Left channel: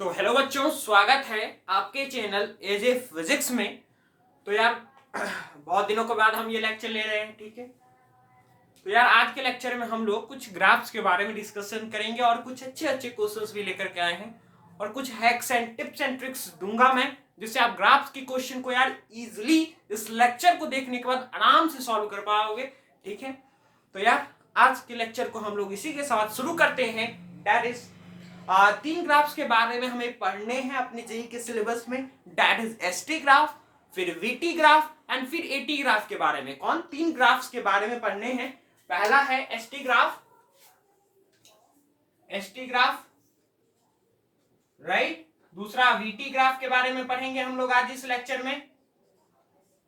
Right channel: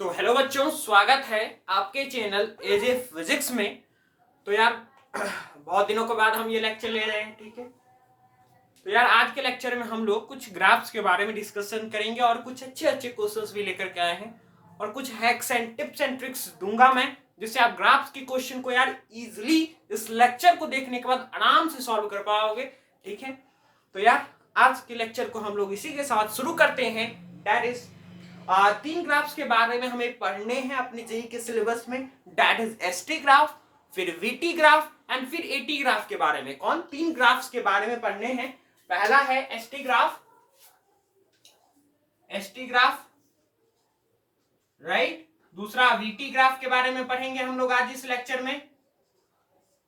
तो हेलो बच्चों, स्वागत है आपके चैनल एजे फिजिक्स में। तो यार बहुत दिनों के बाद हम ये लेक्चर ले रहे हैं, ठीक है। तो यार आज के लेक्चर में हम लोग कुछ ग्राफ्स के बारे में डिस्कशन करेंगे और कुछ अच्छे अच्छे क्वेश्चंस भी लेकर के आए हैं और कुछ hacks and tips and tricks दूंगा मैं, जिससे आप ग्राफ्स की क्वेश्चन को यार इजिली इस लेक्चर को देखने के बाद आराम से सॉल्व कर पाओगे, ठीक है। तो यार आज के लेक्चर को हम लोग इसी के साथ शुरू करते हैं। दैट इज 3 ग्राफ्स के बारे में हमें पढ़ने हैं अपने जेई के सिलेबस में। दैट इज एसटी ग्राफ, फिर वीटी ग्राफ एंड फिर एटी ग्राफ के बारे में। कौन 3 ग्राफ्स के बारे में पढ़ने हैं? पहला है एसटी ग्राफ, राइट। दूसरा वीटी ग्राफ के बारे में पढ़ेंगे हम लोग आज इस लेक्चर में,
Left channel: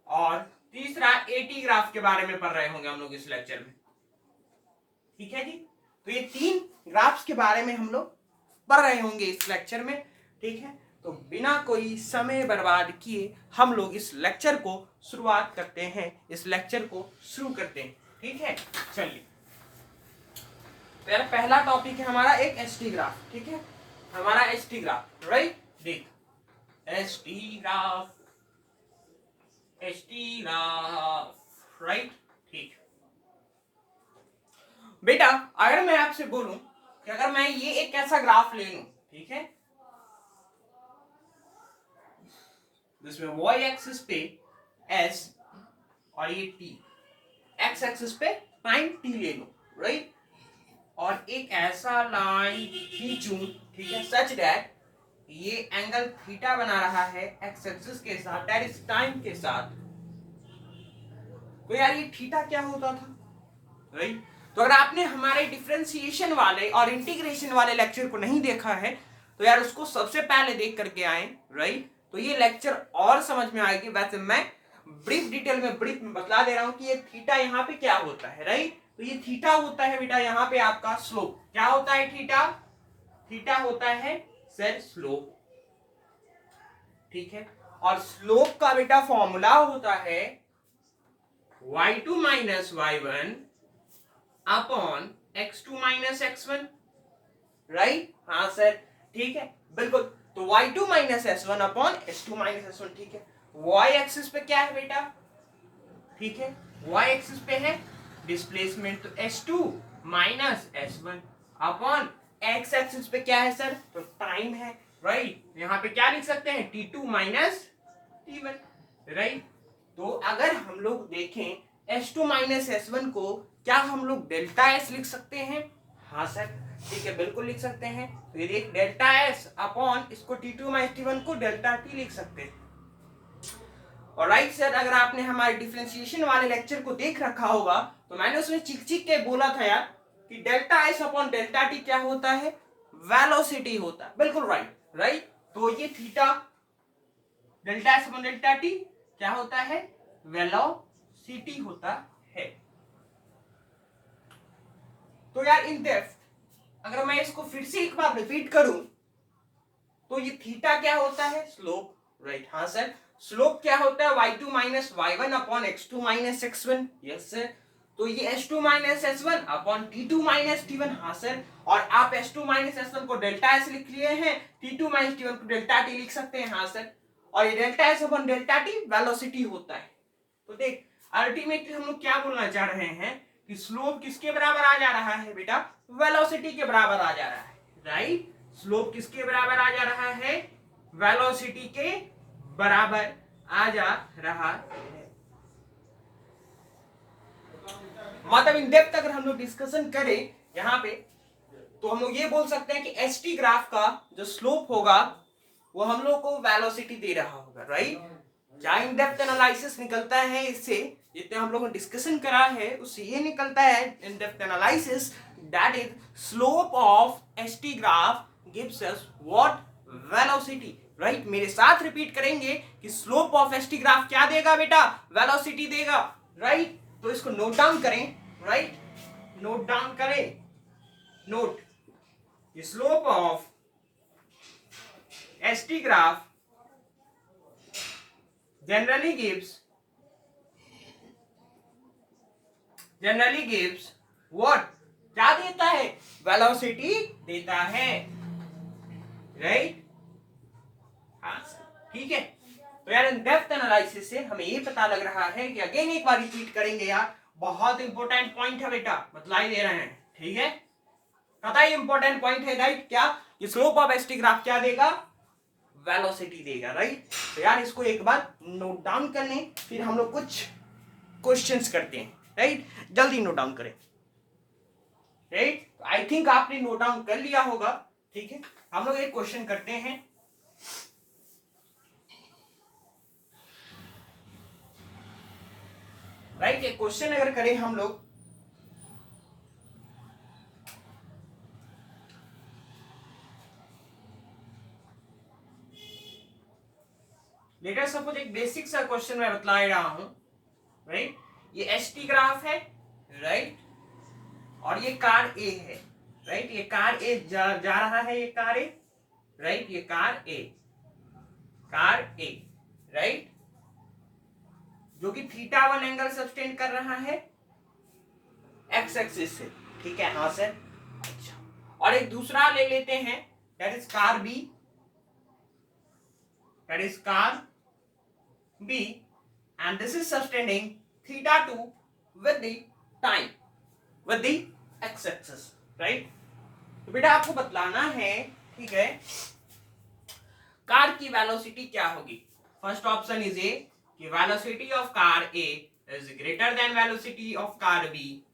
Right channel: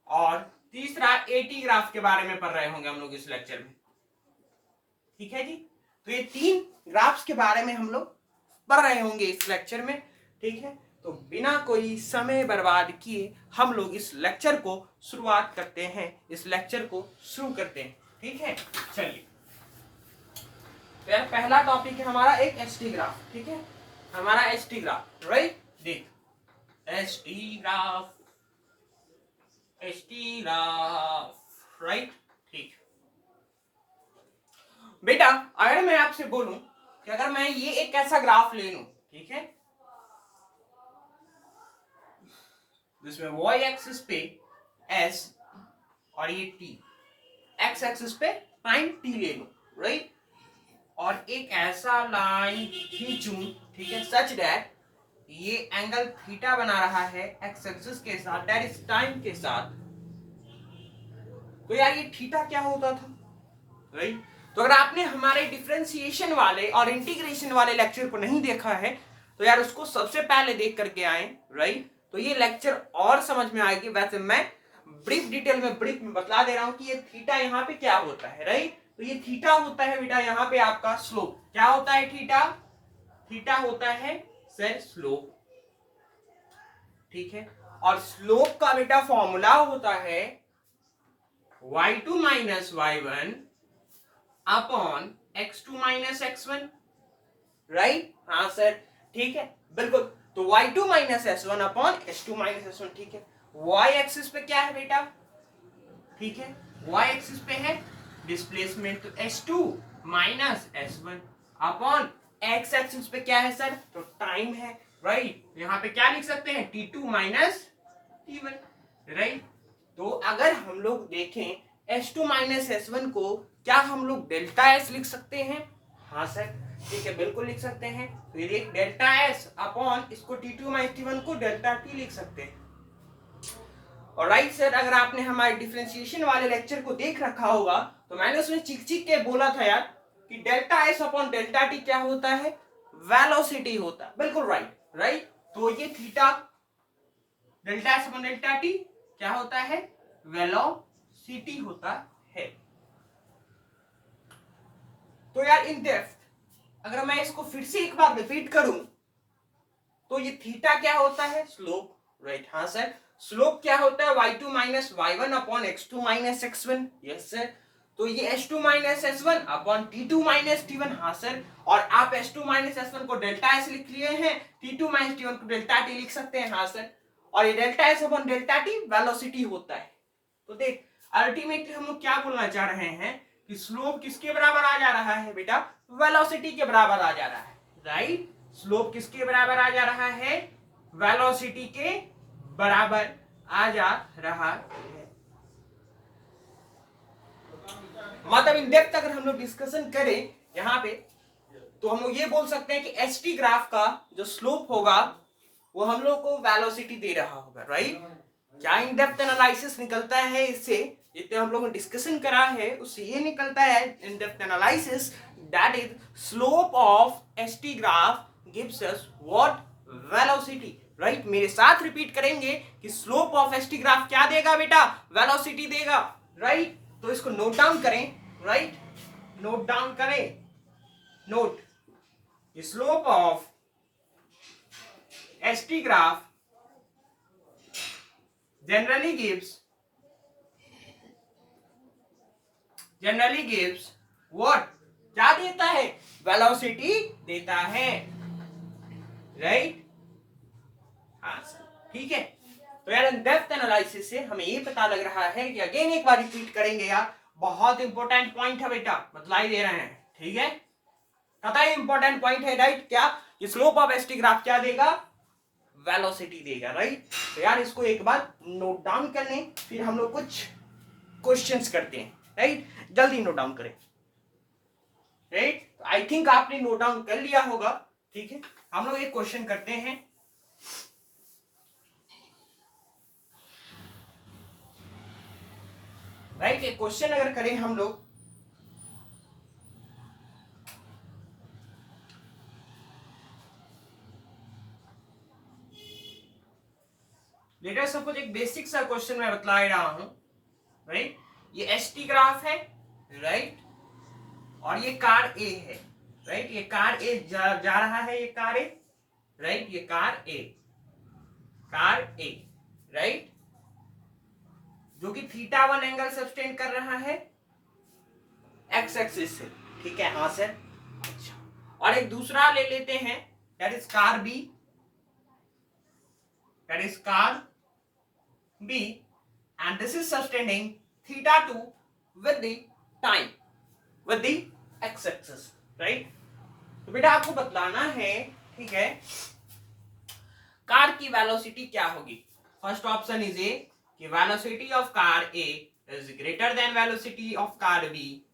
और तीसरा एटी ग्राफ के बारे में पढ़ रहे होंगे हम लोग इस लेक्चर में, ठीक है जी। तो ये 3 ग्राफ्स के बारे में हम लोग पढ़ रहे होंगे इस लेक्चर में, ठीक है। तो बिना कोई समय बर्बाद किए हम लोग इस लेक्चर को शुरुआत करते हैं, इस लेक्चर को शुरू करते हैं, ठीक है। चलिए, तो यार पहला टॉपिक है हमारा एक एसटी ग्राफ, ठीक है। हमारा एसटी ग्राफ, राइट। देख, एसटी ग्राफ, राइट, ठीक। बेटा अगर मैं आपसे बोलूं कि अगर मैं ये एक ऐसा ग्राफ ले लूं, ठीक है, जिसमें y एक्सिस पे s और ये t, x एक्सिस पे sin t ले लूं, राइट। और एक ऐसा लाइन खींचूं, ठीक है, सच दैट ये एंगल थीटा बना रहा है x एक्सिस के साथ, दैट इज टाइम के साथ। तो यार ये थीटा क्या होता था, राइट। तो अगर आपने हमारे डिफरेंशिएशन वाले और इंटीग्रेशन वाले लेक्चर को नहीं देखा है तो यार उसको सबसे पहले देख करके आए, राइट। तो ये लेक्चर और समझ में आएगी। वैसे मैं ब्रीफ डिटेल में बतला दे रहा हूं कि ये थीटा यहाँ पे क्या होता है, राइट। तो ये थीटा होता है बेटा यहाँ पे आपका स्लोप। क्या होता है थीटा? थीटा होता है सर स्लोप, ठीक है। और स्लोप का बेटा फॉर्मूला होता है y2 minus y1 upon x2 minus x1, right. हाँ सर, ठीक है, बिल्कुल। तो y2 minus s1 upon s2 minus s1, ठीक है। y एक्सिस पे क्या है बेटा? ठीक है, y एक्सिस पे है डिस्प्लेसमेंट, तो s2 minus s1 upon x axis पे क्या है सर? तो टाइम है, राइट। यहाँ पे क्या लिख सकते हैं? t2 minus t1, right. तो अगर हम लोग देखें s2 माइनस s1 को, क्या हम लोग डेल्टा s लिख सकते हैं? हाँ सर, ठीक है, बिल्कुल लिख सकते हैं। तो ये डेल्टा s अपॉन इसको t2 माइनस t1 को डेल्टा t लिख सकते हैं। और राइट सर, अगर आपने हमारे डिफरेंशिएशन वाले लेक्चर को देख रखा होगा तो मैंने उसमें चिक चिक के बोला था यार कि delta s upon delta t क्या होता है? वेलोसिटी होता है, बिल्कुल राइट, राइट। तो ये theta delta s upon delta t क्या होता है? वेलोसिटी होता है। तो यार इन डेप्थ अगर मैं इसको फिर से एक बार रिपीट करूं तो ये थीटा क्या होता है? Slope, right. हाँ सर, स्लोप क्या होता है? y2 minus y1 upon x2 minus x1, yes sir. तो ये s2 minus s1 upon t2 minus t1, हाँ सर। और आप s2 माइनस s1 को डेल्टा s लिख लिए हैं, t2 माइनस t1 को डेल्टा t लिख सकते हैं, हाँ सर। और ये delta s upon delta t velocity होता है। तो देख, अल्टीमेटली हम लोग क्या बोलना चाह रहे हैं कि स्लोप किसके बराबर आ जा रहा है बेटा? वेलोसिटी के बराबर आ जा रहा है, राइट। स्लोप किसके बराबर आ जा रहा है? वेलोसिटी के बराबर आ जा रहा है। मतलब इन डेप्थ अगर हम लोग डिस्कशन करें यहाँ पे तो हम लोग ये बोल सकते हैं कि एसटी ग्राफ का जो स्लोप होगा वो हम लोग को वेलोसिटी दे रहा होगा, राइट। क्या इन डेप्थ एनालिसिस निकलता है इससे? जितने हम लोगों ने डिस्कशन करा है उससे ये निकलता है in depth analysis, that is slope of ST graph gives us what? Velocity, right. मेरे साथ रिपीट करेंगे कि स्लोप ऑफ एसटी ग्राफ क्या देगा बेटा? वेलोसिटी देगा, राइट। तो इसको नोट डाउन करें, राइट, नोट डाउन करें, note, slope of ST graph generally gives what? क्या देता है? वेलोसिटी देता है, राइट। आंसर। ठीक है, तो यार इन डेप्थ एनालिसिस से हमें ये पता लग रहा है कि अगेन एक बार रिपीट करेंगे यार, बहुत इंपॉर्टेंट पॉइंट है बेटा, बतलाई दे रहे हैं। ठीक है, पता है इंपॉर्टेंट पॉइंट है राइट, क्या कि स्लोप ऑफ एसटी ग्राफ क्या देगा, वेलोसिटी देगा राइट। तो यार इसको एक बार नोट डाउन कर लें, फिर हम लोग कुछ क्वेश्चंस करते हैं राइट, जल्दी नोट डाउन करें राइट। आई थिंक आपने नोट डाउन कर लिया होगा। ठीक है, हम लोग एक क्वेश्चन करते हैं। राइट, एक क्वेश्चन अगर करें हम लोग, लेटर सपोज एक बेसिक सा क्वेश्चन मैं बतला रहा हूं राइट। ये एसटी ग्राफ है राइट, और ये कार ए है राइट। ये कार ए जा रहा है, ये कार ए राइट, ये कार ए राइट, जो कि θ1 एंगल सस्टेन कर रहा है एक्स एक्सिस से। ठीक है, हाँ सर। अच्छा, और एक दूसरा ले लेते हैं, that is car B, and this is sustaining θ2 with the time, with the x axis right। तो बेटा आपको बतलाना है, ठीक है, कार की वेलोसिटी क्या होगी। फर्स्ट ऑप्शन इज ए कि velocity of car A is greater than velocity of car B.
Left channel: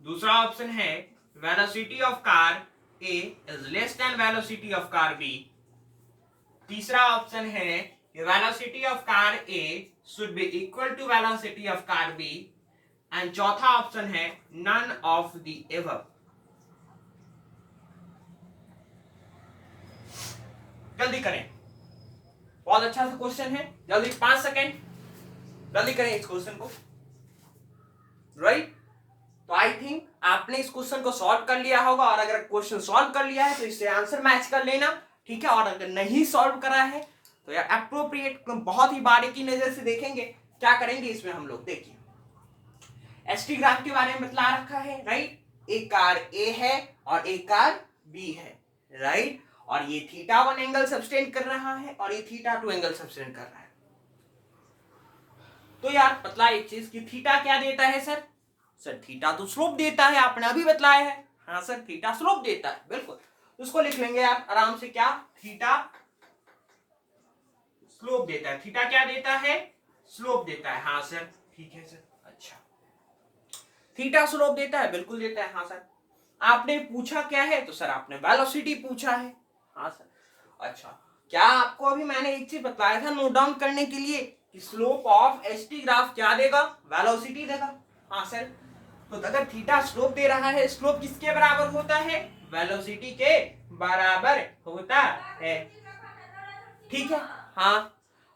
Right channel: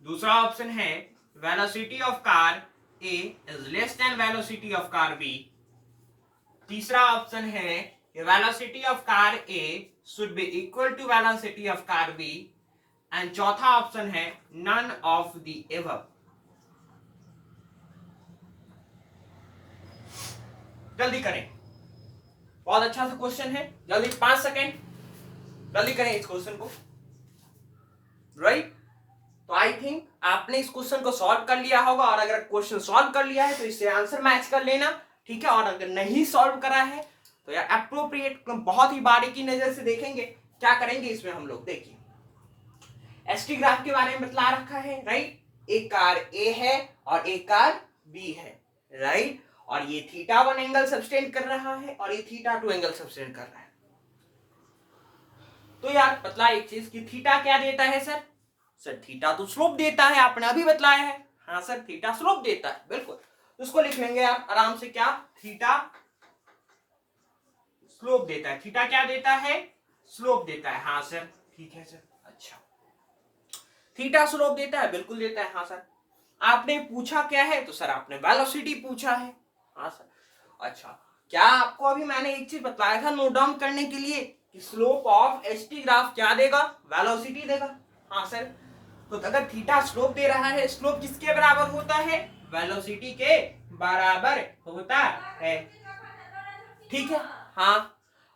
दूसरा ऑप्शन है velocity of car A is less than velocity of car B. तीसरा ऑप्शन है कि velocity of car A should be equal to velocity of car B. And चौथा option है none of the above. जल्दी करें, बहुत अच्छा सा क्वेश्चन है, जल्दी 5 सेकेंड, जल्दी करें इस क्वेश्चन को राइट। तो आई थिंक आपने इस क्वेश्चन को सॉल्व कर लिया होगा, और अगर क्वेश्चन सॉल्व कर लिया है तो इससे आंसर मैच कर लेना। ठीक है, और अगर नहीं सॉल्व करा है तो यार अप्रोप्रिएट बहुत ही बारीकी नजर से देखेंगे। क्या करेंगे इसमें हम लोग, देखिए एसटी ग्राफ के बारे में बतला रखा है राइट। एक कार ए है और एक कार बी है राइट, और ये θ1 एंगल सब्सटेंड कर रहा है और ये θ2 एंगल सब्सटेंड कर रहा है। तो यार बतला एक चीज कि थीटा क्या देता है सर, थीटा तो स्लोप देता है, आपने अभी बतलाया है। हाँ सर, थीटा स्लोप देता है, बिल्कुल। उसको लिख लेंगे आप आराम से, क्या थीटा स्लोप देता है। थीटा क्या देता है, स्लोप देता है। हाँ सर, ठीक है सर। अच्छा, थीटा स्लोप देता है, बिल्कुल देता है। हाँ सर, आपने पूछा क्या है, तो सर आपने वेलोसिटी पूछा है। हाँ सर। अच्छा, क्या आपको अभी मैंने एक चीज बताया था नोट डाउन करने के लिए कि स्लोप ऑफ एसटी ग्राफ क्या देगा, वेलोसिटी देगा। हाँ सर, तो अगर थीटा स्लोप दे रहा है, स्लोप किसके बराबर होता है, वेलोसिटी के बराबर होता है। ठीक है, हाँ।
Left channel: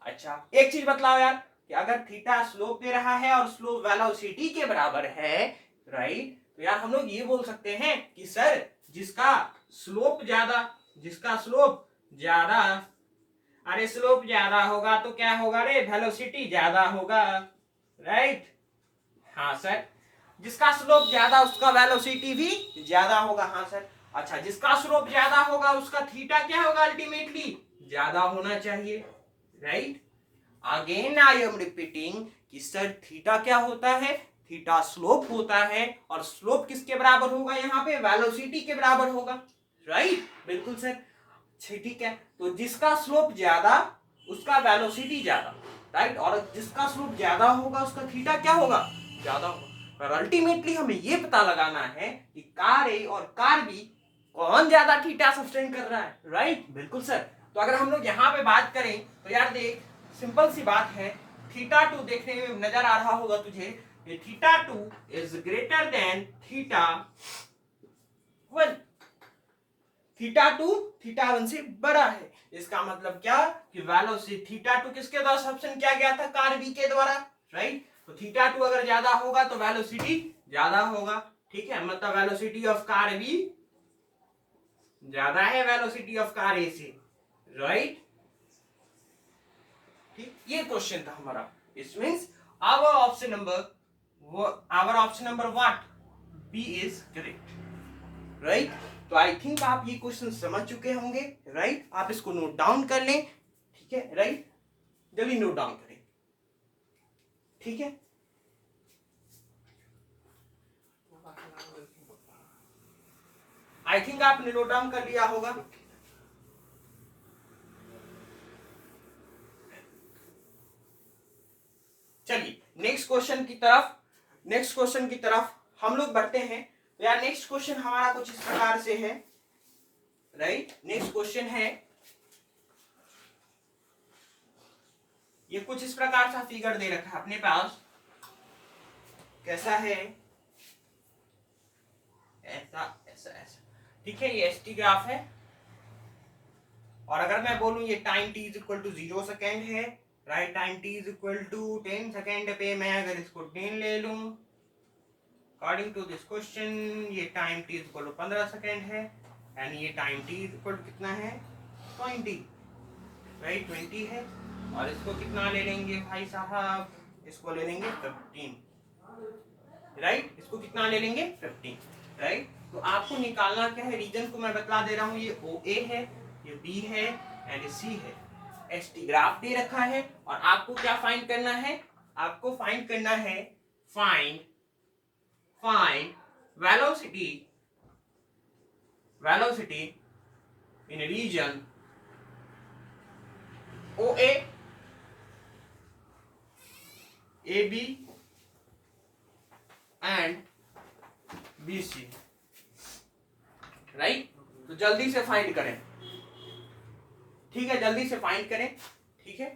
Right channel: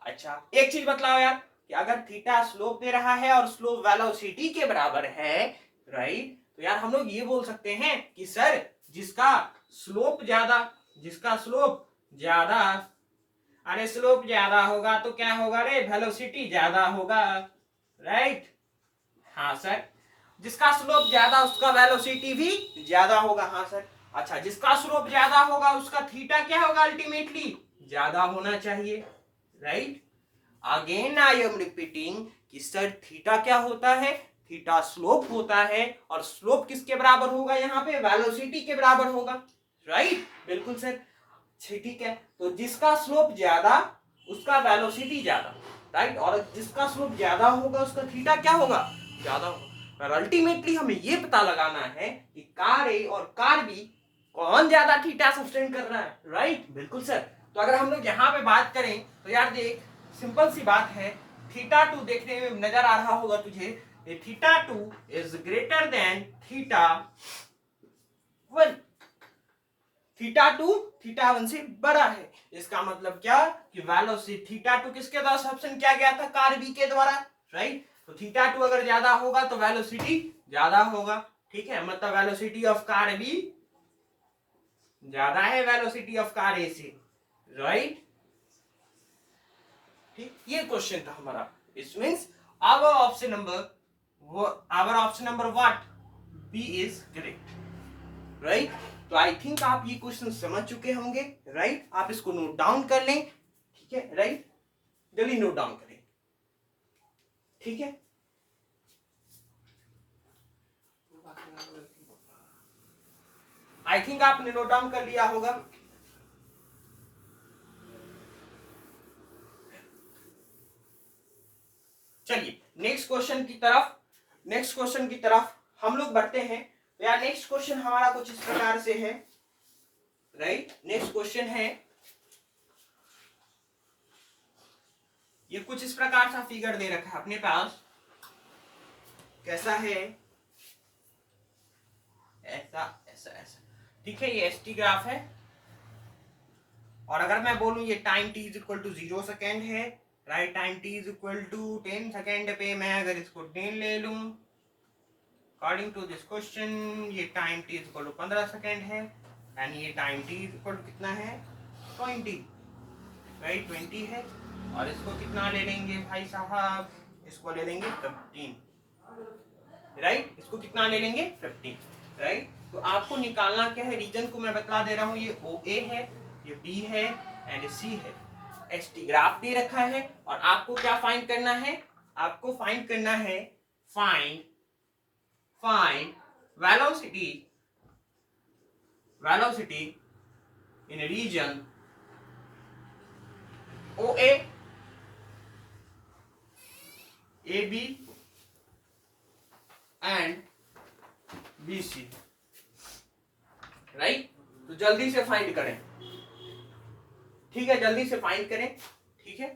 अच्छा, एक चीज बतलाओ यार कि अगर थीटा स्लोप दे रहा है और स्लोप वेलोसिटी के बराबर है राइट, तो यार हम लोग ये बोल सकते हैं कि सर जिसका स्लोप ज्यादा, अरे स्लोप ज्यादा होगा तो क्या होगा रे, वेलोसिटी ज्यादा होगा राइट। हाँ सर, जिसका स्लोप ज्यादा उसका वेलोसिटी भी ज्यादा होगा। हाँ सर। अच्छा, जिसका स्लोप ज्यादा होगा उसका थीटा क्या होगा, अल्टीमेटली ज्यादा होना चाहिए right. Again I am repeating कि सर थीटा क्या होता है, थीटा स्लोप होता है, और स्लोप किसके बराबर होगा, यहाँ पे वेलोसिटी के बराबर होगा राइट। बिल्कुल सर, ठीक है। तो जिसका स्लोप ज्यादा उसका वेलोसिटी ज्यादा राइट, और जिसका स्लोप ज्यादा होगा उसका थीटा क्या होगा, ज्यादा होगा। पर अल्टीमेटली हमें ये पता लगाना है कि कार ए और कार बी कौन ज्यादा थीटा सस्टेन कर रहा है राइट। बिल्कुल सर। तो अगर हम लोग यहाँ पे बात करें तो यार देख, सिंपल सी बात है, θ2 देखने में नजर आ रहा होगा तुझे, ये θ2 इज ग्रेटर देन θ1, θ2 θ1 से बड़ा है। इसका मतलब क्या कि वेलोसिटी θ2 किसके द्वारा सब्सटेंड किया गया था, कार बी के द्वारा राइट। तो θ2 अगर ज्यादा होगा तो वेलोसिटी ज्यादा होगा। ठीक है, मतलब वेलोसिटी ऑफ कार बी ज्यादा है वेलोसिटी ऑफ कार ए से राइट। ठीक, ये क्वेश्चन था हमारा। It means our option number what, B is correct right. तो आई थिंक आप ये क्वेश्चन समझ चुके होंगे राइट। आप इसको नोट डाउन कर लें, ठीक है, राइट, जल्दी नोट डाउन करें, ठीक है। आई थिंक आपने नोट डाउन कर लिया होगा। चलिए नेक्स्ट क्वेश्चन की तरफ हम लोग बढ़ते हैं। तो यार नेक्स्ट क्वेश्चन हमारा कुछ इस प्रकार से है, राइट। नेक्स्ट क्वेश्चन है, ये कुछ इस प्रकार सा फिगर दे रखा है अपने पास, कैसा है, ऐसा ऐसा ऐसा, ठीक है। ये एसटी ग्राफ है, और अगर मैं बोलूं ये time t is equal to 0 second है, right, time t is equal to 10 second पे मैं अगर इसको 10 ले लूं, अकॉर्डिंग टू दिस क्वेश्चन ये time t is equal to 15 second है, एंड ये time t is equal to कितना है, 20, राइट, 20 है। और इसको कितना ले लेंगे भाई साहब, इसको ले लेंगे 15, राइट, इसको कितना ले लेंगे 15, राइट। तो आपको निकालना क्या है, रीजन को मैं बता दे रहा हूं, ये OA है, ये B है एंड C है। ST ग्राफ दे रखा है, और आपको क्या फाइंड करना है, आपको फाइंड करना है, find velocity in region OA, AB and BC, right. तो जल्दी से फाइंड करें, ठीक है, जल्दी से फाइंड करें, ठीक है,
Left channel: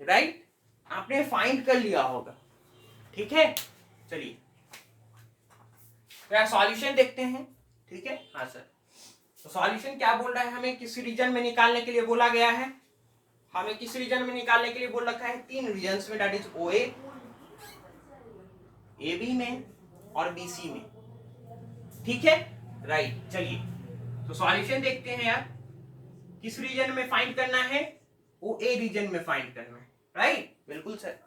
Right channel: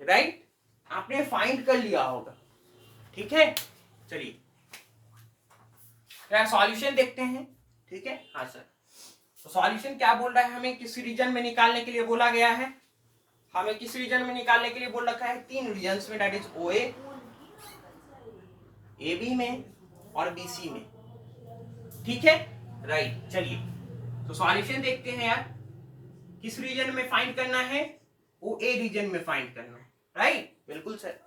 राइट। आपने फाइंड कर लिया होगा, ठीक है। चलिए तो सॉल्यूशन देखते हैं, ठीक है। हाँ सर, तो सॉल्यूशन क्या बोल रहा है, हमें किस रीजन में निकालने के लिए बोला गया है, हमें किस रीजन में निकालने के लिए बोल रखा है, 3 रीजन्स में, दैट इज OA, AB में और BC में, ठीक है, राइट। चलिए तो सॉल्यूशन देखते हैं यार, किस रीजन में फाइंड करना है, OA रीजन में फाइंड करना है, राइट, बिल्कुल सर।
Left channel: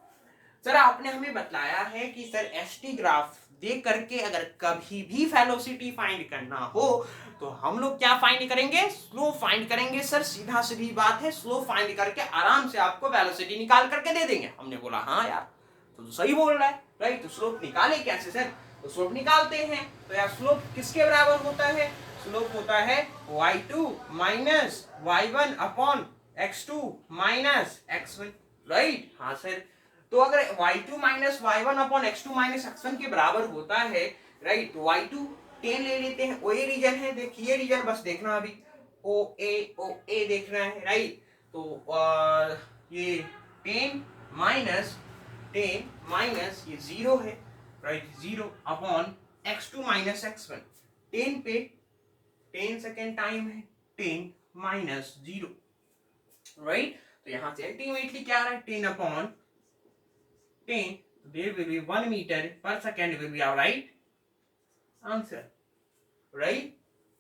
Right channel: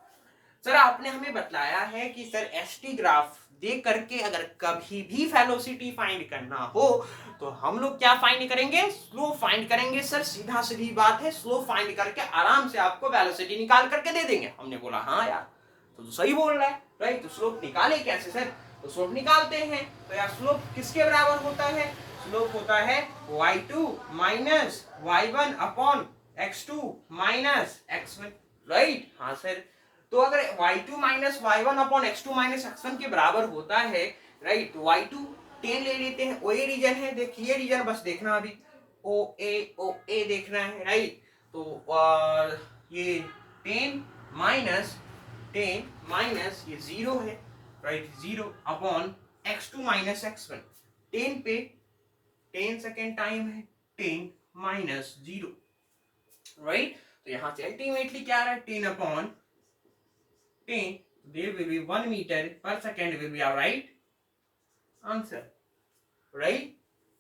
सर आपने हमें बताया है कि सर ST ग्राफ देख करके अगर कभी भी वेलोसिटी फाइंड करना हो तो हम लोग क्या फाइंड करेंगे, स्लोप फाइंड करेंगे। सर सीधा सीधी बात है, स्लोप फाइंड करके आराम से आपको वेलोसिटी निकाल करके दे देंगे। हमने बोला हाँ यार, तो सही बोल रहा है, राइट। तो स्लोप निकाले कैसे सर, तो स्लोप निकालते हैं। तो यार स्लोप किसके बराबर होता है, स्लोप होता है y2 minus y1 upon x2 minus x1, right. हाँ सर, तो अगर y2 minus y1 upon x2 minus x1 के बराबर होता है, राइट, तो y2 10 ले लेते हैं, OA रीजन है, देखिए रीजन बस देखना, अभी OA देखना है, राइट। तो ये 10 माइनस ये 0 है, right, 0 upon x2 minus x1, 10 पे 10 सेकेंड टाइम है, 10 माइनस 0, राइट। तो यहां से अल्टीमेटली क्या आ रहा है, 10 upon 10, there will be 1 meter per second will be our right answer, right।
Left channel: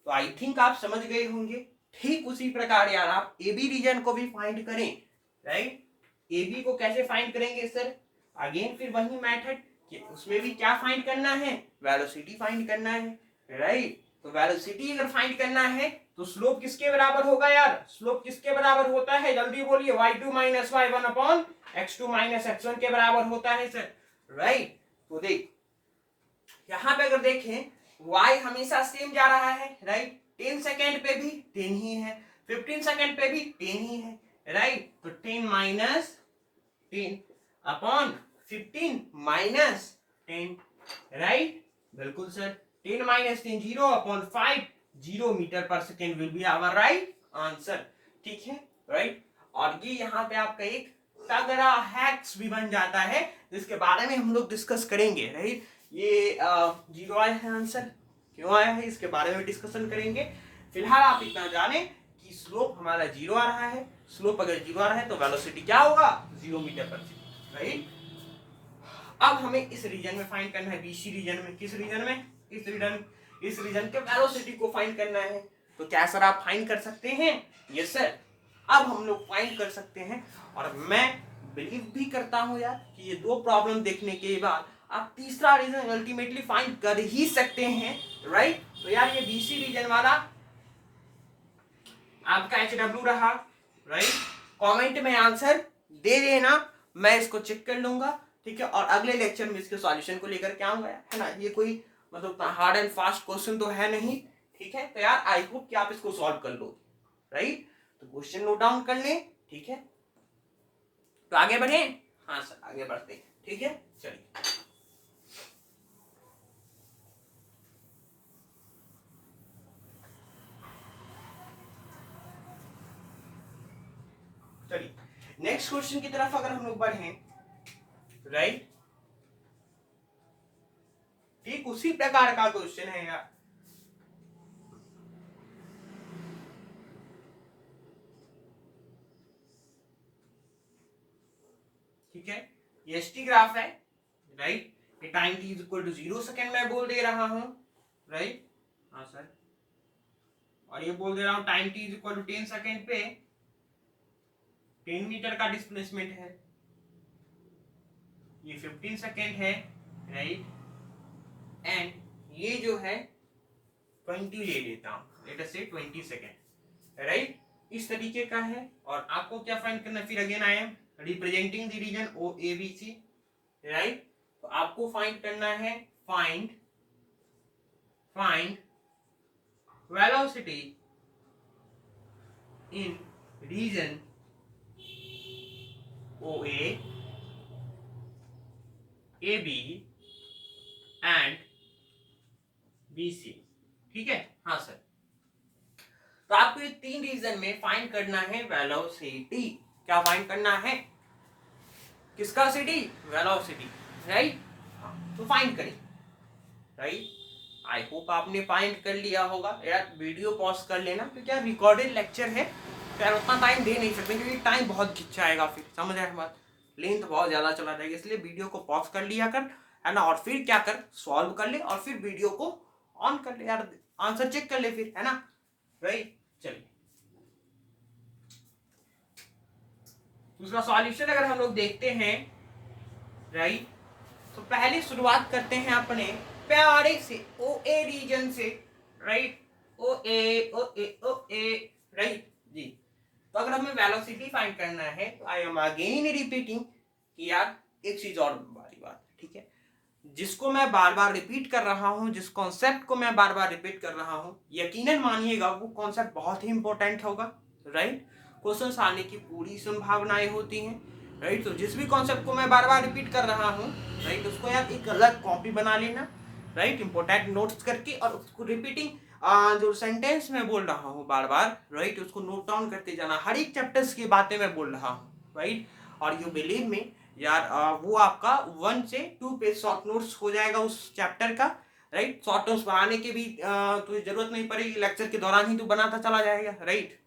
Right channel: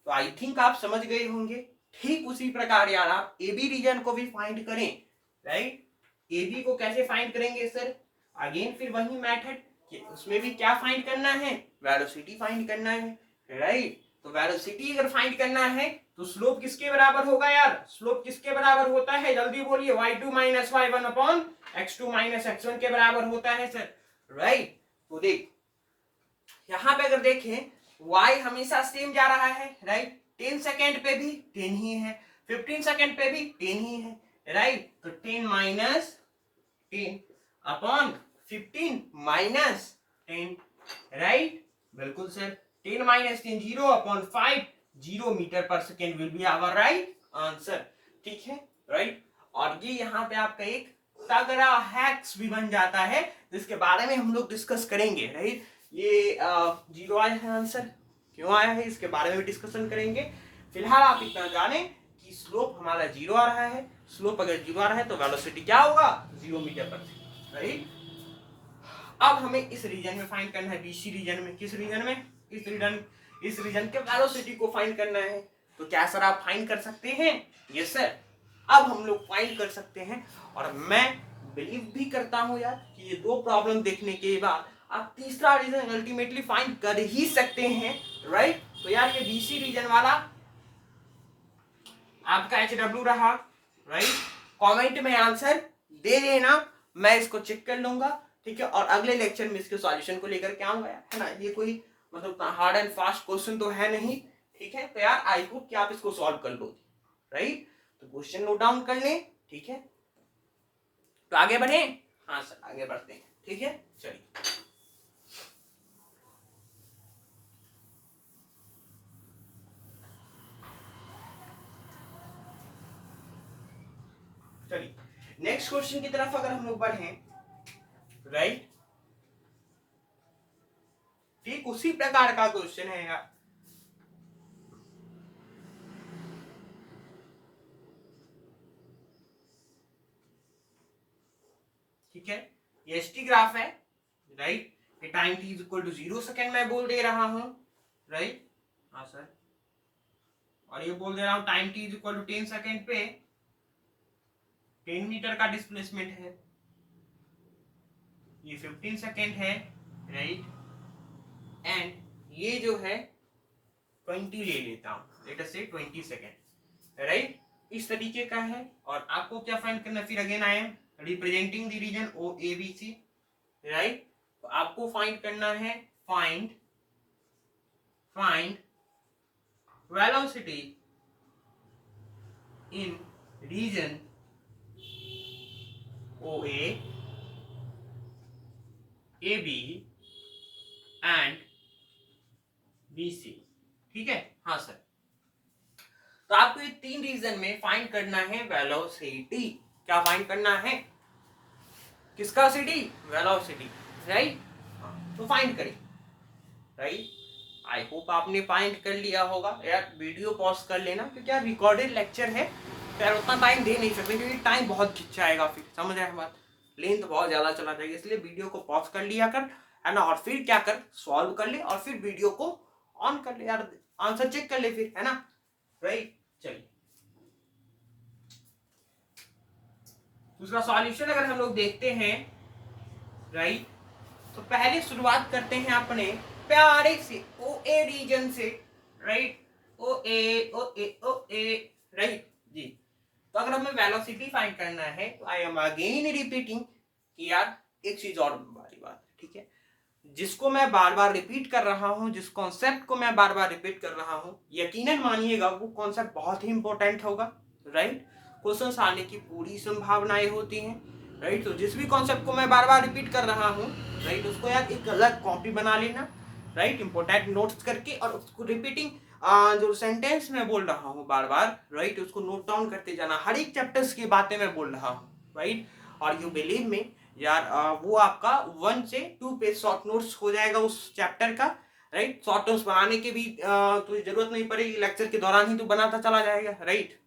तो आई थिंक आप समझ गए होंगे। ठीक उसी प्रकार यार आप AB रीजन को भी फाइंड करें, राइट। AB को कैसे फाइंड करेंगे सर, अगेन फिर वही मेथड कि उसमें भी क्या फाइंड करना है, वेलोसिटी फाइंड करना है, राइट। तो वेलोसिटी अगर फाइंड करना है तो स्लोप किसके बराबर होगा यार, स्लोप किसके बराबर होता है, जल्दी बोलिए, y2 minus y1 upon x2 minus x1 के बराबर होता है सर, राइट। तो देख यहां पे अगर देखें y हमेशा सेम जा रहा है, राइट, 10 सेकेंड पे भी 10 ही है, 15 सेकेंड पे भी 10 ही है, राइट। तो 10 माइनस 10 अपॉन 15 माइनस 10, राइट, बिल्कुल सर। 10 माइनस 10 0 अपॉन 5, 0 मीटर पर second will be our right answer, ठीक है, राइट। और ये यहाँ पे आपका एक तगड़ा हैक्स भी बन जाता है जिसके बारे में हम लोग डिस्कस करेंगे, राइट। ये 0 आया है आंसर, क्यों आया है इसके बारे में डिस्कशन करेंगे। फिलहाल आप इतना जाने कि स्लोप हमारा 0 आ रहा है, स्लोप अगर 0 आ रहा है तो वेलोसिटी क्या होगा, 0 मीटर पर सेकेंड, राइट। अब हमें इस रीजन में फाइंड करना है, BC रीजन में, किस रीजन में, इस रीजन के वेलोसिटी को फाइंड करना है। तो क्या सर आप फाइंड कर सकते हैं, यस सर, अब हम लोग फाइंड कर सकते हैं। और मैं बिलीव भी करता हूं यार कि ये 2 प्रॉब्लम देखने के बाद आप तीसरा रीजन अल्टीमेटली फाइंड कर ही सकते हैं, राइट। तो यार ये BC रीजन वाला आपका HW रहा, राइट। कमेंट में आंसर दे देना, मैं इसको चेक कर लूंगा, ठीक है। और अगले लेक्चर में इसके सॉल्यूशन को लेकर के आऊंगा, है ना। ये कोई मतलब हार्ड एंड फास्ट क्वेश्चन तो है नहीं, ठीक है। तो यार आई होप कि आप इसको सॉल्व कर लो, राइट। तो क्वेश्चन नोट डाउन कर लें, ठीक है। तो आगे बढ़े, हाँ सर आगे बढ़ते हैं, ठीक है। चलिए चलिए नेक्स्ट क्वेश्चन की तरफ अगर हम लोग बढ़े, राइट। ठीक उसी प्रकार का क्वेश्चन है यार, ठीक है। ये एसटी ग्राफ है, राइट। ये time t is equal to 0 second मैं बोल दे रहा हूं, राइट। हाँ सर, और ये बोल दे रहा हूं time t is equal to 10 second पे 10 मीटर का डिस्प्लेसमेंट है, ये 15 सेकेंड है, राइट। एंड ये जो है 20 ले लेता हूं, लेट अस से 20 सेकेंड, राइट। इस तरीके का है। और आपको क्या फाइंड करना, फिर again I am representing the region O A B C, right. तो आपको फाइंड करना है, find velocity in region O A B and B C, ठीक है। हाँ सर, तो आपको ये 3 रीजन में फाइंड करना है वेलोसिटी। क्या फाइंड करना है, किसका सिटी, वेलोसिटी, राइट। तो फाइंड करें, राइट। आई होप आपने फाइंड कर लिया होगा। यार वीडियो पॉज कर लेना, क्योंकि यार रिकॉर्डेड लेक्चर है, तो यार उतना टाइम दे नहीं सकते, क्योंकि टाइम बहुत खिंच जाएगा, फिर समझ आए बात, लेंथ बहुत ज्यादा चला जाएगा। इसलिए वीडियो को पॉज कर लिया कर, है ना। और फिर क्या कर, सॉल्व कर ले, और फिर वीडियो को ऑन कर ले, यार आंसर चेक कर ले फिर, है ना, राइट। चलिए उसका सॉल्यूशन अगर हम लोग देखते हैं, राइट। तो पहले शुरुआत करते हैं अपने प्यारे से ओ ए रीजन से, राइट। ओ ए, राइट जी। तो अगर हमें वेलोसिटी फाइंड करना है, तो आई एम अगेन रिपीटिंग कि यार एक चीज और बारी बात, ठीक है। जिसको मैं बार बार रिपीट कर रहा हूं, जिस कॉन्सेप्ट को मैं बार बार रिपीट कर रहा हूं, यकीनन मानिएगा वो कॉन्सेप्ट बहुत ही इंपॉर्टेंट होगा, राइट। क्वेश्चन आने की पूरी संभावनाएं होती हैं, राइट। तो जिस भी कॉन्सेप्ट को मैं बार बार रिपीट कर रहा हूं, राइट, उसको यार एक अलग कॉपी बना लेना, राइट, इंपॉर्टेंट नोट्स करके, और उसको रिपीटिंग जो सेंटेंस में बोल रहा हूँ बार बार, राइट, उसको नोट डाउन करते जाना। हर एक चैप्टर्स की बातें मैं बोल रहा हूँ, राइट। और यू बिलीव में यार वो आपका 1 से 2 पेज शॉर्ट नोट्स हो जाएगा उस चैप्टर का, राइट। शॉर्ट नोट्स बनाने की भी तुझे जरूरत नहीं पड़ेगी, लेक्चर के दौरान ही तू बनाता चला जाएगा, राइट।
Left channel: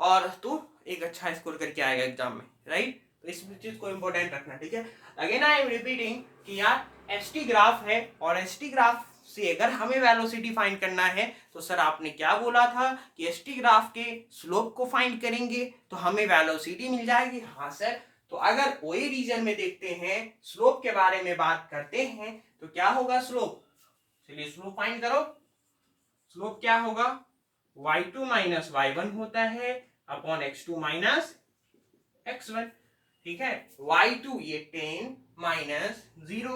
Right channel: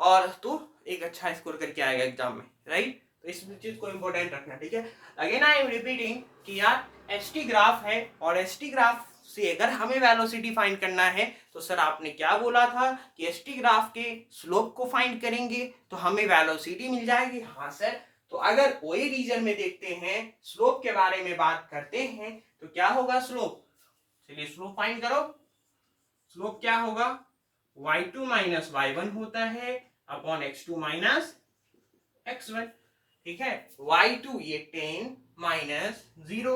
और तू एक अच्छा स्कोर करके आएगा एग्जाम में, राइट। तो इस चीज को इंपॉर्टेंट रखना, ठीक है। अगेन आई एम रिपीटिंग कि यार एसटी ग्राफ है, और एसटी ग्राफ से अगर हमें वेलोसिटी फाइंड करना है, तो सर आपने क्या बोला था कि एसटी ग्राफ के स्लोप को फाइंड करेंगे तो हमें वेलोसिटी मिल जाएगी। हाँ सर, तो अगर ओए रीजन में देखते हैं, स्लोप के बारे में बात करते हैं, तो क्या होगा स्लोप, चलिए स्लोप फाइंड करो। स्लोप क्या होगा, y2 माइनस y1 होता है अपॉन x2 माइनस x1, ठीक है। y2 ये 10 minus 0,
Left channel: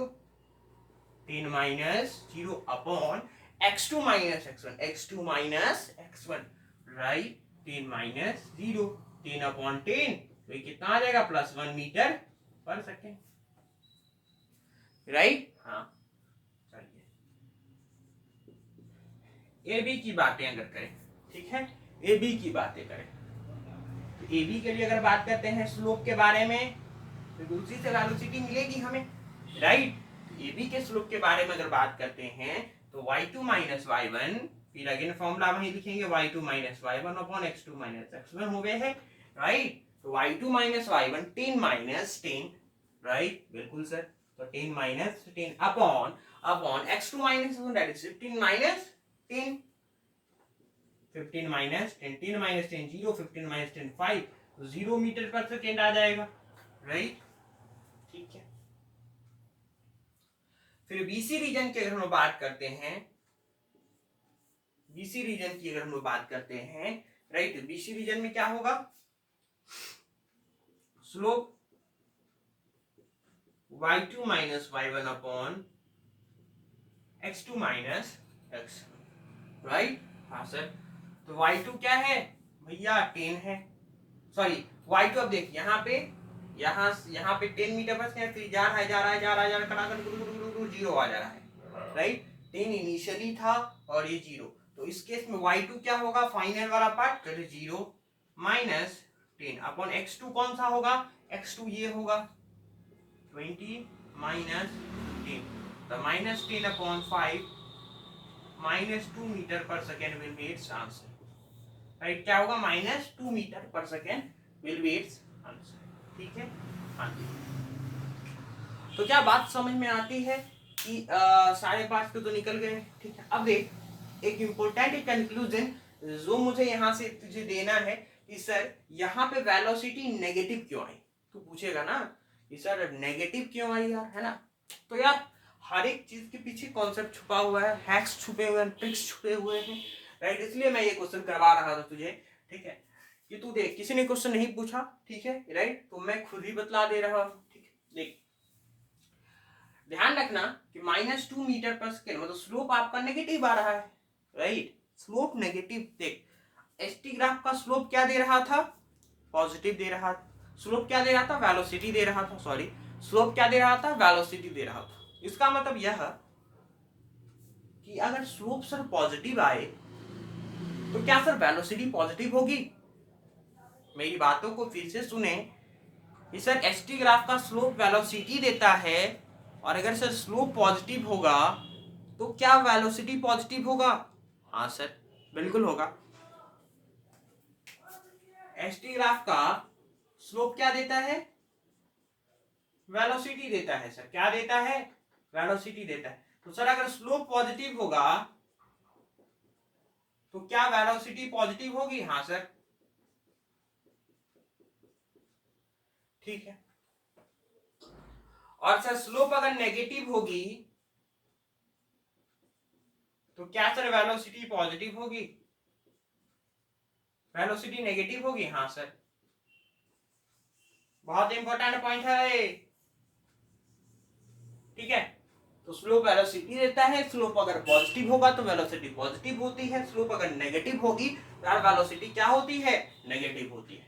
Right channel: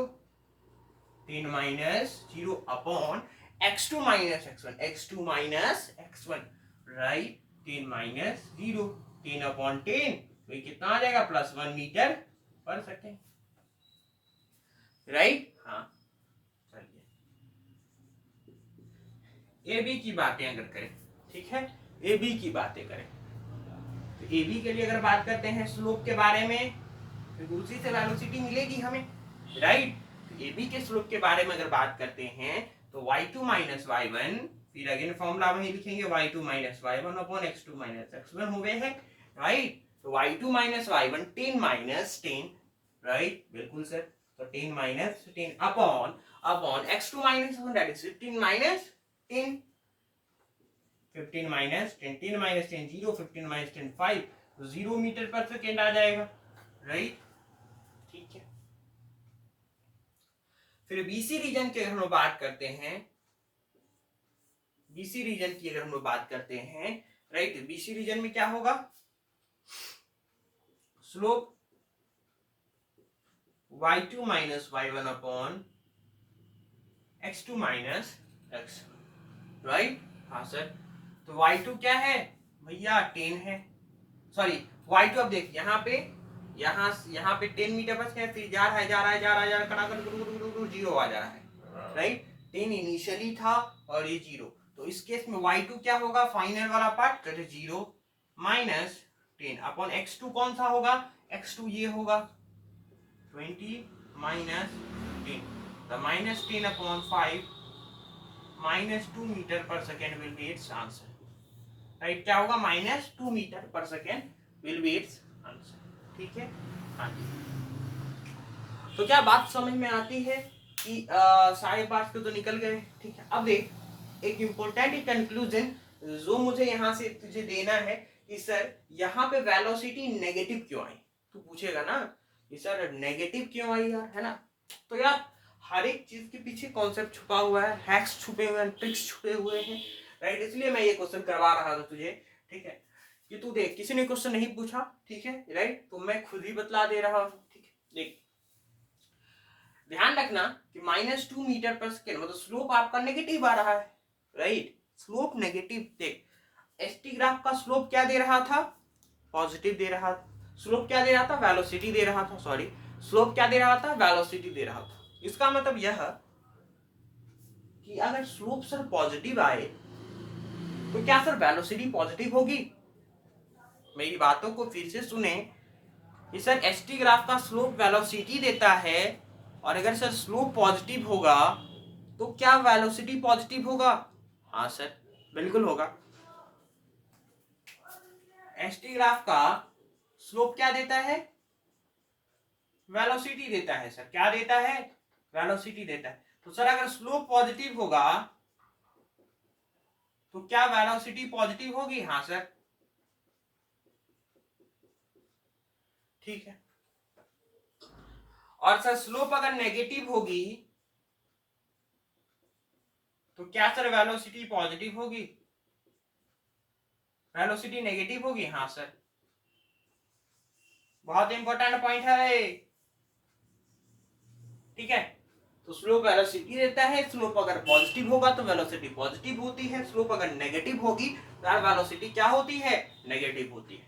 10 minus 0 upon x2 minus x1, x2 minus x1, right. 10 minus 0, 10 upon 10, तो ये कितना आ जाएगा, +1 मीटर पर सेकेंड, राइट। हाँ चलिए ए बी की बातें अगर करें, ठीक है, ए बी की बातें करें, तो ए बी के लिए अगर बात करते हैं स्लोप के बारे में, तो दूसरी से वेलोसिटी मिलेगी हमें, राइट। ए बी के स्लोप के बारे में अगर बात करते हैं, तो y2 माइनस y1, फिर अगेन फॉर्मूला वही लिखेंगे, y2 minus y1 upon x2 minus x1 हो गए हैं, राइट। तो y2 minus y1 10 minus 10, right, बिल्कुल सर। तो 10 minus 10 upon x2 minus 1, that is 15 minus 10, 15 minus 10, 10 minus 10 0, 15 minus 10 5, तो 0 मीटर पर सेकेंड आ जाएगा, राइट, ठीक है। फिर बीसी रीजन की अगर हम लोग बात करते हैं, बीसी रीजन की अगर हम लोग बात करते हैं, राइट। बीसी रीजन में क्या होगा, slope y2 minus y1 upon x2 minus x, right. हाँ सर, तो y2 क्या है भैया 10 है, सॉरी y2 अब देखिए यहाँ पे 10 मीटर बस है, फिर जा रहा है जीरो आ जा रहा है, राइट। 10 इनिशियली था और ये जीरो, तो इस केस में y2 क्या होगा, फाइनल वाला पार्ट तो जीरो माइनस 10 अपॉन x2 कौन सा होगा, x2 ये होगा 20 माइनस 10, तो माइनस 10 अपॉन 5 माइनस 2 मीटर पर second will B it's answer, right. क्या होगा, माइनस 2 मीटर पर second will B it's answer, ठीक है। हाँ जी, तो क्या बात समझ में आती है कि 5:30 को तो निकल गए, ठीक है। अब देख एक इम्पोर्टेंट कंक्लूजन जो मुझे यहाँ से तुझे देना है कि सर यहाँ पे वेलोसिटी नेगेटिव क्यों आई, तू पूछेगा ना कि सर नेगेटिव क्यों आई यार, है ना। तो यार हर एक चीज के पीछे कॉन्सेप्ट छुपा हुआ है, हैक्स छुपे हुए हैं, ट्रिक्स छुपे हुए हैं, राइट। इसलिए मैं ये क्वेश्चन करवा रहा था तुझे, ठीक है, कि तू देख किसी ने क्वेश्चन नहीं पूछा, ठीक है, राइट, तो मैं खुद ही बतला दे रहा हूँ, ठीक है। देख ध्यान रखना कि माइनस 2 मीटर पर सेकेंड मतलब स्लोप आपका नेगेटिव आ रहा है, राइट। स्लोप नेगेटिव, देख एसटी ग्राफ का स्लोप क्या दे रहा था, पॉजिटिव दे रहा था, स्लोप क्या दे रहा था, वेलोसिटी दे रहा था, सॉरी स्लोप क्या दे रहा था, वेलोसिटी दे रहा था। इसका मतलब यह कि अगर स्लोप सर पॉजिटिव आए तो क्या सर वेलोसिटी पॉजिटिव होगी। मेरी बातों को फिर से सुने कि सर एसटी ग्राफ का स्लोप वेलोसिटी देता है, और अगर सर स्लोप पॉजिटिव होगा तो क्या वेलोसिटी पॉजिटिव होगा, हाँ सर बिल्कुल होगा। एसटी ग्राफ का स्लोप क्या देता है, वेलोसिटी देता है सर, क्या देता है, वेलोसिटी देता है। तो सर अगर स्लोप पॉजिटिव होगा तो क्या वेलोसिटी पॉजिटिव होगी, हाँ सर, ठीक है। और सर स्लोप अगर नेगेटिव होगी तो क्या सर वेलोसिटी पॉजिटिव होगी, वेलोसिटी नेगेटिव होगी, हाँ सर। बहुत इंपॉर्टेंट पॉइंट है, ठीक है। तो स्लोप वेलोसिटी देता है, स्लोप अगर पॉजिटिव होगा तो वेलोसिटी पॉजिटिव होती है, स्लोप अगर नेगेटिव होगी तो वेलोसिटी क्या होती है, नेगेटिव होती है।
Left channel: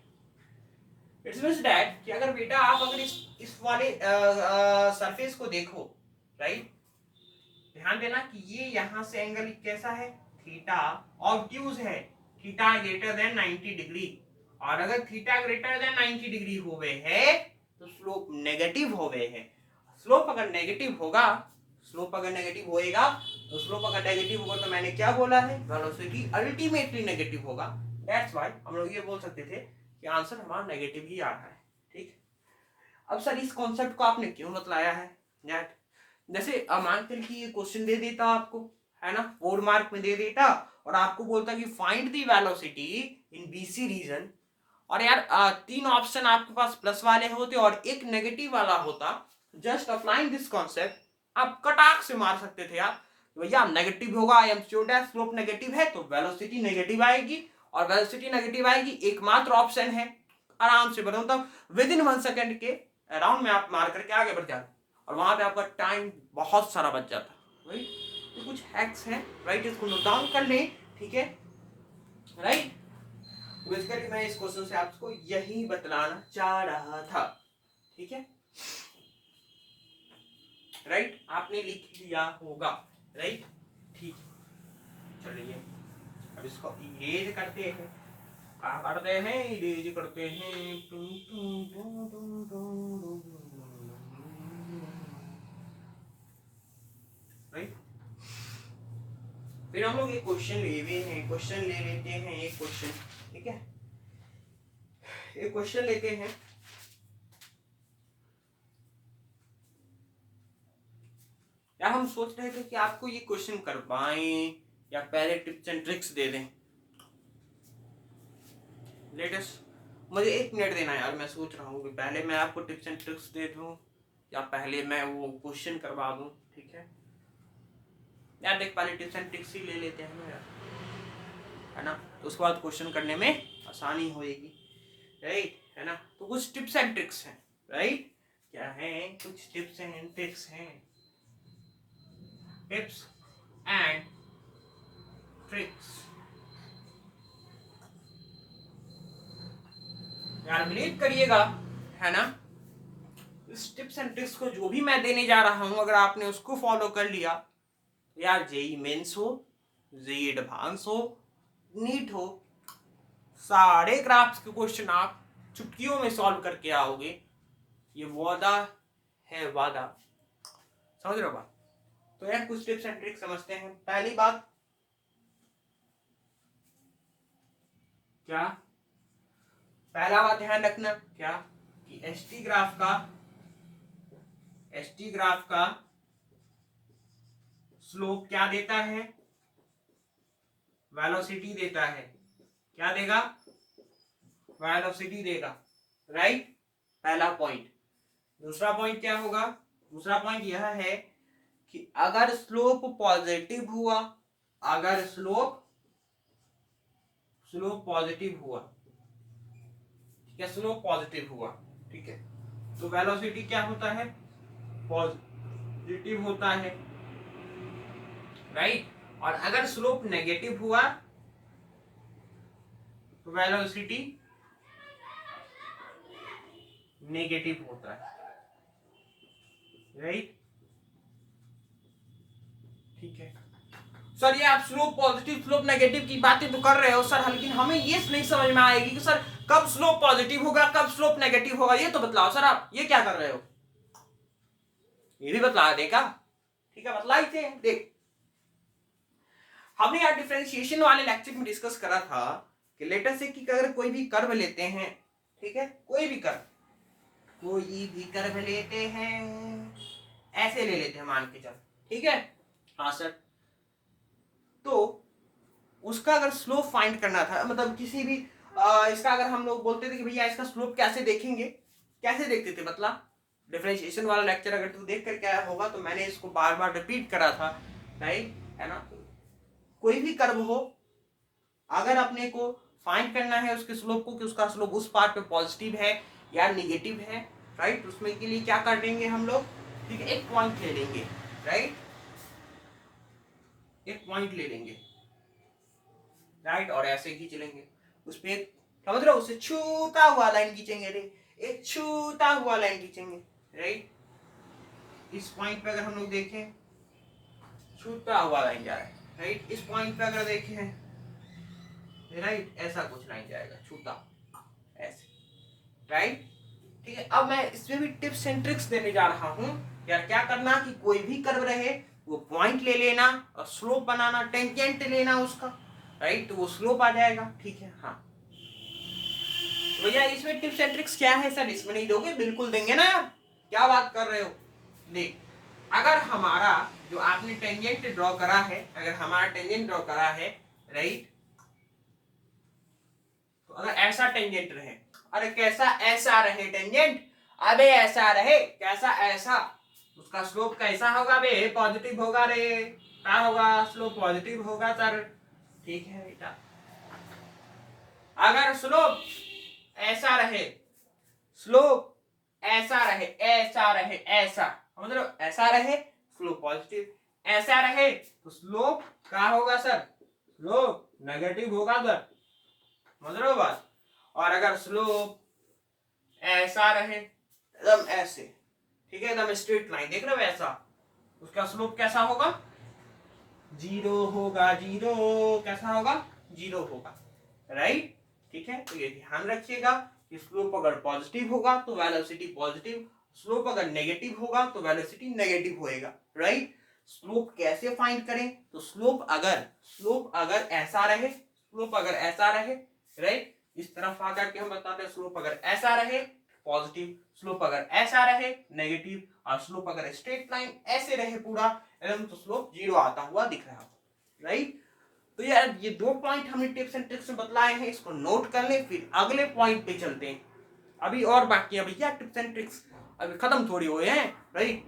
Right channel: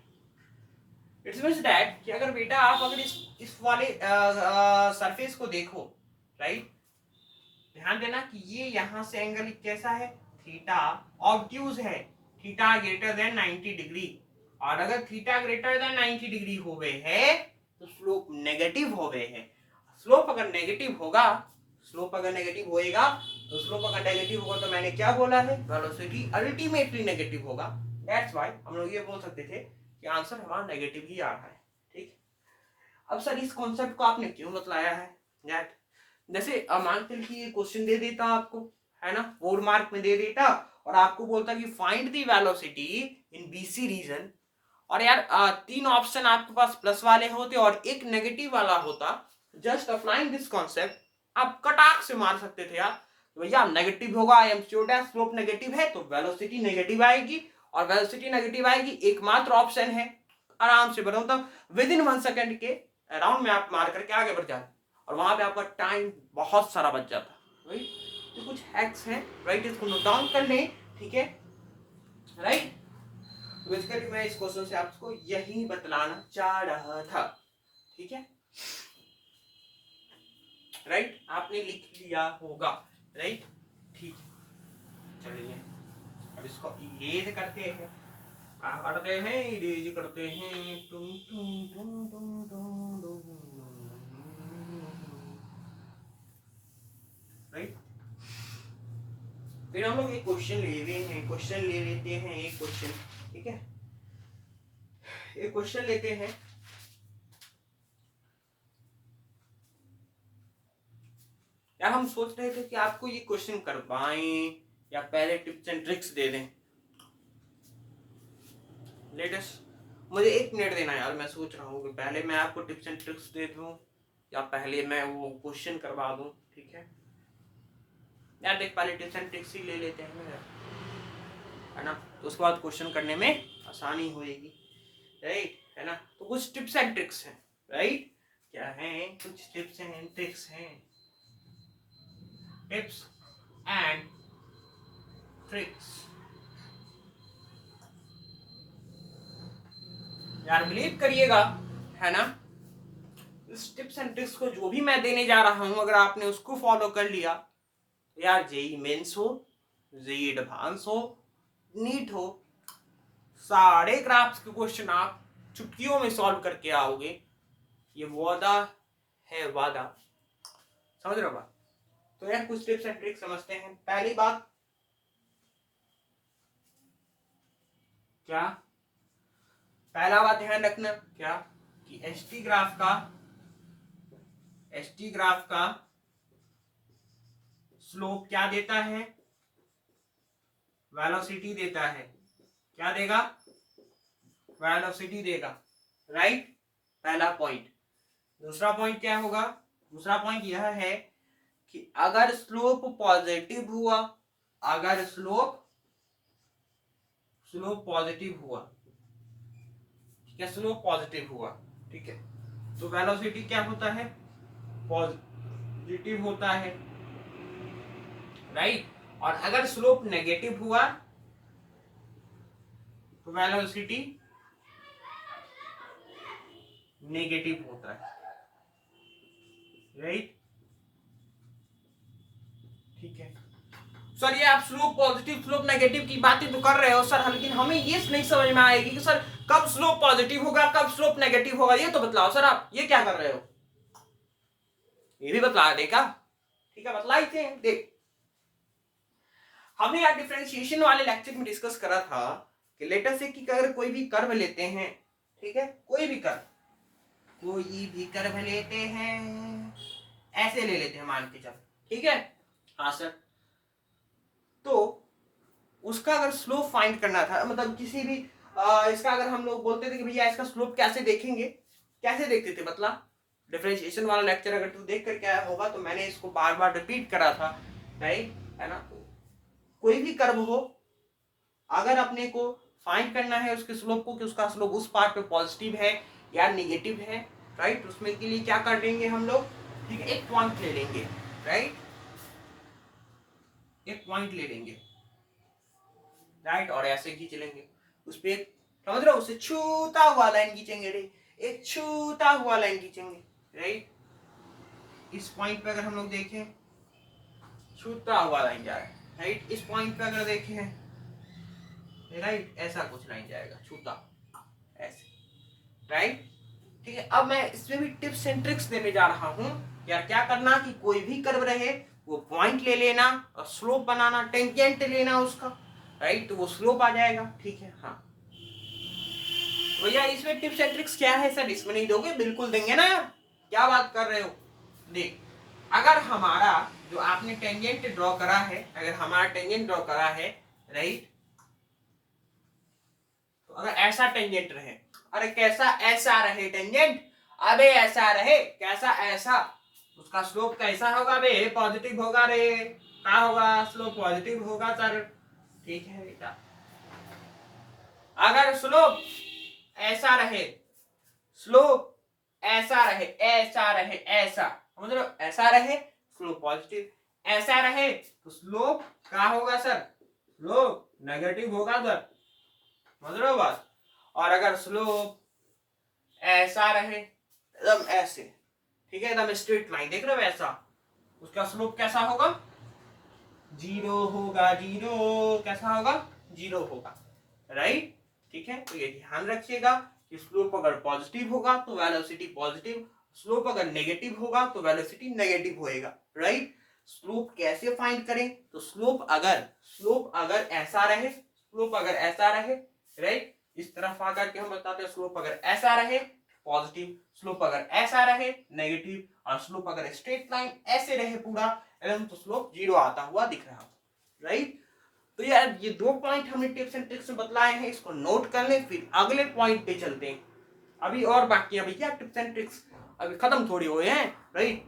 इट्स मींस दैट कि अगर बेटा आप अगर इस वाले सरफेस को देखो, राइट, ध्यान देना कि ये यहां से एंगल कैसा है, थीटा, ऑब्ट्यूज है, थीटा ग्रेटर देन 90 डिग्री, और अगर थीटा ग्रेटर देन 90 डिग्री हुए है तो स्लोप नेगेटिव हुए है। स्लोप अगर नेगेटिव होगा, स्लोप अगर नेगेटिव होएगा तो स्लोप अगर नेगेटिव होगा तो मैंने क्या बोला है, वेलोसिटी अल्टीमेटली नेगेटिव होगा। दैट्स व्हाई हम लोग ये बोल सकते थे कि आंसर हमारा नेगेटिव ही आ रहा है, ठीक। अब सर इस कॉन्सेप्ट को आपने क्यों बतलाया है, दैट जैसे मान के कि ये क्वेश्चन दे देता आपको, है ना, 4 मार्क में दे देता और आपको बोलता कि find the velocity in BC region, और यार 3 ऑप्शन आपके पास प्लस वाले होते और एक नेगेटिव वाला होता, जस्ट अप्लाइंग दिस कॉन्सेप्ट आप कटाक से मार सकते थे यार, भैया नेगेटिव होगा, I am sure that slope negative है तो वेलोसिटी नेगेटिव आएगी, और वेलोसिटी नेगेटिव आएगी एकमात्र ऑप्शन है, आराम से बताऊं तो विद इन 1 सेकेंड के अराउंड में आप मार करके आगे बढ़ जाते और वहां पे आपका टाइम बहुत सारा बच जाता, राइट। तो कुछ हैक्स हैं, राइट, इसको नोट डाउन कर लें, ठीक है, राइट। तो बेसिकली मैं इस क्वेश्चन से आपको यही बतलाना चाह रहा था, ठीक है, राइट, आपने लिख लिया होगा, राइट, ठीक है। चलिए अब इसको इरेज करते हैं, क्या करते हैं, इरेज करते हैं, राइट। फिर हम लोग एक क्वेश्चन ले हुए हैं, क्वेश्चन ले लेते हैं एक क्वेश्चन, ठीक है, एक क्वेश्चन लेते हैं। यार हम सोच रहे थे कि आपको ये क्वेश्चन करवाएं या पहले टिप्स एंड ट्रिक्स दे दें, लेटेस्ट मुझे 1 मिनट देना यार, मैं सोच रहा हूँ कि पहले मैं आपको टिप्स एंड ट्रिक्स दे दूं या पहले मैं वो क्वेश्चन करवा दूं, ठीक है। यार देख पहले टिप्स एंड ट्रिक्स ही ले लेते हैं ना यार, है ना, तो उसके बाद क्वेश्चन करने में आसानी होएगी, राइट, है ना। तो कुछ टिप्स एंड ट्रिक्स हैं, राइट, क्या है, कुछ टिप्स एंड ट्रिक्स हैं, टिप्स एंड ट्रिक्स। यार बिलीव करिएगा, है ना, इस टिप्स एंड ट्रिक्स को जो भी मैं देने जा रहा हूं, अगर आपने उसको फॉलो कर लिया तो यार जेई मेंस हो, जेई एडवांस हो, नीट हो, सारे क्राफ्ट्स के क्वेश्चन आप चुटकियों में सॉल्व करके आओगे। ये वादा है, वादा, समझ रहे हो बात। तो यार कुछ टिप्स एंड ट्रिक्स समझते हैं। पहली बात क्या, पहला बात ध्यान रखना क्या, कि एसटी ग्राफ का स्लोप क्या देता है, वेलोसिटी देता है। क्या देगा, वेलोसिटी देगा, राइट, पहला पॉइंट। दूसरा पॉइंट क्या होगा, दूसरा पॉइंट यह है कि अगर स्लोप पॉजिटिव हुआ, अगर स्लोप पॉजिटिव हुआ, ठीक है, स्लोप पॉजिटिव हुआ, ठीक है, तो वेलोसिटी क्या होता है, पॉजिटिव होता है, राइट। और अगर स्लोप नेगेटिव हुआ तो वेलोसिटी नेगेटिव होता है, राइट, ठीक है। सर ये आप स्लोप पॉजिटिव स्लोप नेगेटिव की बातें तो कर रहे हो सर, लेकिन हमें ये नहीं समझ में आएगी कि सर कब स्लोप पॉजिटिव होगा, कब स्लोप नेगेटिव होगा, ये तो बतलाओ सर, आप ये क्या कर रहे हो, ये भी बतला देगा, ठीक है, बतला ही देख। हमने यार डिफरेंशिएशन वाले लेक्चर में डिस्कस करा था कि लेटर से कि अगर कोई भी कर्व लेते हैं, ठीक है, कोई भी कर्व लेते हैं, ऐसे ले लेते हैं मान के चल, ठीक है, हाँ सर, तो उसका अगर स्लोप फाइंड करना था, मतलब किसी भी इसका अगर हम लोग बोलते थे कि भैया इसका स्लोप कैसे देखेंगे, कैसे देखते थे, मतलब डिफरेंशिएशन वाला लेक्चर अगर तू देख करके आया होगा तो मैंने इसको बार बार रिपीट करा था, राइट, है ना। कोई भी कर्व हो, अगर अपने को फाइंड करना है उसके स्लोप को, कि उसका स्लोप उस पार्ट पे पॉजिटिव है या निगेटिव है, राइट, उसमें के लिए क्या कर देंगे हम लोग, ठीक है, एक पॉइंट ले लेंगे, राइट, एक पॉइंट ले लेंगे, राइट, और ऐसे खींच लेंगे उस पे, समझ रहे हो, उससे छूता हुआ लाइन खींचेंगे, एक छूता हुआ लाइन खींचेंगे, राइट। इस पॉइंट पे अगर हम लोग देखें छूता हुआ लाइन जा रहा है, राइट, इस पॉइंट पे अगर देखें, राइट, ऐसा कुछ लाइन जाएगा छूता, ऐसे, राइट, ठीक है। अब मैं इसमें भी टिप्स एंड ट्रिक्स देने जा रहा हूं, यार क्या करना कि कोई भी कर्व रहे वो पॉइंट ले लेना और स्लोप बनाना, टेंजेंट लेना उसका, राइट, तो वो स्लोप आ जाएगा, ठीक है, हाँ। भैया इसमें टिप्स एंड ट्रिक्स क्या है सर, इसमें नहीं दोगे, बिल्कुल देंगे ना यार, क्या बात कर रहे हो। देख, अगर हमारा जो आपने टेंजेंट ड्रॉ करा है, अगर हमारा टेंजेंट ड्रॉ करा है, राइट, तो अगर ऐसा टेंजेंट रहे, अरे कैसा ऐसा रहे टेंजेंट, अबे ऐसा रहे, कैसा ऐसा, उसका स्लोप कैसा होगा बे, पॉजिटिव होगा रे, क्या होगा, स्लोप पॉजिटिव होगा सर, ठीक है बेटा। अगर स्लोप ऐसा रहे, स्लोप ऐसा रहे, ऐसा रहे, ऐसा, समझ लो, ऐसा रहे स्लोप पॉजिटिव, ऐसा रहे तो स्लोप क्या होगा सर, स्लोप नेगेटिव होगा सर, समझ रहे हो बात। और अगर स्लोप ऐसा रहे एकदम ऐसे, ठीक है, एकदम स्ट्रेट लाइन, देख रहे हो ऐसा, उसका स्लोप कैसा होगा, जीरो होगा, जीरो, कैसा होगा, जीरो होगा, राइट, ठीक है। तो ये ध्यान रखिएगा कि स्लोप अगर पॉजिटिव होगा तो वेलोसिटी पॉजिटिव, स्लोप अगर नेगेटिव होगा तो वेलोसिटी नेगेटिव होएगा, राइट। स्लोप कैसे फाइंड करें, तो स्लोप अगर ऐसा रहे, स्लोप अगर ऐसा रहे, राइट, इस तरफ आकर के हम बताते हैं स्लोप अगर ऐसा रहे पॉजिटिव, स्लोप अगर ऐसा रहे नेगेटिव, और स्लोप अगर स्ट्रेट लाइन ऐसे रहे पूरा एकदम, तो स्लोप जीरो आता हुआ दिख रहा हो, राइट। तो यार ये दो पॉइंट हमने टिप्स एंड ट्रिक्स में बतलाए हैं, इसको नोट कर लें, फिर अगले पॉइंट पे चलते हैं। अभी और बाकी है भैया टिप्स एंड ट्रिक्स, अभी खत्म थोड़ी हुए हैं, राइट,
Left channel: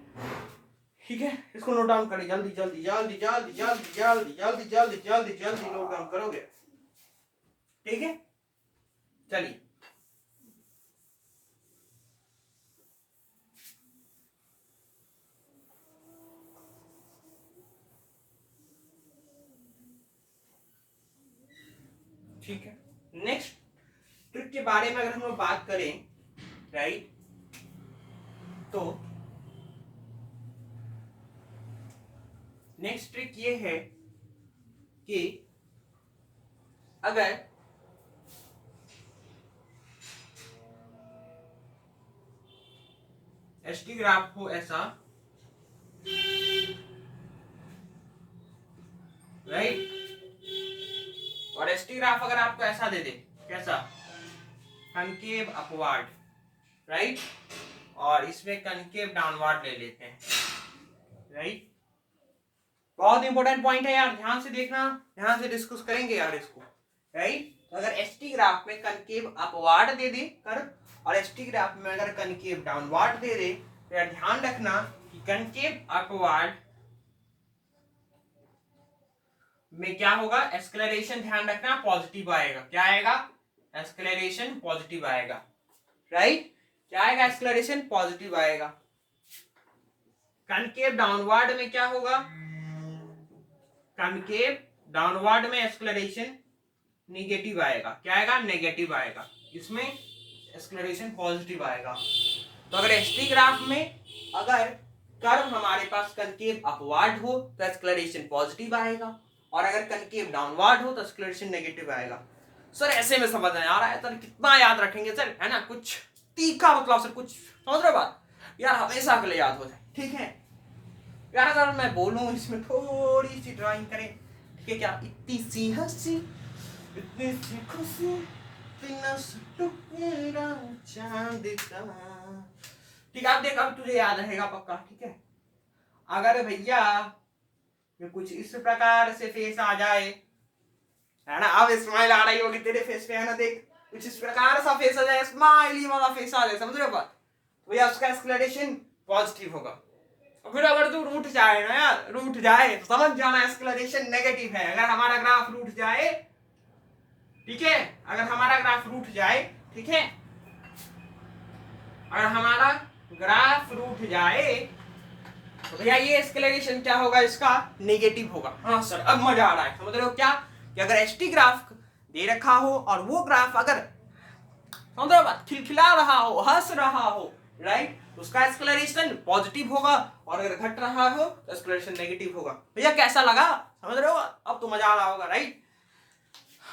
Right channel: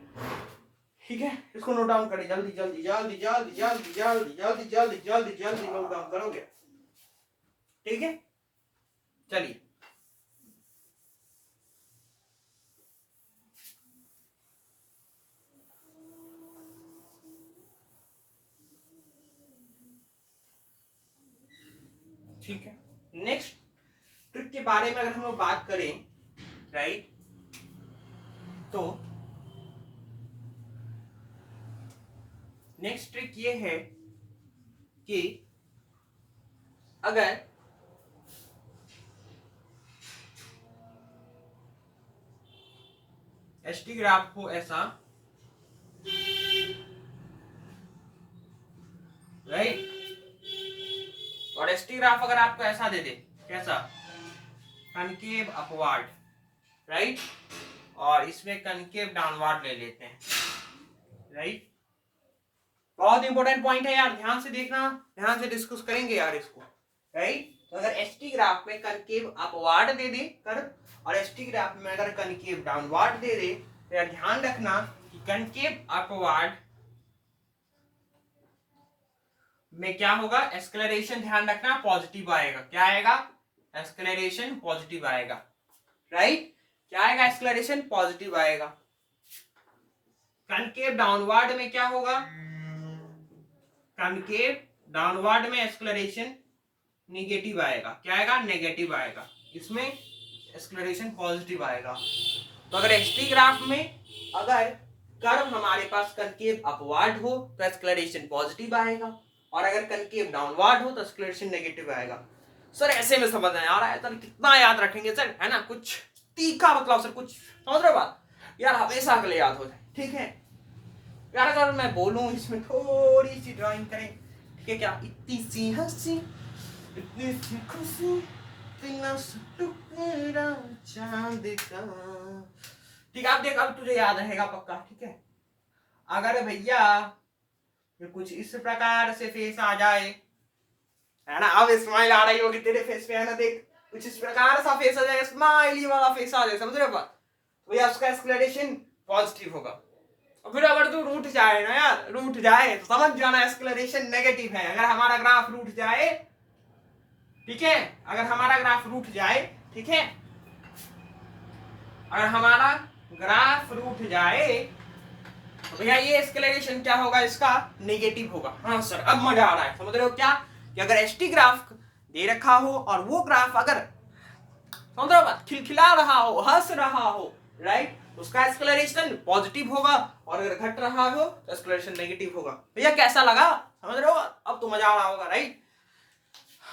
ठीक है, इसको नोट डाउन करें, जल्दी जल्दी जल्दी जल्दी जल्दी जल्दी जल्दी जल्दी जल्दी जल्दी नोट डाउन करोगे, ठीक है, चलिए ठीक है। नेक्स्ट ट्रिक के बारे में अगर हम लोग बात करें, राइट, तो नेक्स्ट ट्रिक ये है कि अगर एसटी ग्राफ हो ऐसा, राइट, और एसटी ग्राफ अगर आपको ऐसा दे दे, कैसा, कनकेव अपवार्ड, राइट, और इसमें कनकेव डाउनवर्ड ले लेते हैं, राइट। बहुत इंपॉर्टेंट पॉइंट है यार, ध्यान से देखना, ध्यान से डिस्कस करेंगे यार इसको, राइट। तो अगर एसटी ग्राफ में कनकेव अपवार्ड दे दे कर, और एसटी ग्राफ में अगर कनकेव डाउनवर्ड दे दे, तो यार ध्यान रखना कि कनकेव अपवार्ड में क्या होगा, एक्सेलरेशन, ध्यान रखना पॉजिटिव आएगा। क्या आएगा, एक्सेलरेशन पॉजिटिव आएगा, राइट। क्या आएगा, एक्सेलरेशन पॉजिटिव आएगा। कनकेव डाउनवर्ड में क्या होगा, कनकेव डाउनवर्ड में एक्सेलरेशन नेगेटिव आएगा। क्या आएगा, नेगेटिव आएगा। इसमें एक्सेलरेशन पॉजिटिव आएगा। तो अगर एसटी ग्राफ में अगर कर्व हमारे पास कनकेव अपवर्ड हो तो एक्सेलरेशन पॉजिटिव आएगा, और अगर कनकेव डाउनवर्ड हो तो एक्सेलरेशन नेगेटिव आएगा। सर ऐसे में समझ नहीं आ रहा है सर, कितना याद रखेंगे सर, है ना, कुछ तीखा मतलब सर, कुछ समझ रहे बात यार, हमेशा के लिए याद हो जाए, ठीक है यार। अगर मैं बोलूं इसमें थोड़ी सी ड्राइंग करें, ठीक है क्या, इतनी सी हंसी, इतनी सी खुशी, बिना टुकड़ा चांद का, ठीक है। आप देख, अब तुझे याद रहेगा पक्का, ठीक है। अगर भैया कुछ इस प्रकार से फेस आ जाए, है ना, अब स्माइल आ रही होगी तेरे फेस पे, है ना, देख कुछ इस प्रकार सा फेस आ जाए, स्माइली वाला फेस आ जाए, समझ रहे हो बात, तो भैया उसका एक्सेलरेशन पॉजिटिव होगा। और फिर अगर तू रूठ जाए ना यार, रूठ जाए तो समझ जाना एक्सेलरेशन नेगेटिव है। अगर हमारा ग्राफ रूठ जाए, ठीक है, अगर हमारा ग्राफ रूठ जाए, ठीक है, अगर हमारा ग्राफ रूठ जाए तो भैया ये एक्सेलरेशन क्या होगा, इसका नेगेटिव होगा। हाँ सर अब मजा आ रहा है, समझ रहे हो क्या, कि अगर एसटी ग्राफ दे रखा हो और वो ग्राफ अगर समझ रहे हो बात, खिलखिला रहा हो, हंस रहा हो, राइट, तो उसका एक्सेलरेशन पॉजिटिव होगा, और अगर घट रहा हो तो एक्सेलरेशन नेगेटिव होगा। भैया कैसा लगा, समझ रहे हो, अब तो मजा आ रहा होगा, राइट,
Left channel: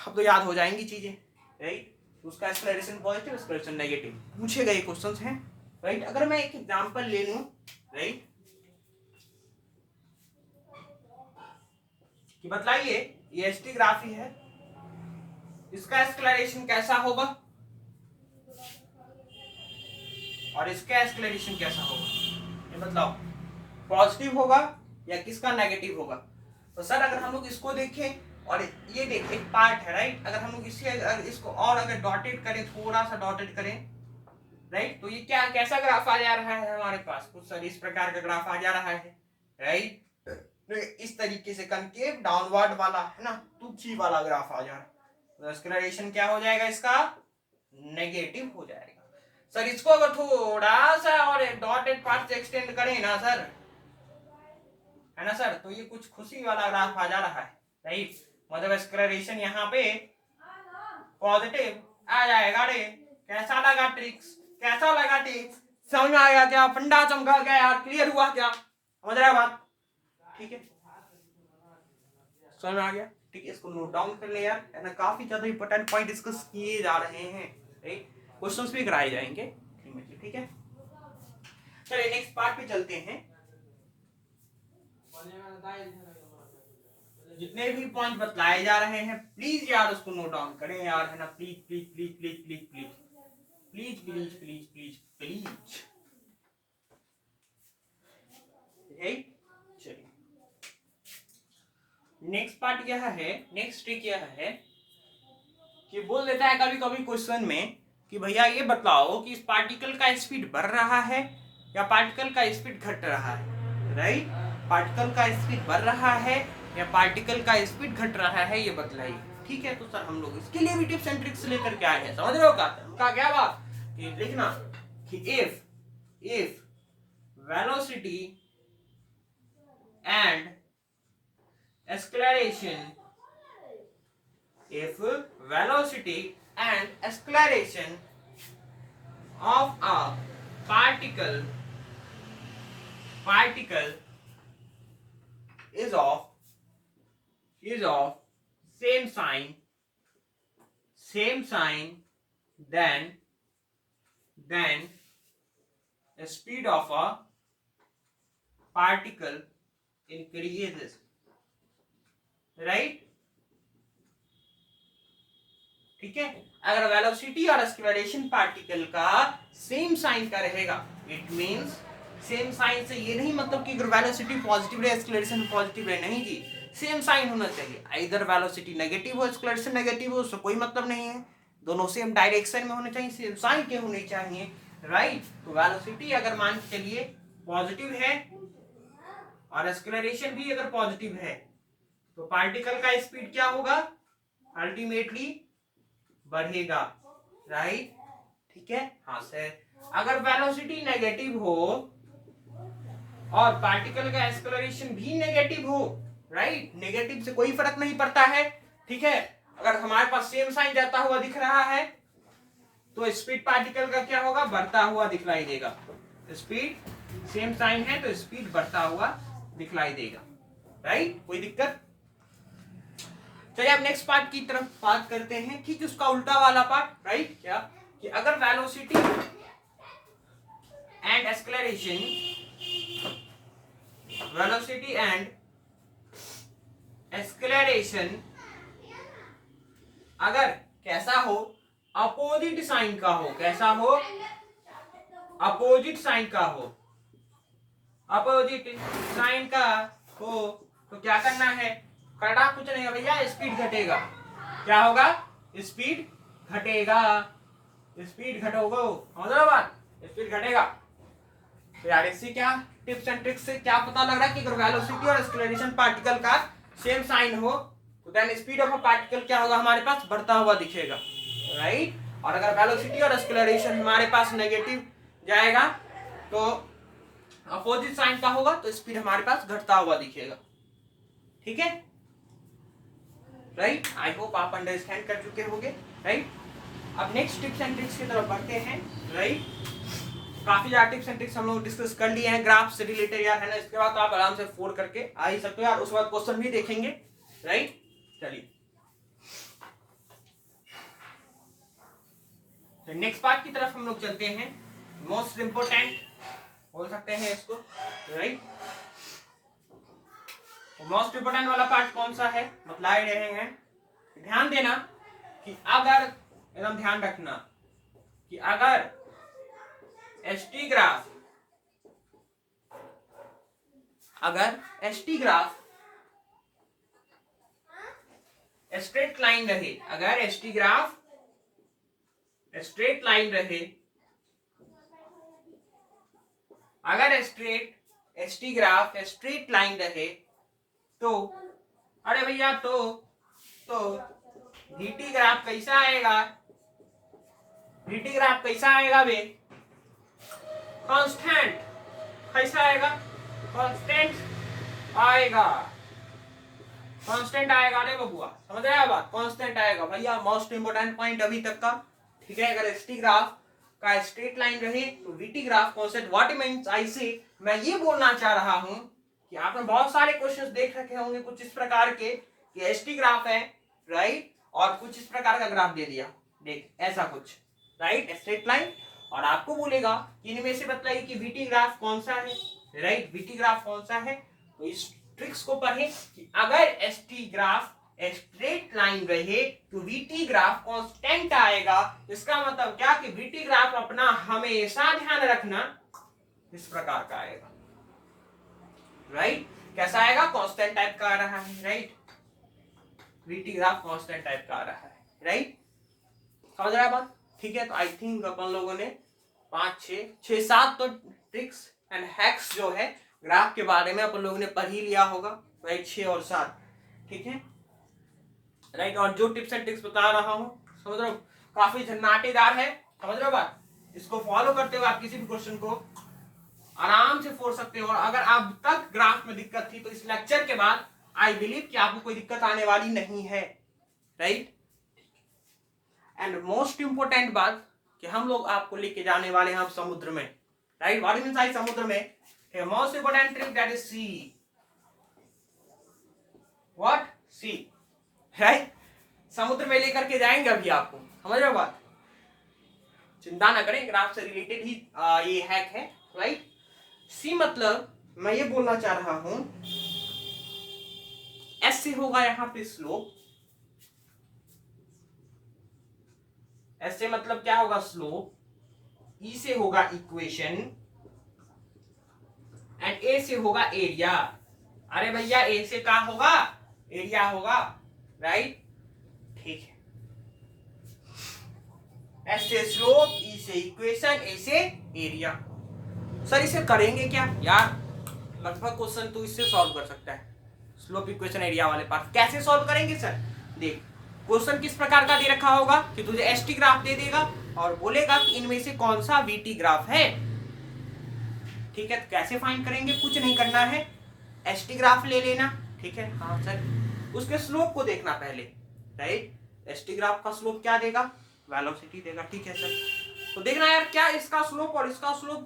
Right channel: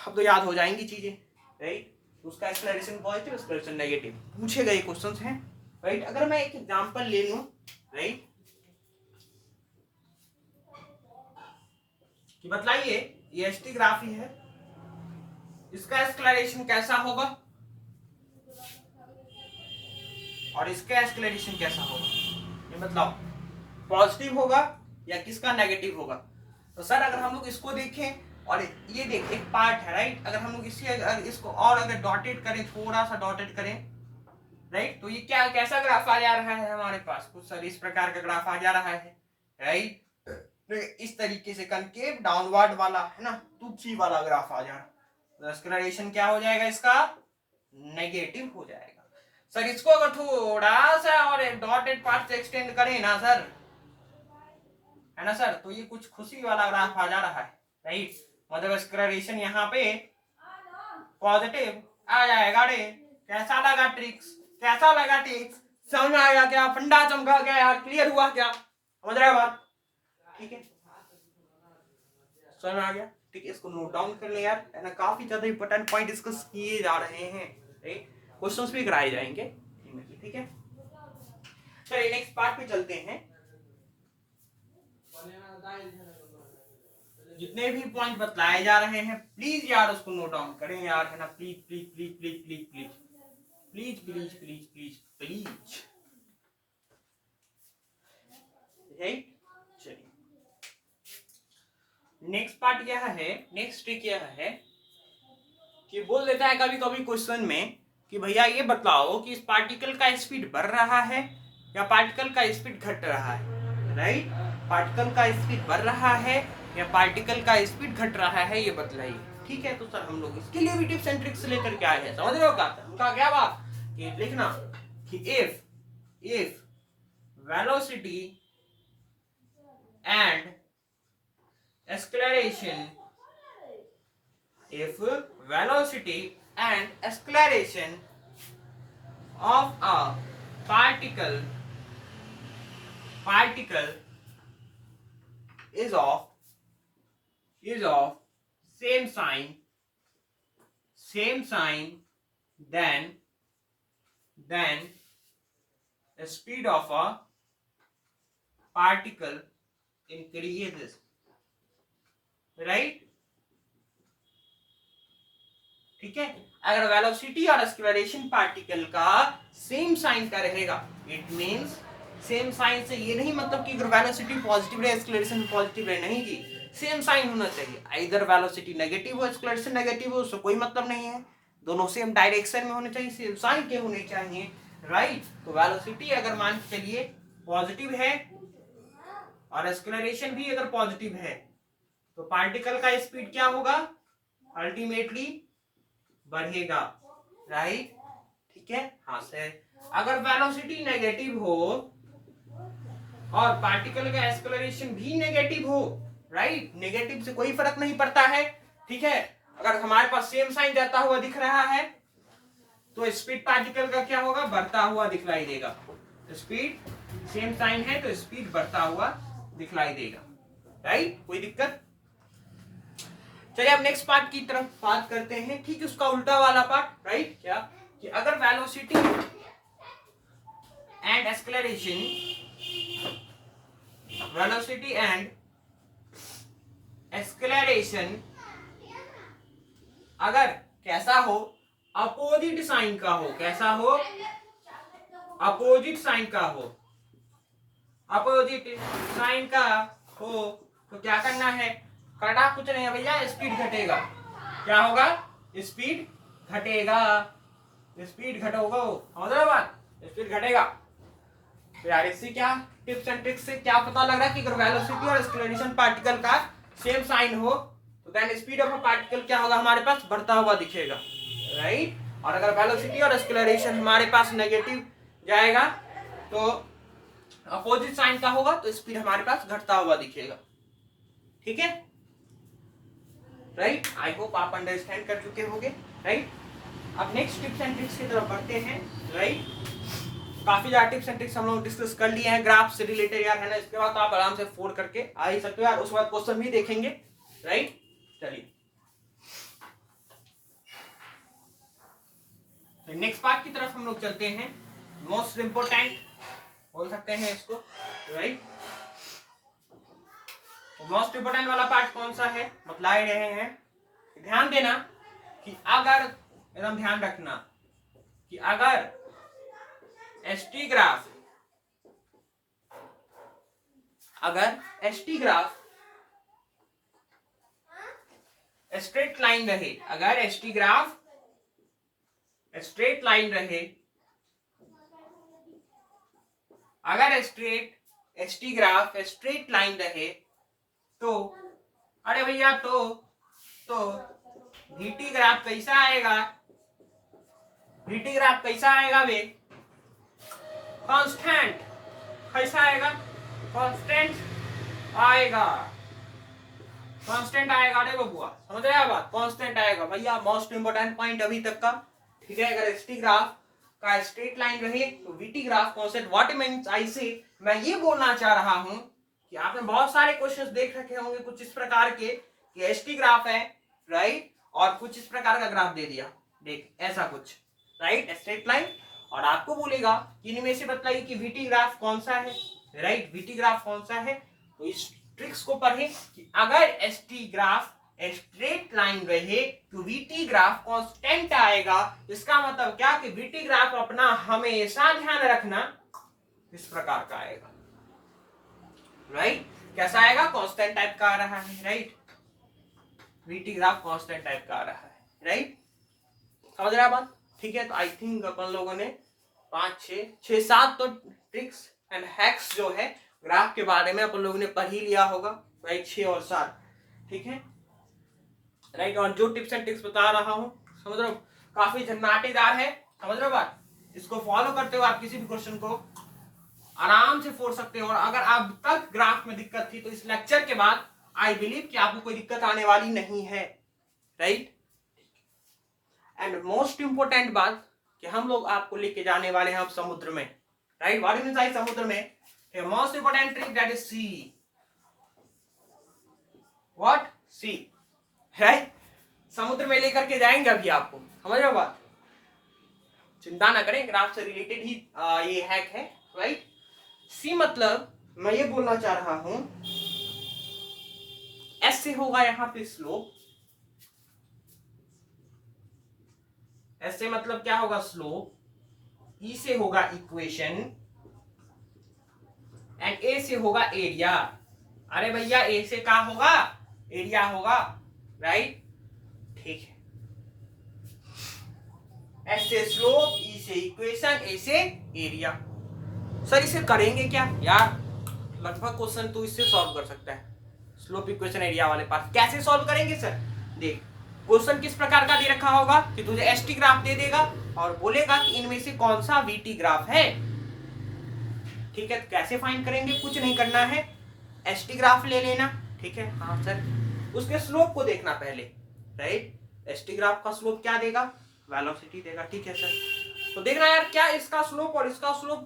अब तो याद हो जाएंगी चीजें, राइट। उसका एक्सेलरेशन पॉजिटिव, एक्सेलरेशन नेगेटिव पूछे गए क्वेश्चंस हैं, राइट। अगर मैं एक एग्जांपल ले लूं, राइट, कि बताइए ये एसटी ग्राफ ही है, इसका एक्सेलरेशन कैसा होगा और इसका एक्सेलरेशन कैसा होगा, ये बताओ, पॉजिटिव होगा या किसका नेगेटिव होगा। तो सर अगर हम लोग इसको देखें और ये देख एक पार्ट है, राइट, अगर हम लोग इसको और अगर डॉटेड करें, थोड़ा सा डॉटेड करें, राइट, तो ये क्या कैसा ग्राफ आ जा रहा है हमारे पास, कुछ सर इस प्रकार का ग्राफ आ जा रहा है, राइट, इस तरीके से कनकेव डाउनवर्ड वाला, है ना, तुच्छी वाला ग्राफ आ जा रहा है। तो एक्सेलरेशन क्या हो जाएगा, इसका नेगेटिव हो जाएगा। सर इसको अगर थोड़ा सा और डॉटेड पार्ट से एक्सटेंड करें ना सर, है ना सर, तो ये कुछ खुशी वाला ग्राफ आ जा रहा है, राइट, मतलब एक्सेलरेशन यहाँ पे पॉजिटिव आ जाएगा। रे कैसा लगा ट्रिक्स, कैसा लगा ट्रिक्स, समझ में आएगा क्या, फंडा चमका गया यार, क्लियर हुआ क्या, समझ रहे हो बात, ठीक है, समझ में आ गया, ठीक है। इसको नोट डाउन कर ले यार, है ना, काफी ज्यादा इंपॉर्टेंट पॉइंट डिस्कस किए जा रहे हैं, राइट, क्वेश्चंस भी कराए जाएंगे, ठीक है। चलिए नेक्स्ट पार्ट पे चलते हैं। जितने भी पॉइंट बतलाए जा रहे हैं प्लीज यार उसको नोट डाउन करें यार, है ना, please please please please please please please please please please please, right. चलिए नेक्स्ट पार्ट क्या है, नेक्स्ट ट्रिक क्या है कि बोल देता है कभी कभी क्वेश्चन में कि भैया ये बताओ कि इस पार्टिकल का स्पीड बढ़ रहा है या पार्टिकल का स्पीड घट रहा है, राइट, पार्टिकल का स्पीड बढ़ रहा है या पार्टिकल का स्पीड घट रहा है, ये बतलाइए, ठीक है, तो सर हम लोग इसके लिए भी टिप्स एंड ट्रिक्स लेकर के आए हैं। समझ रहे हो क्या उनका क्या बात कि लिखना कि if velocity and acceleration, if velocity and acceleration of a particle is of same sign, then the speed of a particle increases, right? ठीक है, अगर वेलोसिटी और एक्सेलरेशन पार्टिकल का सेम साइन का रहेगा, इट मींस सेम साइन से ये नहीं मतलब कि अगर वेलोसिटी पॉजिटिव रहे एक्सेलरेशन पॉजिटिव रहे, नहीं जी, सेम साइन होना चाहिए। इधर वेलोसिटी नेगेटिव हो एक्सेलरेशन नेगेटिव हो, उससे कोई मतलब नहीं है, दोनों सेम डायरेक्शन में होने चाहिए, सेम साइन के होने चाहिए, राइट? तो वेलोसिटी अगर मान के चलिए पॉजिटिव है और एक्सेलरेशन भी अगर पॉजिटिव है, तो पार्टिकल का स्पीड क्या होगा? अल्टीमेटली बढ़ेगा, राइट? ठीक है, हाँ सर। अगर वेलोसिटी नेगेटिव हो और पार्टिकल का एक्सेलरेशन भी नेगेटिव हो, राइट, नेगेटिव से कोई फर्क नहीं पड़ता है, ठीक है, अगर हमारे पास सेम साइन जाता हुआ दिख रहा है तो स्पीड पार्टिकल का क्या होगा? बढ़ता हुआ दिखलाई देगा। स्पीड सेम साइन है तो स्पीड बढ़ता हुआ दिखलाई देगा, राइट? कोई दिक्कत? चलिए अब नेक्स्ट पार्ट की तरफ बात करते हैं, ठीक, उसका उल्टा वाला पार्ट, राइट? क्या कि अगर वेलोसिटी एंड एक्सेलरेशन अगर कैसा हो? अपोजिट साइन का हो। कैसा हो? अपोजिट साइन का हो। अपोजिट साइन का हो तो क्या करना है? करना कुछ नहीं है भैया, स्पीड घटेगा। क्या होगा? स्पीड घटेगा। स्पीड घटोगा, समझ रहे हो बात? स्पीड घटेगा। तो यार इससे क्या टिप्स एंड ट्रिक्स से क्या पता लग रहा है कि अगर वेलोसिटी और एक्सेलरेशन पार्टिकल का सेम साइन हो तो then speed of a particle क्या होगा? हमारे पास बढ़ता हुआ दिखेगा, राइट? और अगर वेलोसिटी और एक्सेलरेशन हमारे पास नेगेटिव जाएगा तो अपोजिट साइन का होगा तो स्पीड हमारे पास घटता हुआ दिखेगा, ठीक है, राइट? आई होप आप अंडरस्टैंड कर चुके होंगे, राइट? अब नेक्स्ट टिप्स एंड ट्रिक्स की तरफ बढ़ते हैं, राइट? काफी ज्यादा टिप्स एंड ट्रिक्स हम लोग डिस्कस कर लिए हैं ग्राफ से रिलेटेड यार, है ना? इसके बाद तो आप आराम से 4 करके आ ही सकते हो यार, उसके बाद क्वेश्चन भी देखेंगे, राइट? चलिए नेक्स्ट पार्ट की तरफ हम लोग चलते हैं, मोस्ट इंपोर्टेंट बोल सकते हैं इसको, राइट? मोस्ट इंपोर्टेंट वाला पार्ट कौन सा है बतला ही रहे हैं। ध्यान देना कि अगर, एकदम ध्यान रखना कि अगर एसटी ग्राफ स्ट्रेट लाइन रहे, अगर एसटी ग्राफ स्ट्रेट लाइन रहे, अगर एसटी ग्राफ स्ट्रेट लाइन रहे तो अरे भैया तो वीटी ग्राफ कैसा आएगा? वीटी ग्राफ कैसा आएगा बे? कांस्टेंट। कैसा आएगा? कांस्टेंट आएगा। कांस्टेंट आएगा रे बबुआ, समझ रहे हैं बात? कांस्टेंट आएगा भैया, मोस्ट इंपोर्टेंट पॉइंट अभी तक का, ठीक है? अगर एसटी ग्राफ का स्ट्रेट लाइन रहे तो VT graph constant. What means I से, मैं ये बोलना चाह रहा हूं कि आपने बहुत सारे क्वेश्चंस देख रखे होंगे कुछ इस प्रकार के कि एसटी ग्राफ है, राइट, और कुछ इस प्रकार का ग्राफ दे दिया, देख ऐसा कुछ, राइट, स्ट्रेट लाइन, और आपको बोलेगा कि इनमें से बताइए कि वीटी ग्राफ कौन सा है, राइट? वीटी ग्राफ कौन सा है? तो इस ट्रिक्स को पढ़े कि अगर एसटी ग्राफ स्ट्रेट लाइन रहे तो वीटी ग्राफ कांस्टेंट आएगा। इसका मतलब क्या कि वीटी ग्राफ अपना हमेशा ध्यान रखना इस प्रकार का आएगा, राइट? कैसा आएगा? कांस्टेंट टाइप का आ रहा है, right? VT graph constant type का आ रहा है, राइट? समझ रहा है बात? ठीक है, तो आई थिंक अपन लोगों ने 5 6 7 तो ट्रिक्स एंड हैक्स जो है ग्राफ के बारे में अपन लोगों ने पढ़ ही लिया होगा, राइट? 6 और 7, ठीक है? राइट। और जो टिप्स एंड ट्रिक्स बता रहा हूँ समझ रहे हो, काफी झन्नाटेदार है, समझ रहे हो बात। इसको फॉलो करते हो आप किसी भी क्वेश्चन को आराम से फोड़ सकते हो। और अगर अब तक ग्राफ में दिक्कत थी तो इस लेक्चर के बाद आई बिलीव कि आपको कोई दिक्कत आने वाली नहीं है, राइट। एंड मोस्ट इंपोर्टेंट बात कि हम लोग आपको लेके जाने वाले हैं अब समुद्र में, राइट। व्हाट इज इनसाइड समुद्र में? Most important trick that is sea. What? Sea, right. समुद्र में लेकर के जाएंगे अभी आपको, समझ रहे हो बात। चिंता ना करें, ग्राफ से रिलेटेड ही ये हैक है, राइट। सी मतलब मैं ये बोलना चाह रहा हूं एस से होगा यहां पे स्लोप, एस से मतलब क्या होगा? स्लोप। ई से होगा इक्वेशन एंड ए से होगा एरिया। अरे भैया ए से क्या होगा? एरिया होगा, राइट, ठीक है। एस से स्लोप, ई से इक्वेशन, ए से एरिया। सर इसे करेंगे क्या यार? लगभग क्वेश्चन तो इससे सॉल्व कर सकता है, स्लोप इक्वेशन एरिया वाले पार्ट। कैसे सॉल्व करेंगे सर? देख, क्वेश्चन किस प्रकार का दे रखा होगा कि तुझे एसटी ग्राफ दे देगा और बोलेगा कि इनमें से कौन सा वीटी ग्राफ है, ठीक है। तो कैसे फाइंड करेंगे? कुछ नहीं करना है, एसटी ग्राफ ले लेना, ठीक है। हाँ सर, उसके स्लोप को देखना पहले, राइट। एसटी ग्राफ का स्लोप क्या देगा? वेलोसिटी देगा, ठीक है सर। तो देखना यार क्या इसका स्लोप और इसका स्लोप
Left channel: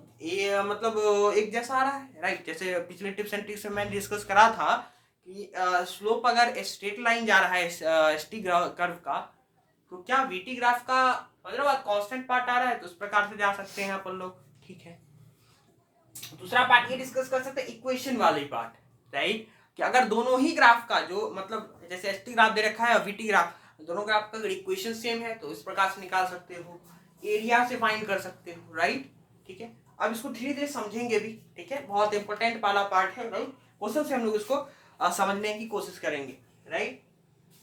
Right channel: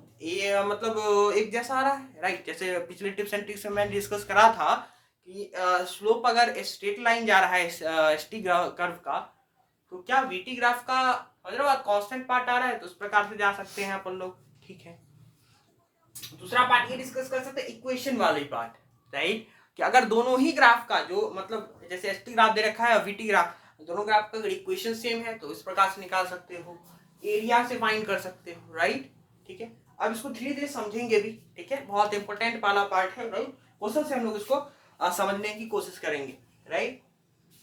मतलब एक जैसा आ रहा है, राइट। जैसे पिछले टिप्स एंड ट्रिक्स में मैंने डिस्कस करा था कि स्लोप अगर स्ट्रेट लाइन जा रहा है एसटी कर्व का, तो क्या वीटी ग्राफ का मतलब कांस्टेंट पार्ट आ रहा है, तो उस प्रकार से जा सकते हैं अपन लोग, ठीक है। दूसरा पार्ट ये डिस्कस कर सकते हैं इक्वेशन वाले पार्ट, राइट, कि अगर दोनों ही ग्राफ का जो मतलब जैसे एसटी ग्राफ दे रखा है और वीटी ग्राफ, दोनों ग्राफ का अगर इक्वेशन सेम है तो इस प्रकार से निकाल सकते हो, एरिया से फाइंड कर सकते हो, राइट, ठीक है। अब इसको धीरे धीरे समझेंगे भी, ठीक है, बहुत इंपॉर्टेंट वाला पार्ट है, राइट। क्वेश्चन से हम लोग इसको समझने की कोशिश करेंगे, राइट।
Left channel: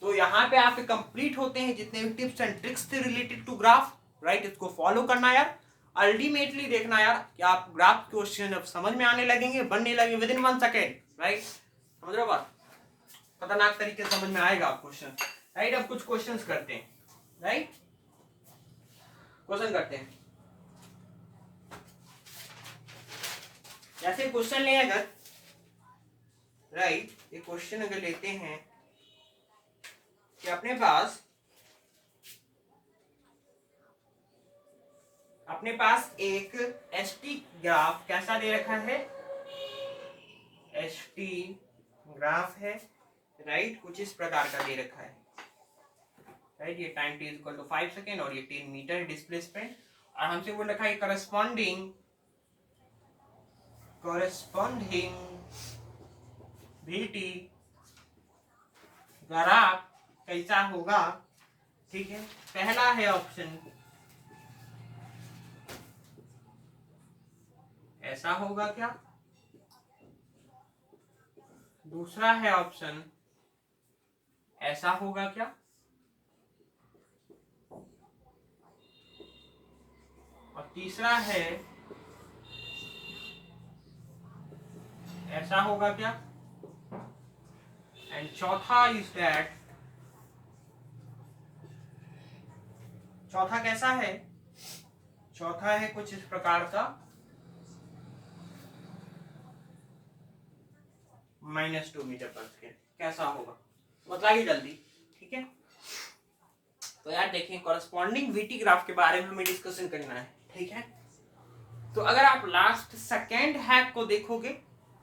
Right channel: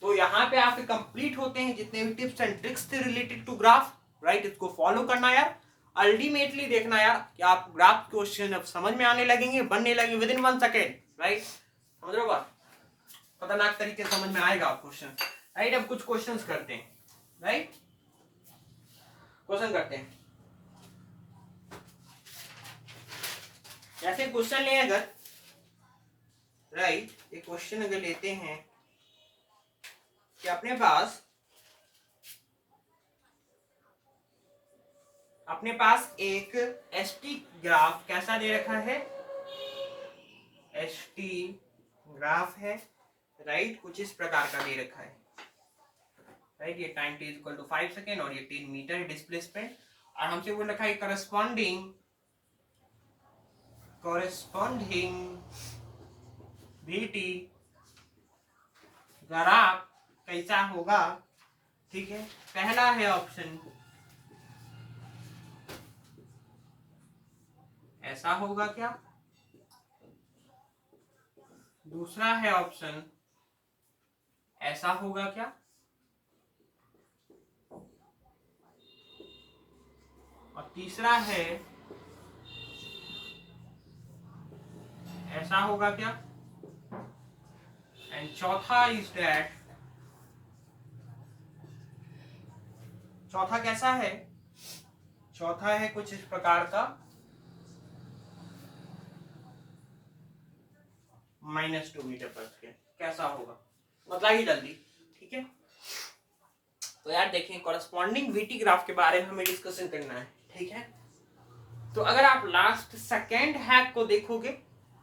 तो यहाँ पे आपके कंप्लीट होते हैं जितने भी टिप्स एंड ट्रिक्स थे रिलेटेड टू ग्राफ, राइट। इसको फॉलो करना यार, अल्टीमेटली देखना यार कि आप ग्राफ क्वेश्चन अब समझ में आने लगेंगे, बनने लगेंगे विद इन 1 सेकेंड, राइट। समझ रहे हो बात? खतरनाक तरीके से समझ में आएगा आप क्वेश्चन, राइट। अब कुछ क्वेश्चंस करते हैं, राइट, क्वेश्चन करते हैं। जैसे क्वेश्चन ले अगर, राइट, ये क्वेश्चन अगर लेते हैं कि अपने पास एक एसटी ग्राफ कैसा दे रखा है? एसटी ग्राफ है, राइट, कुछ इस प्रकार का दे रखा है, राइट। ये time t equal to 5 second और ये 10 मीटर डिस्प्लेसमेंट, और हमसे वो लिखा है करस्पॉन्डिंग वीटी ग्राफ कैसा होगा, ठीक है। पहला है ऑप्शन ऐसा होगा क्या? दूसरा है ऑप्शन ऐसा होगा क्या? और तीसरा है ऐसा होगा क्या? एंड चौथा इज दैट, चौथा कैसा है? चौथा है कुछ इस प्रकार का -2 मीटर पर स्क्वायर, कैसा होगा? बताइए जल्दी, ठीक है। तो यार देखें, कॉरेस्पॉन्डिंग वीटी ग्राफ के बारे में हमें डिस्कशन करना है, ठीक है। तो अगर आप लास्ट सेकेंड हैक को देखोगे,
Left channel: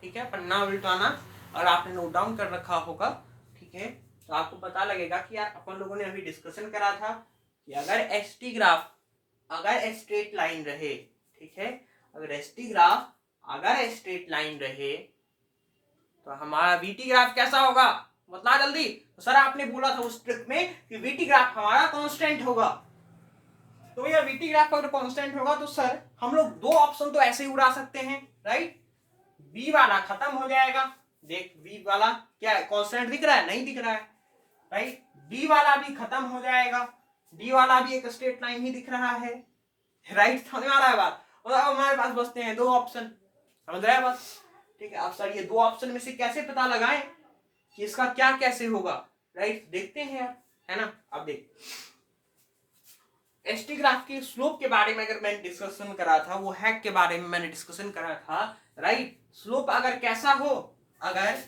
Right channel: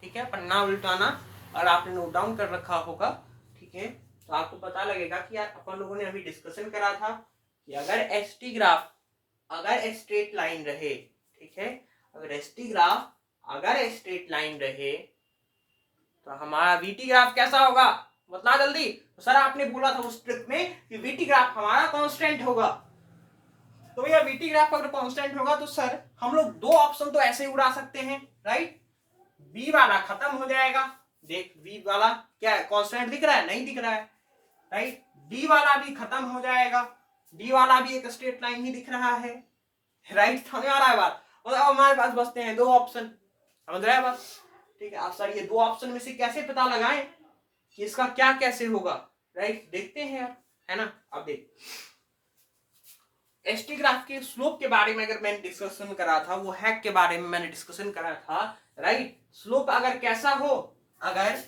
ठीक है, पन्ना उल्टाना, और आपने नोट डाउन कर रखा होगा, ठीक है, तो आपको पता लगेगा कि यार अपन लोगों ने अभी डिस्कशन करा था कि अगर एसटी ग्राफ अगर स्ट्रेट लाइन रहे, ठीक है, अगर एसटी ग्राफ अगर स्ट्रेट लाइन रहे तो हमारा वीटी ग्राफ कैसा होगा? बता जल्दी। तो सर आपने बोला था उस ट्रिक में कि वीटी ग्राफ हमारा कांस्टेंट होगा, तो भैया वीटी ग्राफ अगर कांस्टेंट होगा तो सर हम लोग दो ऑप्शन तो ऐसे ही उड़ा सकते हैं, राइट। बी वाला खत्म हो जाएगा, देख बी वाला क्या है, कांस्टेंट दिख रहा है? नहीं दिख रहा है, राइट। डी वाला भी खत्म हो जाएगा, डी वाला भी एक स्ट्रेट लाइन ही दिख रहा है, राइट। समझ में आ रहा है बात? और अब हमारे पास बचते हैं दो ऑप्शन, समझ रहे हैं बात, ठीक है। आप सर ये दो ऑप्शन में से कैसे पता लगाएं कि इसका क्या कैसे होगा, राइट, देखते हैं यार। है ना। अब देख एसटी ग्राफ की स्लोप के बारे में अगर मैंने डिस्कशन करा था, वो हैक के बारे में मैंने डिस्कशन करा था, राइट। स्लोप अगर कैसा हो, अगर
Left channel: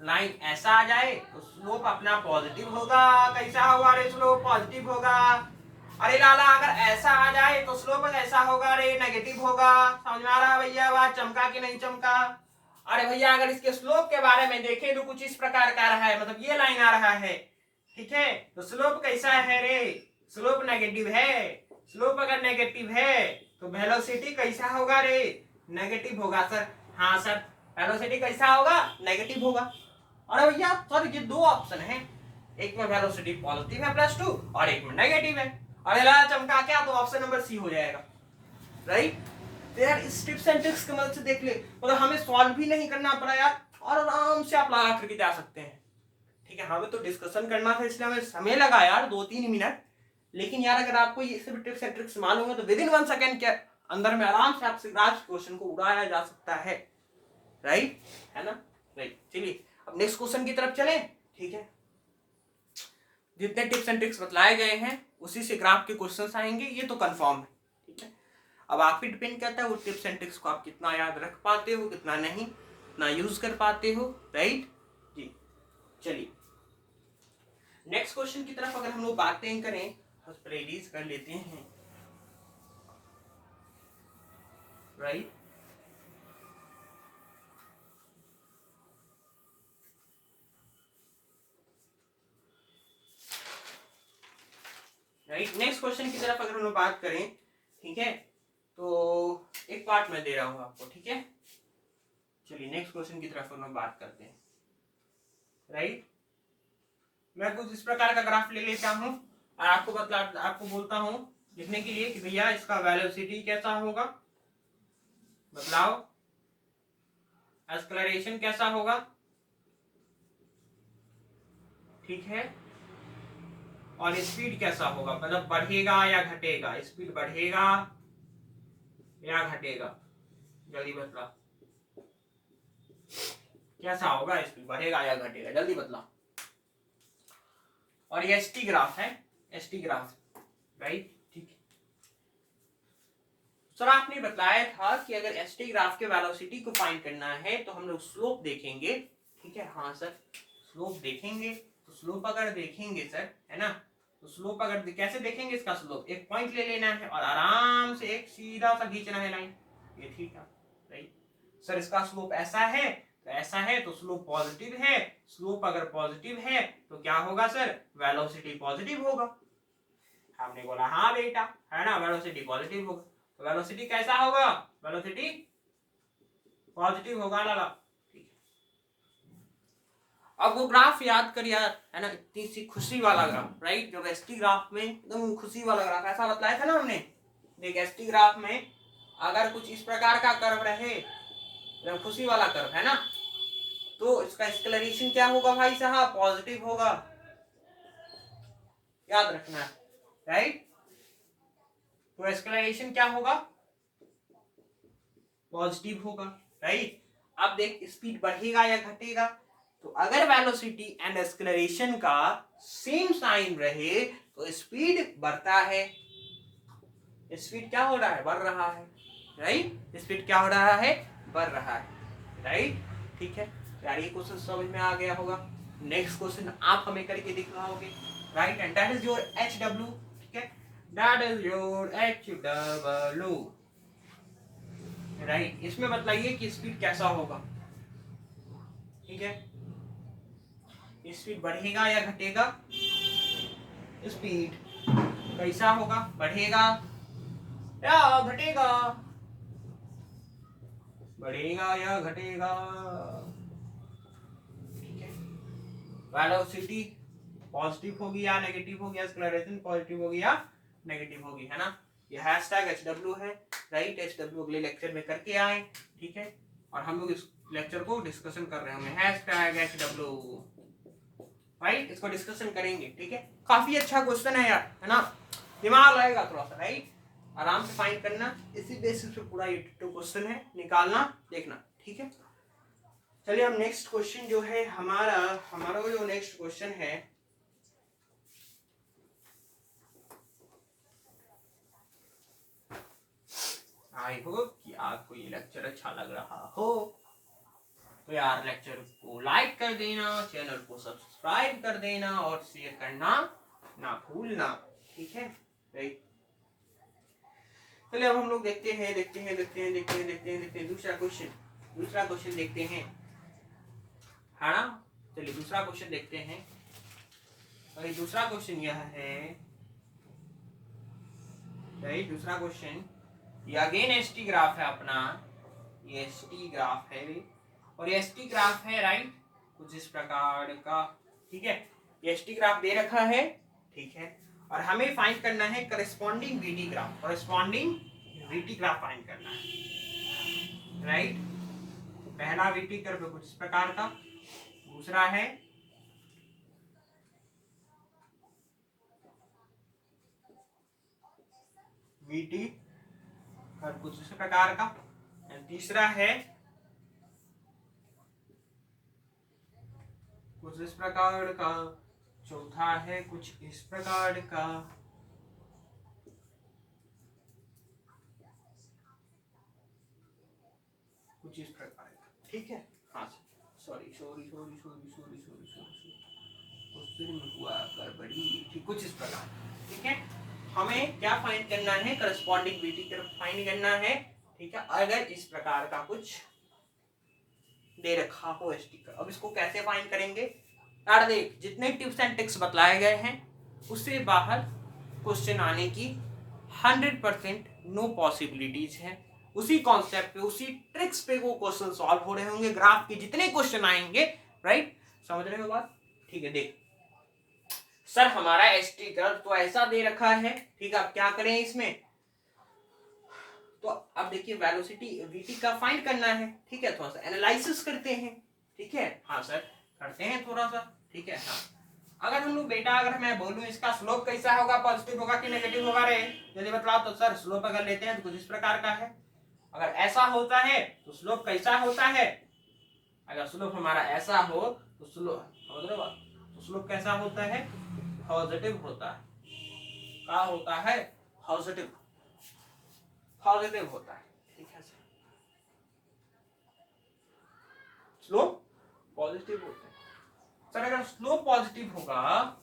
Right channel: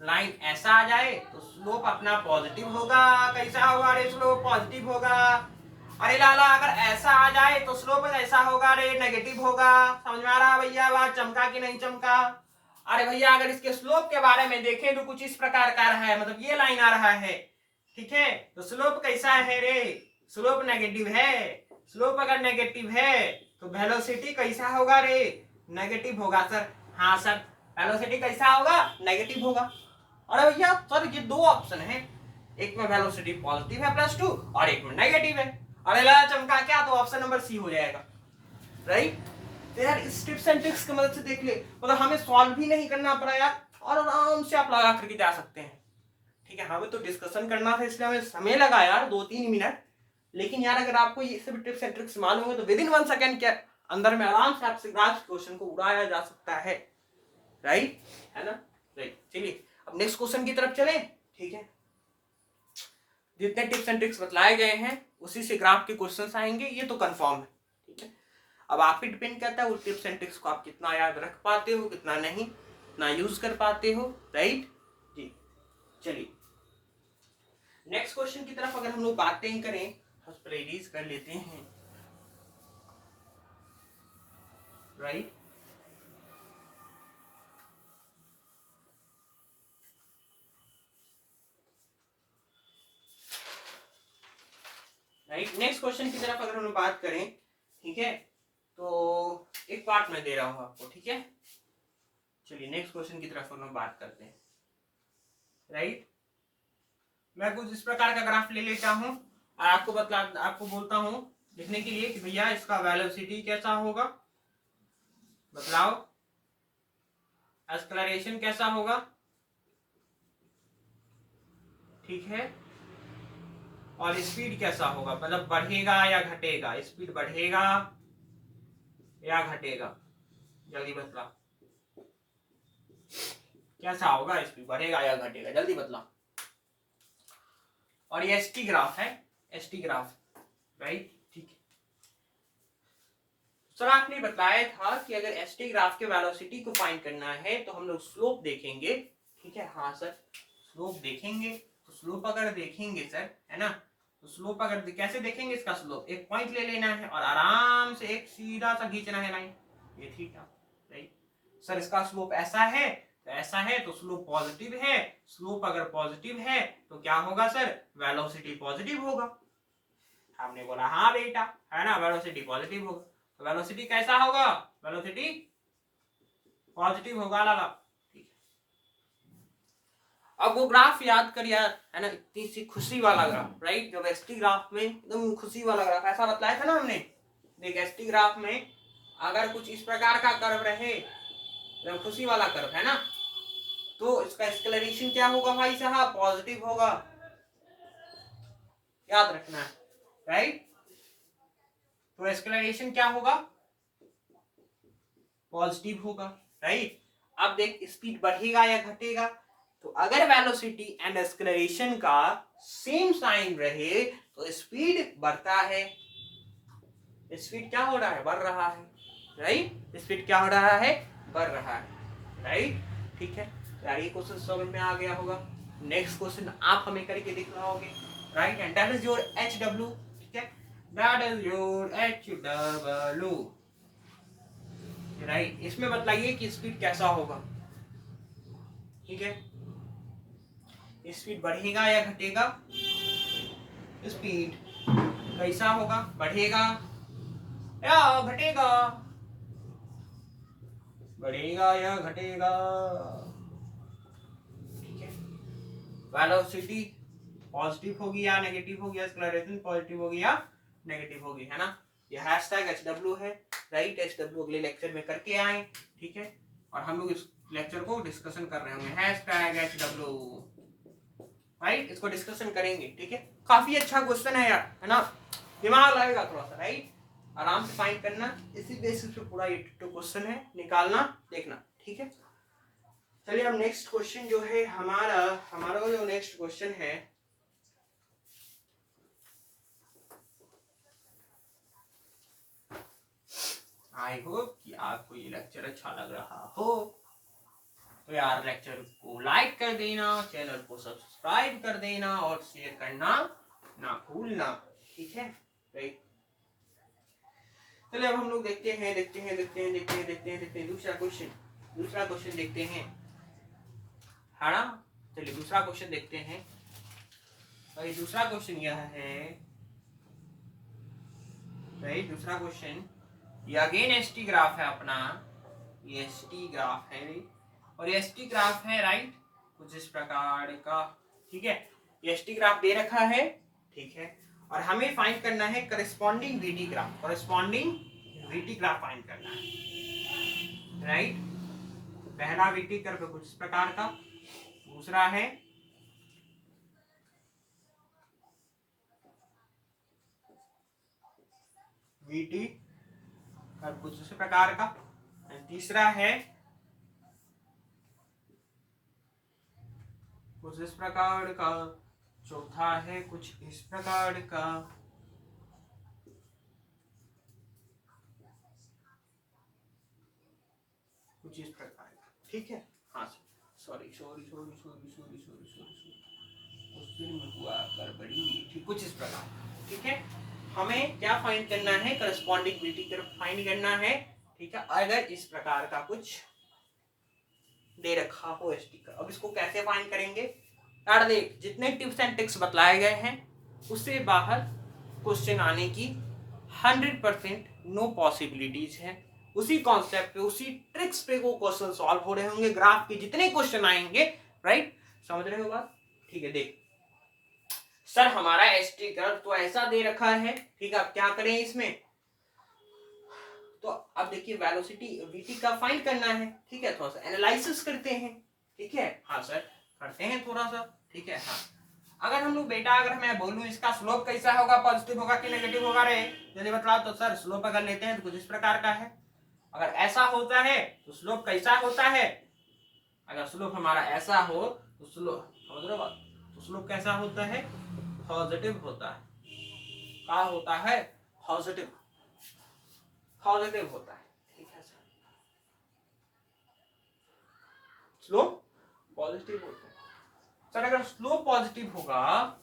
लाइन ऐसा आ जाए तो स्लोप अपना पॉजिटिव होगा। कैसा होगा रे स्लोप? पॉजिटिव होगा। अरे लाला अगर ऐसा आ जाए तो स्लोप कैसा होगा रे? नेगेटिव होगा। समझ में आ रहा भैया बात? चमका कि नहीं चमका? अरे भैया अगर इसके स्लोप के बारे में देखें तो कुछ इस प्रकार का रहा है, मतलब ये लाइन आ रहा है, ठीक है। तो स्लोप कैसा है रे? स्लोप नेगेटिव है। स्लोप अगर नेगेटिव है तो वेलोसिटी कैसा होगा रे? नेगेटिव होगा सर। हाँ सर, वेलोसिटी कैसा होगा? नेगेटिव होगा। अरे भैया सर ये दो ऑप्शन है, एक में वेलोसिटी पॉजिटिव है +2 और एक में नेगेटिव है। अरे ला चमका क्या? तो ऑप्शन नंबर सी हो जाएगा, राइट। तो यार इस टिप्स एंड ट्रिक्स की मदद से देख ले, मतलब हमें सॉल्व भी नहीं करना पड़ा यार, और आराम से आप लगा करके जा सकते हैं, ठीक है। हमें तो डिस्कशन करना था इसलिए हमें समय लगा यार 2-3 मिनट, लेकिन यार अगर आपको ये सभी टिप्स एंड ट्रिक्स मालूम है तो विद इन 1 सेकंड के अंदर में आराम से आपसे आज क्वेश्चन को उड़ाया जा सकता है, राइट, है ना। राइट, चलिए अब नेक्स्ट क्वेश्चन की तरफ चले, ठीक है। जितने टिप्स एंड ट्रिक्स बतलाए गए हैं उसी से ग्राफ के क्वेश्चंस आएंगे, ये तो कंफर्म है, ठीक है। अब आप ही डिपेंड करता है वो टिप्स एंड ट्रिक्स को आप कितना याद रख पाते हो, कितना नहीं, कितना यूज कर पाते हो, राइट जी। चलिए नेक्स्ट क्वेश्चन की तरफ अगर हम लोग बातें करें तो पहले रीज कर लेते हैं, राइट। राइट, नेक्स्ट क्वेश्चन की तरफ अगर हम लोग बात करें, ठीक है, तो एक पार्ट में दे रहा हूं आपको, ठीक है। चलिए नेक्स्ट क्वेश्चन की तरफ हम लोग बात करते हैं, राइट। मैं कुछ इस प्रकार का ग्राफ ले लेता हूं और आपको बोलता हूं लिखने के लिए कि भैया इसका वेलोसिटी कैसा होगा, बतलाओ, एक्सेलरेशन कैसा होगा, ठीक है, और स्पीड कैसा होगा, मतलब बढ़ेगा या घटेगा, स्पीड बढ़ेगा या घटेगा, जल्दी बतला कैसा होगा, स्पीड बढ़ेगा या घटेगा, जल्दी बतला। और ये एसटी ग्राफ है, एसटी ग्राफ, राइट, ठीक है। सर आपने बताया था कि अगर एसटी ग्राफ के वेलोसिटी को फाइंड करना है तो हम लोग स्लोप देखेंगे, ठीक है। हाँ सर, स्लोप देखेंगे, तो स्लोप अगर देखेंगे सर, है ना, तो स्लोप अगर कैसे देखेंगे, इसका स्लोप एक पॉइंट ले लेना है और आराम से एक सीधा सा खींचना है लाइन, ये थीटा, राइट। सर इसका स्लोप ऐसा है तो ऐसा है, तो स्लोप पॉजिटिव है। स्लोप अगर पॉजिटिव है तो क्या होगा सर? वेलोसिटी पॉजिटिव होगा। हमने बोला हाँ बेटा, है ना, वेलोसिटी पॉजिटिव होगा। तो वेलोसिटी कैसा होगा? वेलोसिटी पॉजिटिव होगा लाला, ठीक है। अब वो ग्राफ याद कर यार, है ना, इतनी सी खुशी वाला ग्राफ, राइट। जब एसटी ग्राफ में एकदम खुशी वाला ग्राफ ऐसा बतलाया था ना हमने, देख एसटी ग्राफ में अगर कुछ इस प्रकार का कर्व रहे, एकदम खुशी वाला कर्व, है ना, तो इसका एक्सेलरेशन क्या होगा भाई साहब? पॉजिटिव होगा, याद रखना है, राइट। तो एक्सेलरेशन क्या होगा? पॉजिटिव होगा, राइट। अब देख स्पीड बढ़ेगा या घटेगा, तो अगर वेलोसिटी एंड एक्सेलरेशन का सेम साइन रहे तो स्पीड बढ़ता है। स्पीड क्या हो रहा है? बढ़ रहा है, राइट। स्पीड क्या हो रहा है? बढ़ रहा है, राइट, ठीक है। यार ये क्वेश्चन समझ में आ गया होगा। नेक्स्ट क्वेश्चन आप हमें करके दिखाओगे, right, and that is your HW, ठीक है, that is your HW, right. इसमें बताइए कि स्पीड कैसा होगा, ठीक है। स्पीड बढ़ेगा या घटेगा? स्पीड कैसा होगा? बढ़ेगा या घटेगा? बढ़ेगा या घटेगा, ठीक है। वेलोसिटी पॉजिटिव होगी या नेगेटिव होगी, एक्सेलरेशन पॉजिटिव होगी या नेगेटिव होगी, है ना। ये हैशटैग HW है, राइट। HW अगले लेक्चर में करके आए, ठीक है, और हम लोग इस लेक्चर को डिस्कशन कर रहे होंगे, हैशटैग HW, राइट, इसको डिस्कशन करेंगे, ठीक है। काफी अच्छा क्वेश्चन है यार, है ना, दिमाग लगेगा थोड़ा सा, राइट, आराम से फाइंड करना, इसी बेसिस पे पूरा ये क्वेश्चन है, निकालना, देखना, ठीक है। चलिए अब नेक्स्ट क्वेश्चन जो है हमारा जो नेक्स्ट क्वेश्चन है, आई होप कि आपको ये लेक्चर अच्छा लग रहा हो। तो यार लेक्चर को लाइक कर देना, चैनल को सब्सक्राइब कर देना और शेयर करना ना भूलना, ठीक है। राइट, चलिए अब हम लोग देखते हैं दूसरा क्वेश्चन देखते हैं, है ना। चलिए दूसरा क्वेश्चन देखते हैं। और दूसरा क्वेश्चन यह है, राइट, दूसरा क्वेश्चन ये अगेन एसटी ग्राफ है अपना, ये एसटी ग्राफ है और ये एसटी ग्राफ है, राइट, कुछ इस प्रकार का, ठीक है। ये एसटी ग्राफ दे रखा है, ठीक है, और हमें फाइंड करना है करस्पॉन्डिंग वीटी ग्राफ, फाइंड करना है, राइट। पहला वीटी कर्व कुछ इस प्रकार का, दूसरा है वीटी कर्व कुछ इस प्रकार का, तीसरा है कुछ इस प्रकार का, चौथा है कुछ इस प्रकार का, कुछ इस प्रकार का, ठीक है। हाँ सॉरी हुआ गड़बड़ी, ठीक, कुछ इस प्रकार, ठीक है। हमें क्या फाइंड करना है, करस्पॉन्डिंग वीटी कर्व फाइंड करना है, ठीक है। अगर इस प्रकार का कुछ दे रखा हो एसटी कर्व, अब इसको कैसे फाइंड करेंगे यार, देख जितने टिप्स एंड ट्रिक्स बतलाए गए हैं उससे बाहर क्वेश्चन आने की 100% नो पॉसिबिलिटीज है। उसी कॉन्सेप्ट पे, उसी ट्रिक्स पे वो क्वेश्चन सॉल्व हो रहे होंगे, ग्राफ के जितने क्वेश्चन आएंगे, राइट, समझ रहे हो बात, ठीक है। देख सर हमारा एसटी कर्व तो ऐसा दे रखा है, ठीक है, अब क्या करें इसमें, तो अब देखिए वेलोसिटी वीटी का फाइंड करना है, ठीक है, थोड़ा सा एनालिसिस करते हैं, ठीक है। हाँ सर करते हैं थोड़ा सा, ठीक है। हाँ, अगर हम लोग बेटा, अगर मैं बोलूं इसका स्लोप कैसा होगा, पॉजिटिव होगा कि नेगेटिव होगा रे, जल्दी बतलाओ। तो सर स्लोप अगर लेते हैं तो कुछ इस प्रकार का है, अगर ऐसा होता है तो स्लोप कैसा होता है, अगर स्लोप हमारा ऐसा हो तो स्लोप कैसा होता है, पॉजिटिव होता है, क्या होता है, पॉजिटिव होता है, ठीक है सर, स्लोप पॉजिटिव होता है। सर अगर स्लोप पॉजिटिव होगा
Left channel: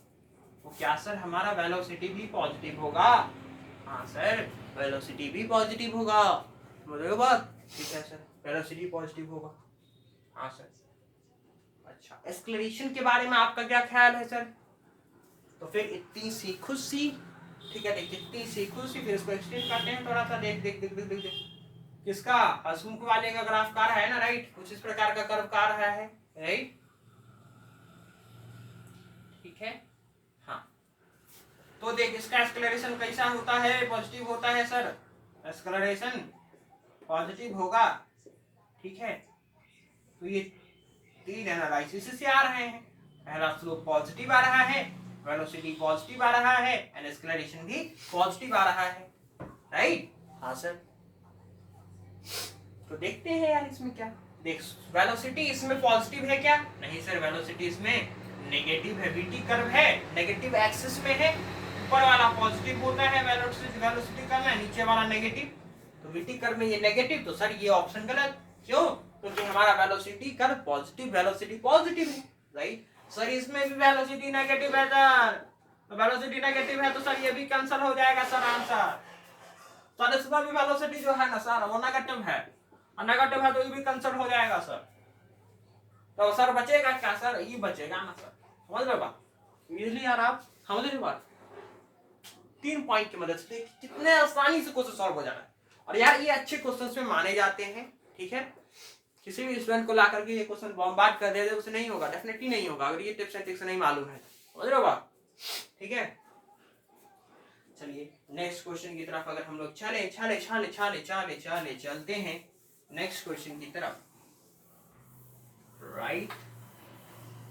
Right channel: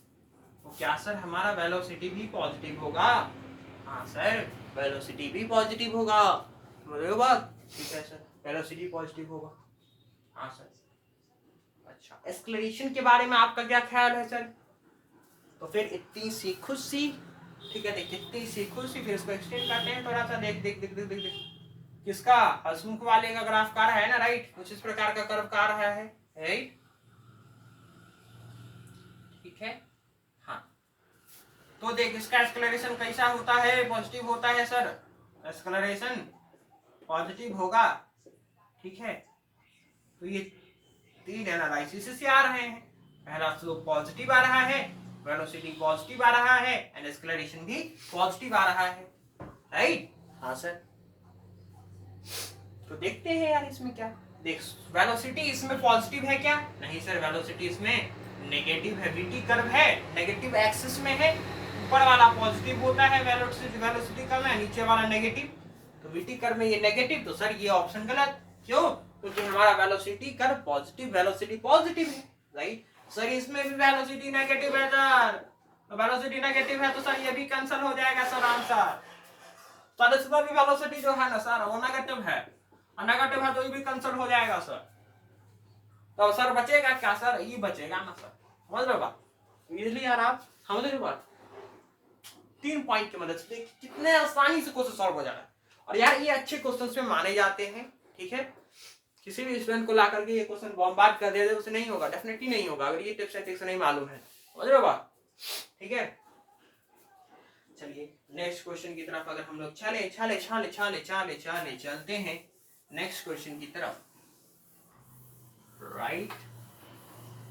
तो क्या सर हमारा वेलोसिटी भी पॉजिटिव होगा, हाँ सर वेलोसिटी भी पॉजिटिव होगा, समझ बात, ठीक है सर, वेलोसिटी पॉजिटिव होगा, हाँ सर। अच्छा, एक्सेलरेशन के बारे में आपका क्या ख्याल है सर, तो फिर इतनी सी खुद सी, ठीक है, देख इतनी सी खुद सी, फिर इसको एक्सटेंड करते हैं थोड़ा सा, देख देख देख देख देख, देख। किसका, हसमुख वाले का ग्राफ कार है ना, राइट, कुछ इस प्रकार का कर्व कार है, राइट, ठीक है। हाँ, तो देख इसका एक्सेलरेशन कैसा होता है, पॉजिटिव होता है सर, एक्सेलरेशन पॉजिटिव होगा, ठीक है। तो ये तीन एनालिसिस से आ रहे हैं, पहला स्लोप पॉजिटिव आ रहा है, वेलोसिटी पॉजिटिव आ रहा है, एंड एक्सेलरेशन भी पॉजिटिव आ रहा है, राइट। हाँ सर, तो देखते हैं यार इसमें क्या, देख वेलोसिटी इसमें पॉजिटिव है क्या, नहीं सर वेलोसिटी इसमें नेगेटिव है, वीटी कर्व है नेगेटिव एक्सिस में है, ऊपर वाला पॉजिटिव होता है वेलोसिटी कर्व है, नीचे वाला नेगेटिव, तो वीटी कर्व में ये नेगेटिव, तो सर ये ऑप्शन गलत, क्यों, क्योंकि हमारा velocity curve positive, velocity positive है, राइट। सर इसमें भी वेलोसिटी नेगेटिव है सर, तो वेलोसिटी नेगेटिव है तो सर ये भी कैंसिल हो जाएगा सर आंसर, सर इसमें भी वेलोसिटी जो है ना सर वो नेगेटिव है, नेगेटिव है तो ये भी कैंसिल हो जाएगा सर, तो सर बचेगा क्या सर, ये बचेगा ना सर, समझ रहे बात, इजीली यार आप समझ रहे बात, 3 पॉइंट की मदद से कितने आसानी से क्वेश्चन सॉल्व हो जाना है, और यार ये अच्छे क्वेश्चंस में माने जाते हैं, ठीक है। किसी भी स्टूडेंट को ला करके ये क्वेश्चन बॉम्बार्ड कर दे उसे नहीं होगा, डेफिनेटली नहीं होगा, अगर ये टिप्स एंड ट्रिक्स नहीं मालूम है, समझ रहे हो बात, ठीक है। चलिए नेक्स्ट क्वेश्चन की तरफ अगर हम लोग चलते हैं नेक्स्ट क्वेश्चन की तरफ, राइट।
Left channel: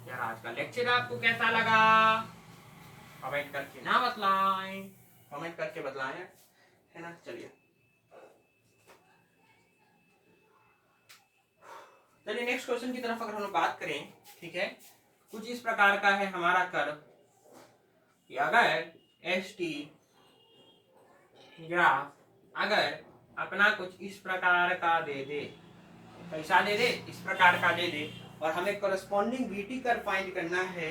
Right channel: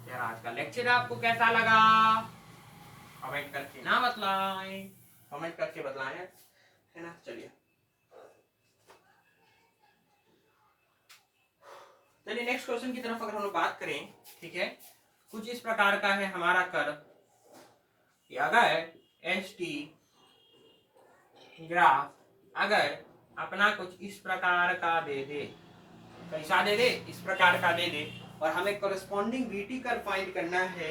यार आज का लेक्चर आपको कैसा लगा, कमेंट करके ना बतलाएं, कमेंट करके बतलाएं, है ना। चलिए नेक्स्ट क्वेश्चन की तरफ अगर हम लोग बात करें, ठीक है, कुछ इस प्रकार का है हमारा कर्व, अगर एस टी ग्राफ अगर अपना कुछ इस प्रकार का दे दे, कैसा दे दे, इस प्रकार का दे दे, और हमें कॉरेस्पॉन्डिंग वीटी कर्व फाइंड करना है।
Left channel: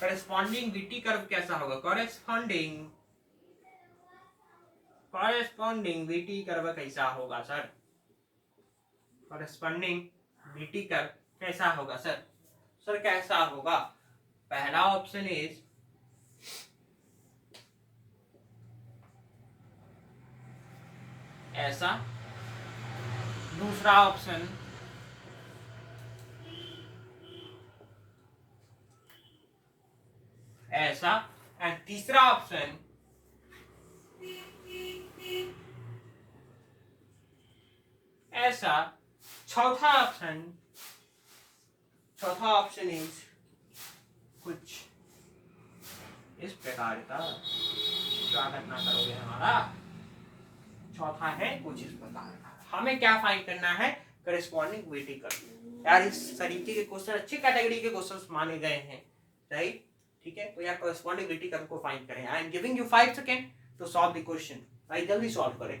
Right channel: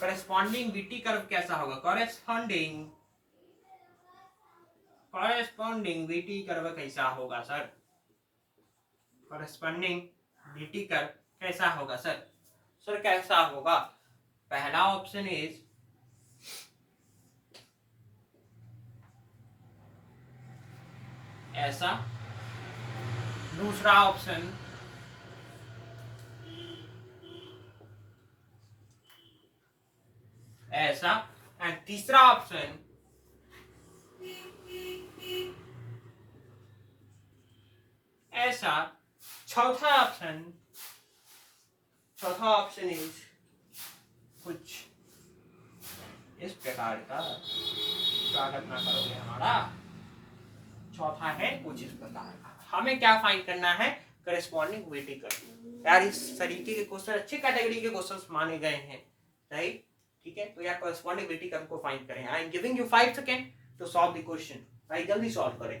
कॉरेस्पॉन्डिंग वीटी कर्व कैसा होगा, कॉरेस्पॉन्डिंग वीटी कर्व कैसा होगा सर, कॉरेस्पॉन्डिंग वीटी कर्व कैसा होगा सर, सर कैसा होगा। पहला ऑप्शन इज ऐसा, दूसरा ऑप्शन ऐसा, एंड तीसरा ऑप्शन ऐसा। चौथा ऑप्शन इज कुछ इस प्रकार का। स्वागत ना करोगे हमारा। चौथा है कुछ इस प्रकार का। हमें क्या फाइंड करना है, करेस्पॉन्डिंग वीटी कर्व। यार इस तरीके के क्वेश्चन अच्छी कैटेगरी के क्वेश्चंस माने गए हैं, राइट। ठीक है, तो यार करेस्पॉन्डिंग वीटी कर्व को फाइंड करें। I am giving you 5 second to solve the question. भाई जल्दी सॉल्व करें।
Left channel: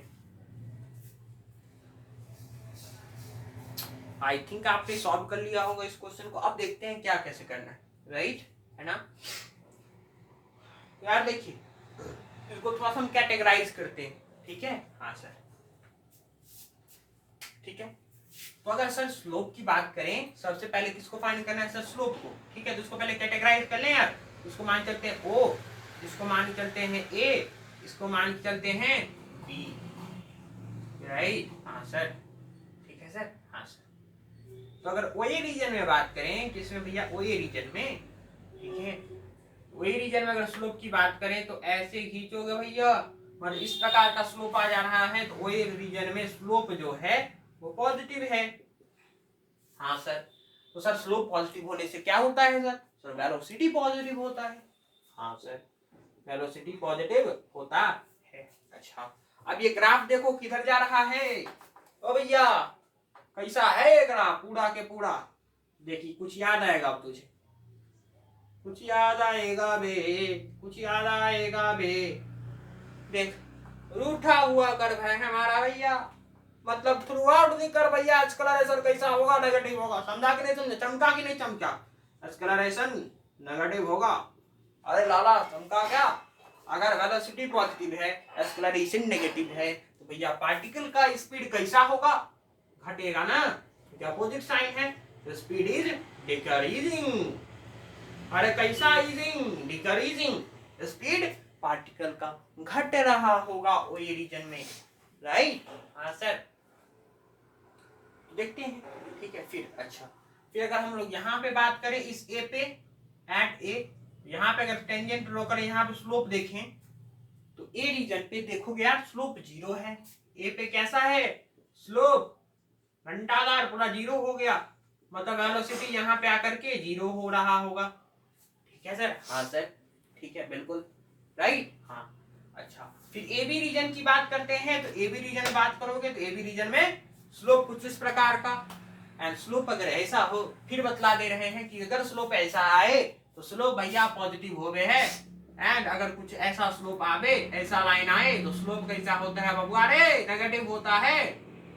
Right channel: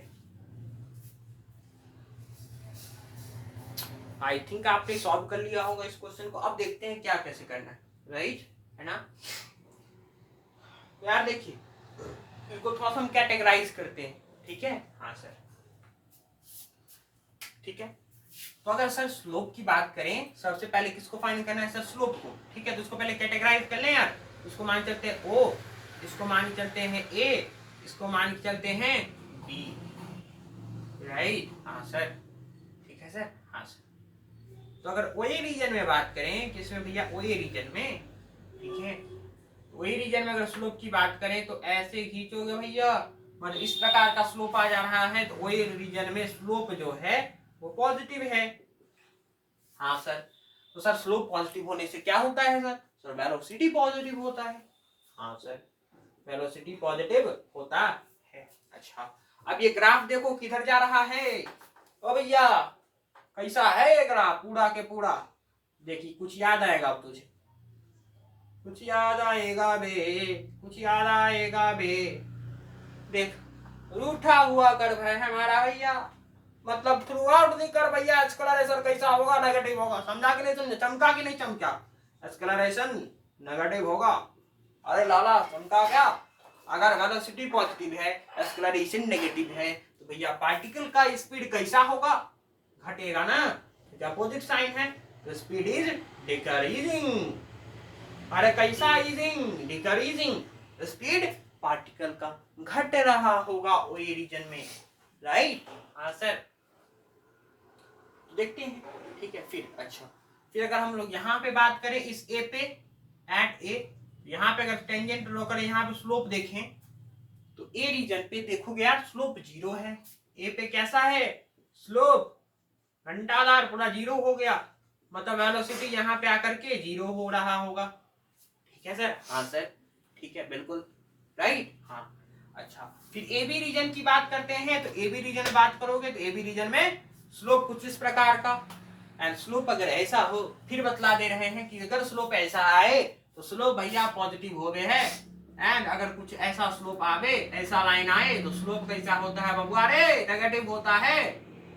आई थिंक आपने सॉल्व कर लिया होगा इस क्वेश्चन को। अब देखते हैं क्या कैसे करना है, राइट है ना। तो यार देखिए, इसको थोड़ा सा हम कैटेगराइज करते हैं, ठीक है। हाँ सर, ठीक है। तो अगर सर स्लोप की बात करें, सबसे पहले किसको फाइंड करना है सर, स्लोप को। ठीक है, तो इसको पहले कैटेगराइज कर लें यार। इसको मान चलते हैं ओ, इसको मान चलते हैं ए, इसको मान चलते हैं बी, राइट। हाँ सर, ठीक है सर। हाँ सर, तो अगर ओए रीजन में बात करें, किसमें भैया, ओए रीजन में, ठीक है। ओए रीजन में अगर स्लोप की बात करें तो ऐसे खींचोगे भैया, मतलब इस प्रकार का स्लोप आ जा रहा है, तो ओए रीजन में स्लोप जो है वो पॉजिटिव है। हाँ सर, तो सर स्लोप पॉजिटिव होने से क्या होता है सर, सर वेलोसिटी पॉजिटिव होता है। हाँ सर, वेलोसिटी पॉजिटिव होता है। अच्छा, अब ये ग्राफ देखो किधर जा रहा है। ओ भैया कैसा है ये ग्राफ, पूरा के पूरा। देखिए कुछ याद आएगा अब तुझे, कुछ याद आएगा बे, कुछ याद आएगा बे। देख, रूठा हुआ कर्व है हमारा भैया, मतलब थ्रू आउट द कर्व भैया एक्सक्लरेशन कैसा होगा, नेगेटिव होगा। समझा कि नहीं समझा, चमका कि नहीं चमका, एक्सक्लरेशन नेगेटिव होगा। अरे लाला चमका क्या, अगर वेलोसिटी पॉजिटिव है, एक्सक्लरेशन नेगेटिव है, तो भैया पार्टिकल का स्पीड कैसा होगा, घटेगा ना, क्या अपोजिट साइन है, तो स्पीड इज डिक्रीजिंग। अरे कैसा इजिंग, डिक्रीजिंग, स्पीड पार्टिकल का घट रहा होगा ओए रीजन में, राइट। हाँ सर, देखते हैं, ठीक है। फिर अच्छा, फिर अगर हम लोग यहाँ पे बात करें इस ए पे, एट ए, यहाँ पे अगर टेंजेंट ड्रॉ करें, यहाँ पे स्लोप देखें, तो ए रीजन पे देखोगे यार स्लोप 0 है। ए पे कैसा है स्लोप, घंटादार पूरा 0 हो गया, मतलब वेलोसिटी यहाँ पे आकर के 0 हो रहा होगा। ठीक है सर। हाँ सर, ठीक है, बिल्कुल राइट। हाँ अच्छा, फिर ए बी रीजन की बात करते हैं, तो ए बी रीजन बात करोगे तो ए बी रीजन में स्लोप कुछ इस प्रकार का, एंड स्लोप अगर ऐसा हो, फिर बतला दे रहे हैं कि अगर स्लोप ऐसा आए तो स्लोप भैया पॉजिटिव हो गए है, एंड अगर कुछ ऐसा स्लोप आवे, ऐसा लाइन आए, तो स्लोप कैसा होता है बबुआ रे, नेगेटिव होता है।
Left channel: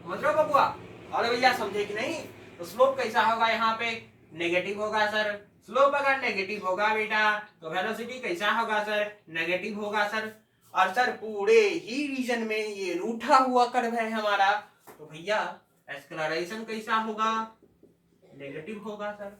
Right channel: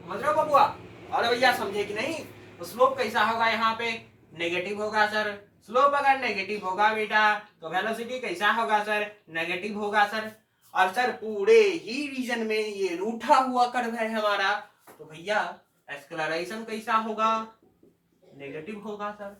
समझ रहे हो बबुआ, अरे भैया समझे कि नहीं, तो स्लोप कैसा होगा, यहाँ पे नेगेटिव होगा सर। स्लोप अगर नेगेटिव होगा बेटा, तो वेलोसिटी कैसा होगा सर, नेगेटिव होगा सर। और सर पूरे ही रीजन में ये रूठा हुआ कर्व है हमारा, तो भैया एक्सक्लरेशन कैसा होगा, नेगेटिव होगा सर।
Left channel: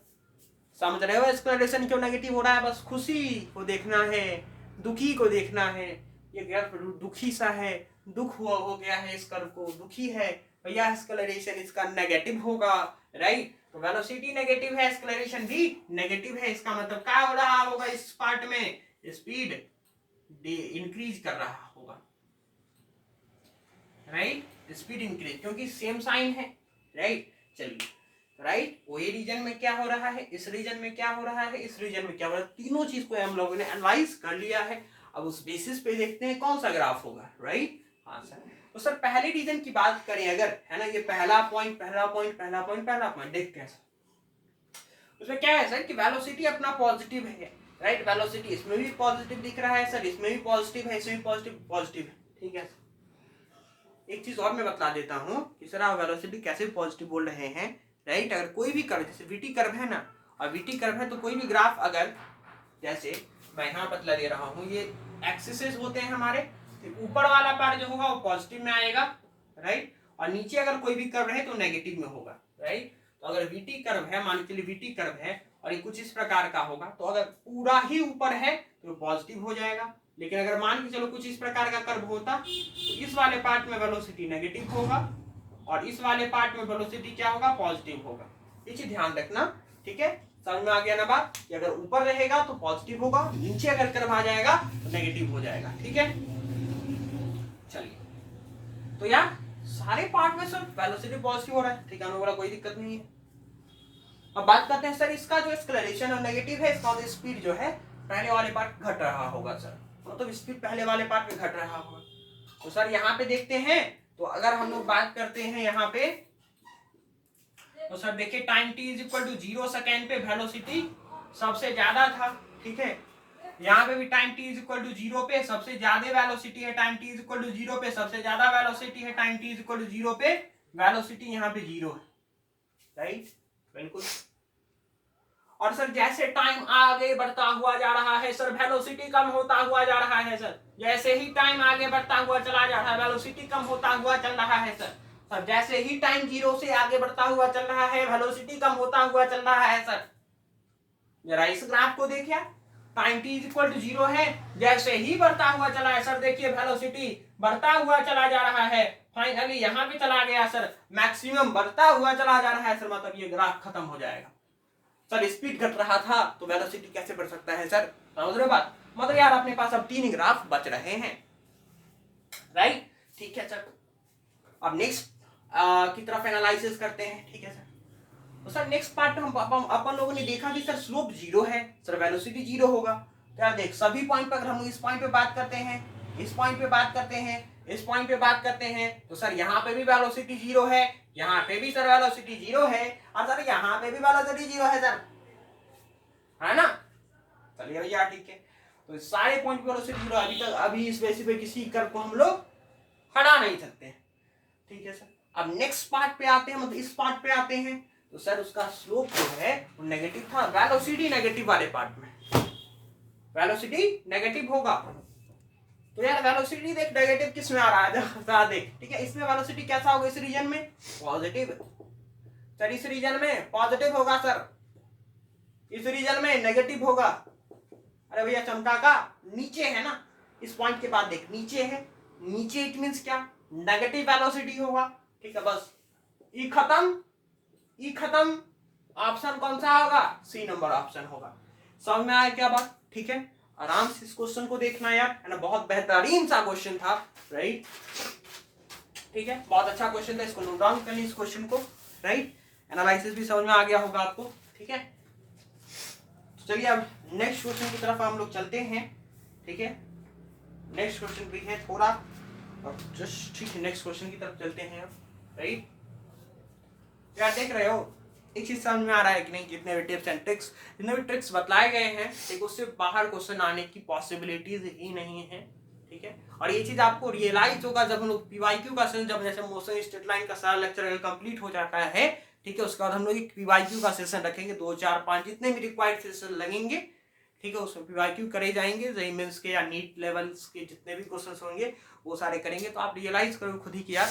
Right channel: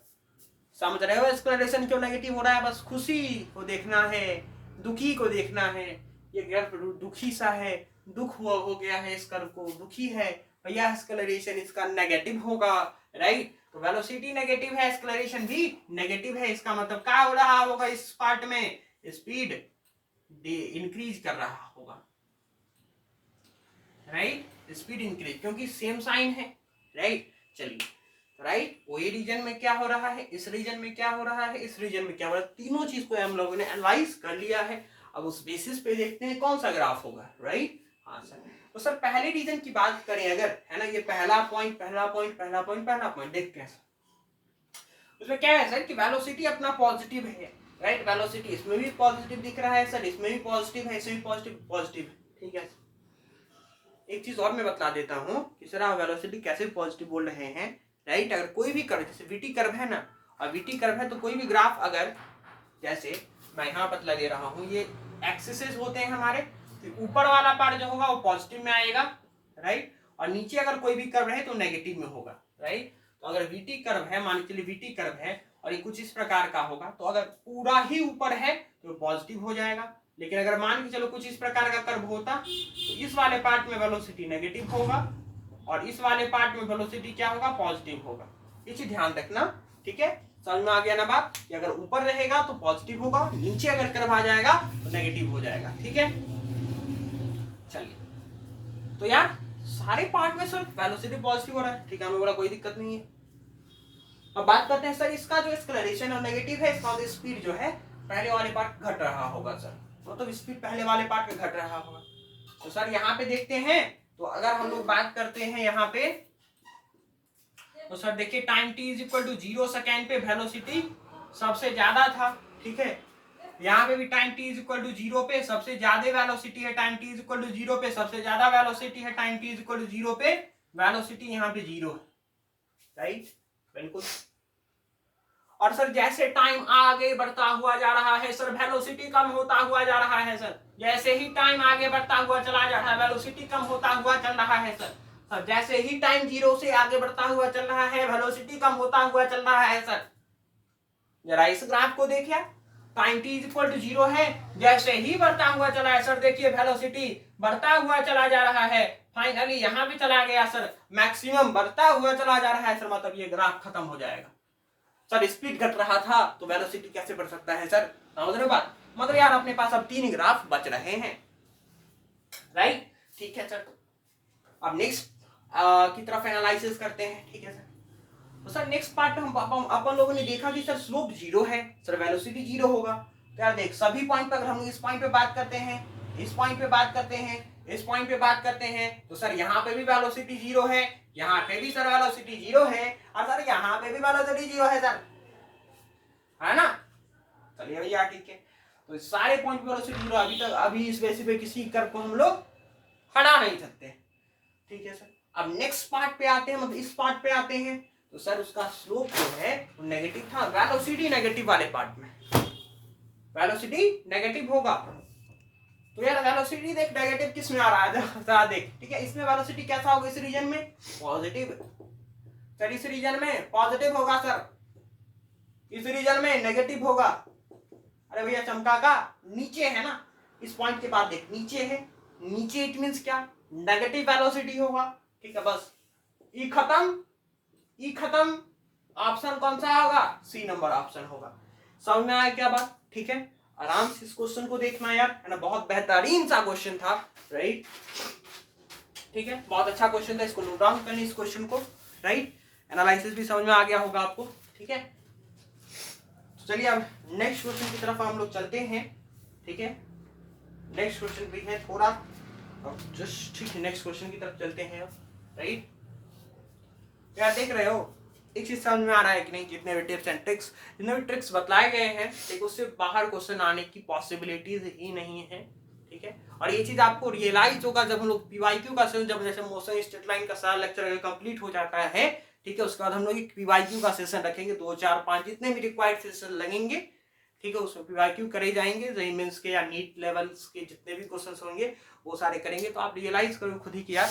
समझ रहे हो एक्सक्लरेशन क्यों नेगेटिव हो रहा है, बस खुशी को देखना है, दुखी को देखना है। ये कर्व दुखी सा है, दुख हुआ हो गया है इस कर्व को, दुखी है भैया, एक्सक्लरेशन इसका नेगेटिव होगा, राइट। तो वेलोसिटी नेगेटिव है, एक्सक्लरेशन भी नेगेटिव है, इसका मतलब क्या हो रहा होगा, इस पार्ट में स्पीड इंक्रीज कर रहा होगा, राइट, स्पीड इंक्रीज, क्योंकि सेम साइन है, राइट। चलिए, राइट, ओए रीजन में क्या हो रहा है, इस रीजन में क्या हो रहा है, इस रीजन में क्या हो रहा है, तीनों चीज को हम लोगों ने एनालाइज कर लिया है। अब उस बेसिस पे देखते हैं कौन सा ग्राफ होगा, राइट। हाँ सर, तो सर पहले रीजन की बात करें अगर, है ना, ये पहला पॉइंट, पहला पॉइंट, पहला पॉइंट, पहला पॉइंट देखते हैं सर। उसमें क्या है सर कि वेलोसिटी अपना पॉजिटिव है, राइट। वेलोसिटी इसमें भी पॉजिटिव दिख रहा है सर, इसमें भी पॉजिटिव है, इसमें भी पॉजिटिव, पॉजिटिव है, ठीक है। एक चीज और मैं बतला देता हूँ कि सर आप वेलोसिटी कैसे पॉजिटिव बोल रहे हैं, राइट। अगर कोई भी कर्व, जैसे वीटी कर्व है ना, और वीटी कर्व है तो कोई भी ग्राफ, अगर जैसे मैं यहाँ बतला दे रहा हूँ, ये एक्सिस होते हैं हमारे, तो ऊपर वाला पार्ट जो होगा वो पॉजिटिव में आएगा, राइट, और नीचे अगर कोई भी कर्व है तो नेगेटिव में होगा, राइट। तो अगर वीटी कर्व है, मान के चलिए वीटी कर्व है और ये कुछ इस प्रकार का होगा, तो अगर पूरा ही ऊपर है तो पॉजिटिव हो जाएगा, लेकिन अगर मान के चलो कुछ इस प्रकार का कर्व होता तो इस वाले पार्ट में वेलोसिटी नेगेटिव होगा और इस वाले पार्ट में वेलोसिटी क्या होगा, पॉजिटिव होगा। ये चीज ध्यान रखना, ठीक है। समझ में आ गया ना बात, कि अगर ऊपर रहेगा तो पॉजिटिव होगा, नीचे अगर कर्व आ जाएगा तो नेगेटिव हो जाएगा, ठीक है। चलिए, तो यार सारे पार्ट में सर वेलोसिटी पॉजिटिव हो रहा है, ठीक है, हमें बोला कोई दिक्कत नहीं है। अब बात करते हैं सर इसका जो एक्सेलरेशन और नेगेटिव है, इसका स्पीड जो है पहले वाले पार्ट घट रहा होगा सर, मतलब स्पीड पहले वाले पार्ट में घट रहा होगा। तो सर यहाँ पे देखते हैं, तो अगर हम लोग बात करते हैं यहाँ पे, तो सर देखिए time t is equal to 0 second पे वेलोसिटी सबसे ज्यादा था, ठीक है। यहाँ पे भी time t is equal to 0 पे सबसे ज्यादा वेलोसिटी है, time t is equal to 0 पे सबसे ज्यादा वेलोसिटी है, time t is equal to 0 पे वेलोसिटी यहाँ पे 0 है, राइट, बिल्कुल। और सर जैसे टाइम आगे बढ़ता हुआ जा रहा है सर, वेलोसिटी कम होता हुआ जा रहा है सर, जैसे ही टाइम आगे बढ़ता हुआ चला जा रहा है वेलोसिटी कम होता हुआ चल रहा है सर। सर जैसे ही टाइम 0 से आगे बढ़ता हुआ चल रहा है वेलोसिटी कम होता हुआ चल रहा है सर। जरा इस ग्राफ को देखिए, time t is equal to 0 है, जैसे ही बढ़ता हुआ चला है सर, देखिए वेलोसिटी बढ़ता हुआ चला जा रहा है, फाइनली यहाँ पे चला गया सर, मैक्सिमम बढ़ता हुआ चला जा रहा है सर, मतलब ये ग्राफ खत्म हो जाएगा। सर स्पीड घट रहा था तो वेलोसिटी कैसे बढ़ सकता है सर, समझ रहे हो बात, मतलब यार अपने पास अब 3 ग्राफ बच रहे हैं, राइट, ठीक है सर। अब नेक्स्ट की तरफ एनालिसिस करते हैं, ठीक है सर। तो सर नेक्स्ट पार्ट में हम अपन लोगों ने देखा कि सर स्लोप 0 है, सर वेलोसिटी 0 होगा। तो यार देख सभी पॉइंट पर अगर हम इस पॉइंट पे बात करते हैं, इस पॉइंट पे बात करते हैं, इस पॉइंट पे बात करते हैं, तो सर यहाँ पे भी वेलोसिटी 0 है, यहाँ पे भी सर वेलोसिटी 0 है, और सर यहाँ पे भी वेलोसिटी 0 है सर, है ना। चलिए भैया ठीक है, तो सारे पॉइंट पे वेलोसिटी 0 अभी तक, अभी इस बेसिस पे किसी कर्व को हम लोग हटा नहीं सकते, ठीक है सर। अब नेक्स्ट पार्ट पे आते हैं, मतलब इस पार्ट पे आते हैं, तो सर उसका स्लोप जो है वो नेगेटिव था, वेलोसिटी नेगेटिव वाले पार्ट में वेलोसिटी नेगेटिव होगा। तो यार वेलोसिटी देख नेगेटिव किस में आ रहा है, जरा देख, ठीक है, इसमें वेलोसिटी कैसा होगा, इस रीजन में पॉजिटिव, सर इस रीजन में पॉजिटिव होगा सर, इस रीजन में नेगेटिव होगा। अरे भैया चमका का नीचे है ना, इस पॉइंट के बाद देख नीचे है, नीचे इट मींस क्या, नेगेटिव वेलोसिटी होगा, ठीक है, बस ई खत्म, ई खत्म, ऑप्शन कौन सा होगा, सी नंबर ऑप्शन होगा। समझ में आया क्या बात, ठीक है। आराम से इस क्वेश्चन को देखना यार, है ना, बहुत बेहतरीन सा क्वेश्चन था, राइट, ठीक है, बहुत अच्छा क्वेश्चन था, इसको नोट डाउन करनी इस क्वेश्चन को, राइट, एनालिसिस भी समझ में आ गया होगा आपको, ठीक है। तो चलिए अब नेक्स्ट क्वेश्चन की तरफ हम लोग चलते हैं, ठीक है। नेक्स्ट क्वेश्चन भी है थोड़ा, और जस्ट ठीक है नेक्स्ट क्वेश्चन की तरफ चलते हैं, राइट। यार देख रहे हो एक चीज समझ में आ रहा है कि नहीं, जितने भी टिप्स एंड ट्रिक्स, जितने भी ट्रिक्स बतलाए गए हैं, ठीक, उससे बाहर क्वेश्चन आने की पॉसिबिलिटीज ही नहीं है, ठीक है। और ये चीज आपको रियलाइज होगा जब हम लोग पीवाईक्यू का सेशन, जब जैसे मोशन स्ट्रेट लाइन का सारा लेक्चर कंप्लीट हो जाता है, ठीक है, उसके बाद हम लोग एक पीवाईक्यू का सेशन रखेंगे, 2 4 5 जितने भी रिक्वायर्ड सेशन लगेंगे, ठीक है, उसमें पीवाईक्यू करे जाएंगे, जेईई मेंस के या नीट लेवल्स के जितने भी क्वेश्चन होंगे वो सारे करेंगे। तो आप रियलाइज करो खुद ही कि यार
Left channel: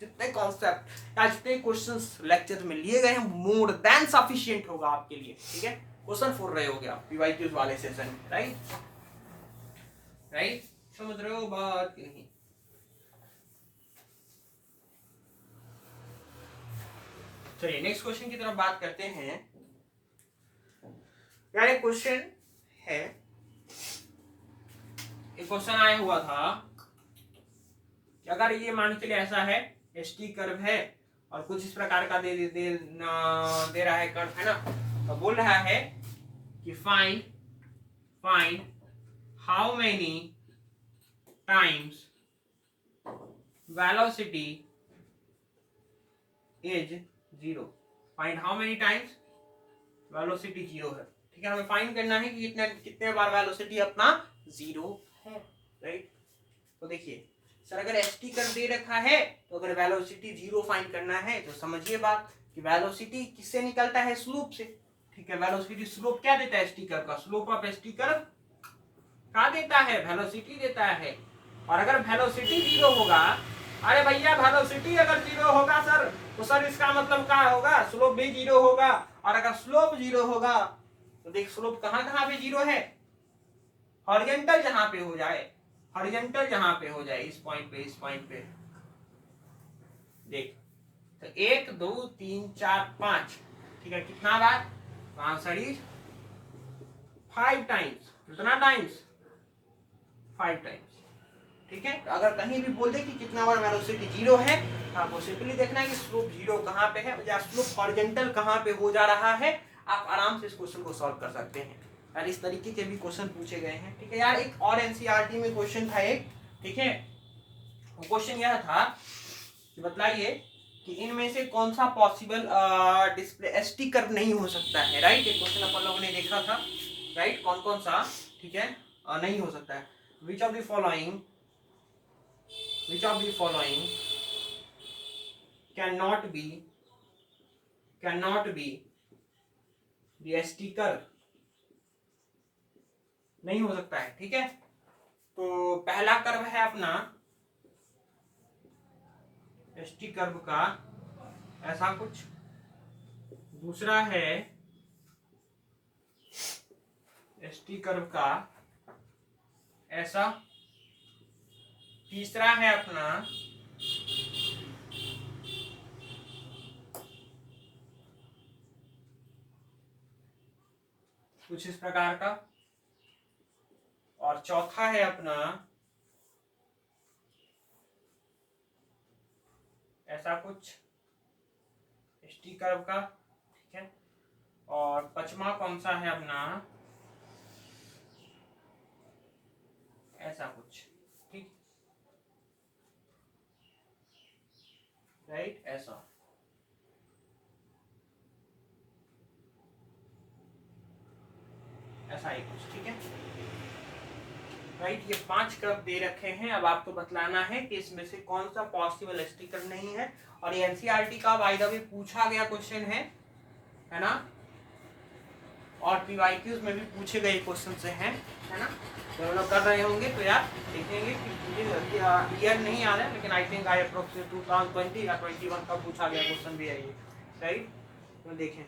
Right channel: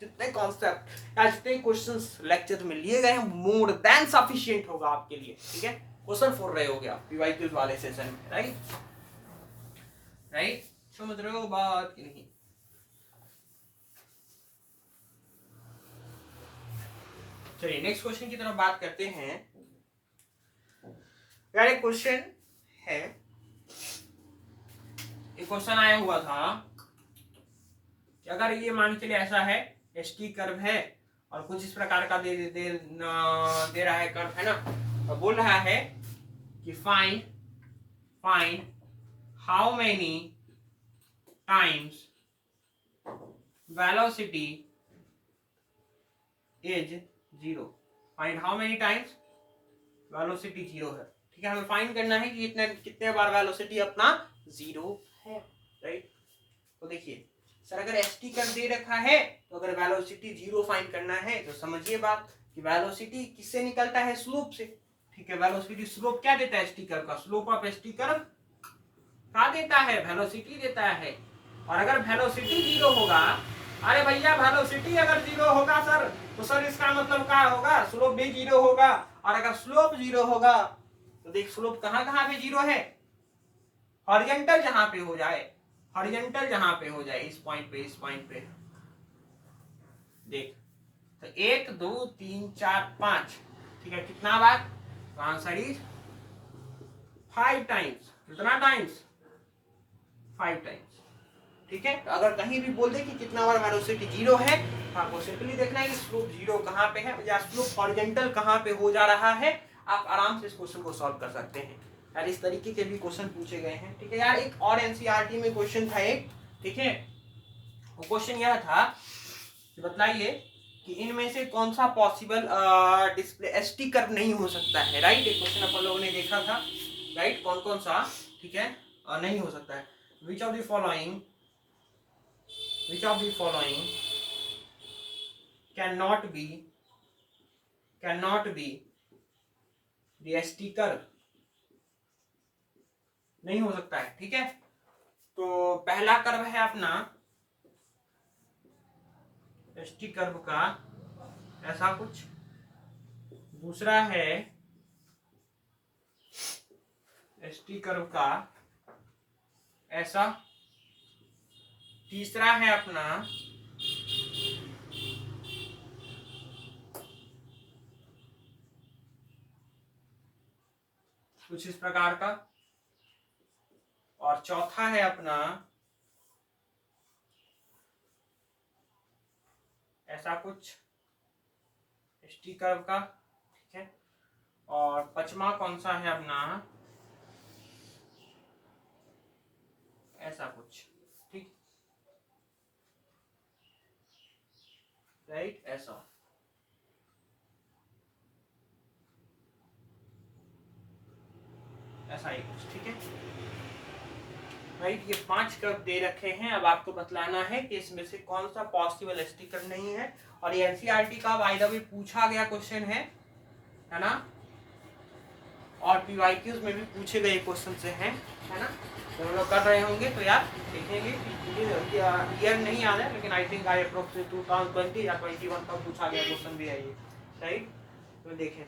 जितने कॉन्सेप्ट या जितने क्वेश्चंस लेक्चर में लिए गए हैं मोर देन सफिशिएंट होगा आपके लिए, ठीक है, क्वेश्चन फॉर रहे हो गया पीवाईक्यूज वाले सेशन में, राइट, राइट, समझ रहे हो बात कि नहीं। चलिए नेक्स्ट क्वेश्चन की तरफ बात करते हैं। यार एक क्वेश्चन है, एक क्वेश्चन आया हुआ था कि अगर ये मान के चलिए ऐसा है, एसटी कर्व है और कुछ इस प्रकार का दे रहा है कर्व, है ना, तो बोल रहा है कि find how many times velocity is 0, find how many times velocity 0 है, ठीक है, हमें फाइंड करना है कि कितने बार वेलोसिटी अपना 0 है, राइट। तो देखिए सर अगर एसटी कर्व दे रखा है तो अगर वेलोसिटी 0 फाइंड करना है तो समझिए बात कि वेलोसिटी किससे निकलता है, स्लोप से। ठीक है, वेलोसिटी स्लोप क्या देता है एसटी कर्व का, स्लोप ऑफ एसटी कर्व क्या देता है, वेलोसिटी देता है। और अगर वेलोसिटी 0 होगा, अरे भैया वेलोसिटी अगर 0 होगा सर तो सर इसका मतलब क्या होगा, स्लोप भी 0 होगा। और अगर स्लोप 0 होगा तो देख स्लोप कहां कहां पे 0 है, हॉरिजॉन्टल जहां पे हो जाए, हॉरिजॉन्टल जहां पे हो जाए, इस पॉइंट पे, इस पॉइंट पे देख, तो 1 2 3 4 5, ठीक है, कितना बार, आंसर इज 5 टाइम्स। कितना टाइम्स, 5 टाइम्स। ठीक है, तो अगर कहीं भी बोल दे कि कितना बार वेलोसिटी 0 है, आपको सिंपली देखना है कि स्लोप 0 कहां पे है या स्लोप हॉरिजॉन्टल कहां पे हो जा रहा है। आप आराम से इस क्वेश्चन को सॉल्व कर सकते हैं यार, इस तरीके के भी क्वेश्चन पूछे गए हैं। ठीक है यार, एक और एनसीईआरटी में क्वेश्चन था एक, ठीक है, वो क्वेश्चन यह था कि बताइए कि इनमें से कौन सा पॉसिबल डिस्प्ले एसटी कर्व नहीं हो सकता है, राइट। एक क्वेश्चन अपन लोगों ने देखा था, राइट, कौन कौन सा, ठीक है, नहीं हो सकता है। Which of the following cannot be the ST curve, नहीं हो सकता है। ठीक है, तो पहला कर्व है अपना ST कर्व का ऐसा कुछ, दूसरा है ST कर्व का ऐसा, तीसरा है अपना कुछ इस प्रकार का, और चौथा है अपना ऐसा कुछ ST कर्व का। ठीक है, और पांचवा कौन सा है अपना ऐसा कुछ, ठीक, राइट, ऐसा। ऐसा ही कुछ, ठीक है, राइट। ये 5 कर्व दे रखे हैं, अब आपको बतलाना है कि इसमें से कौन सा पॉसिबल ST कर्व नहीं है। और ये एनसीईआरटी का बाय द वे पूछा गया क्वेश्चन है ना, और पीवाईक्यूज में भी पूछे गए क्वेश्चन से हैं, है ना। जब हम लोग कर रहे होंगे तो यार देखेंगे कि ईयर नहीं याद है, लेकिन आई थिंक आई अप्रोक्सीमेट 2020 या 21 का पूछा गया क्वेश्चन भी है ये, राइट। तो देखें,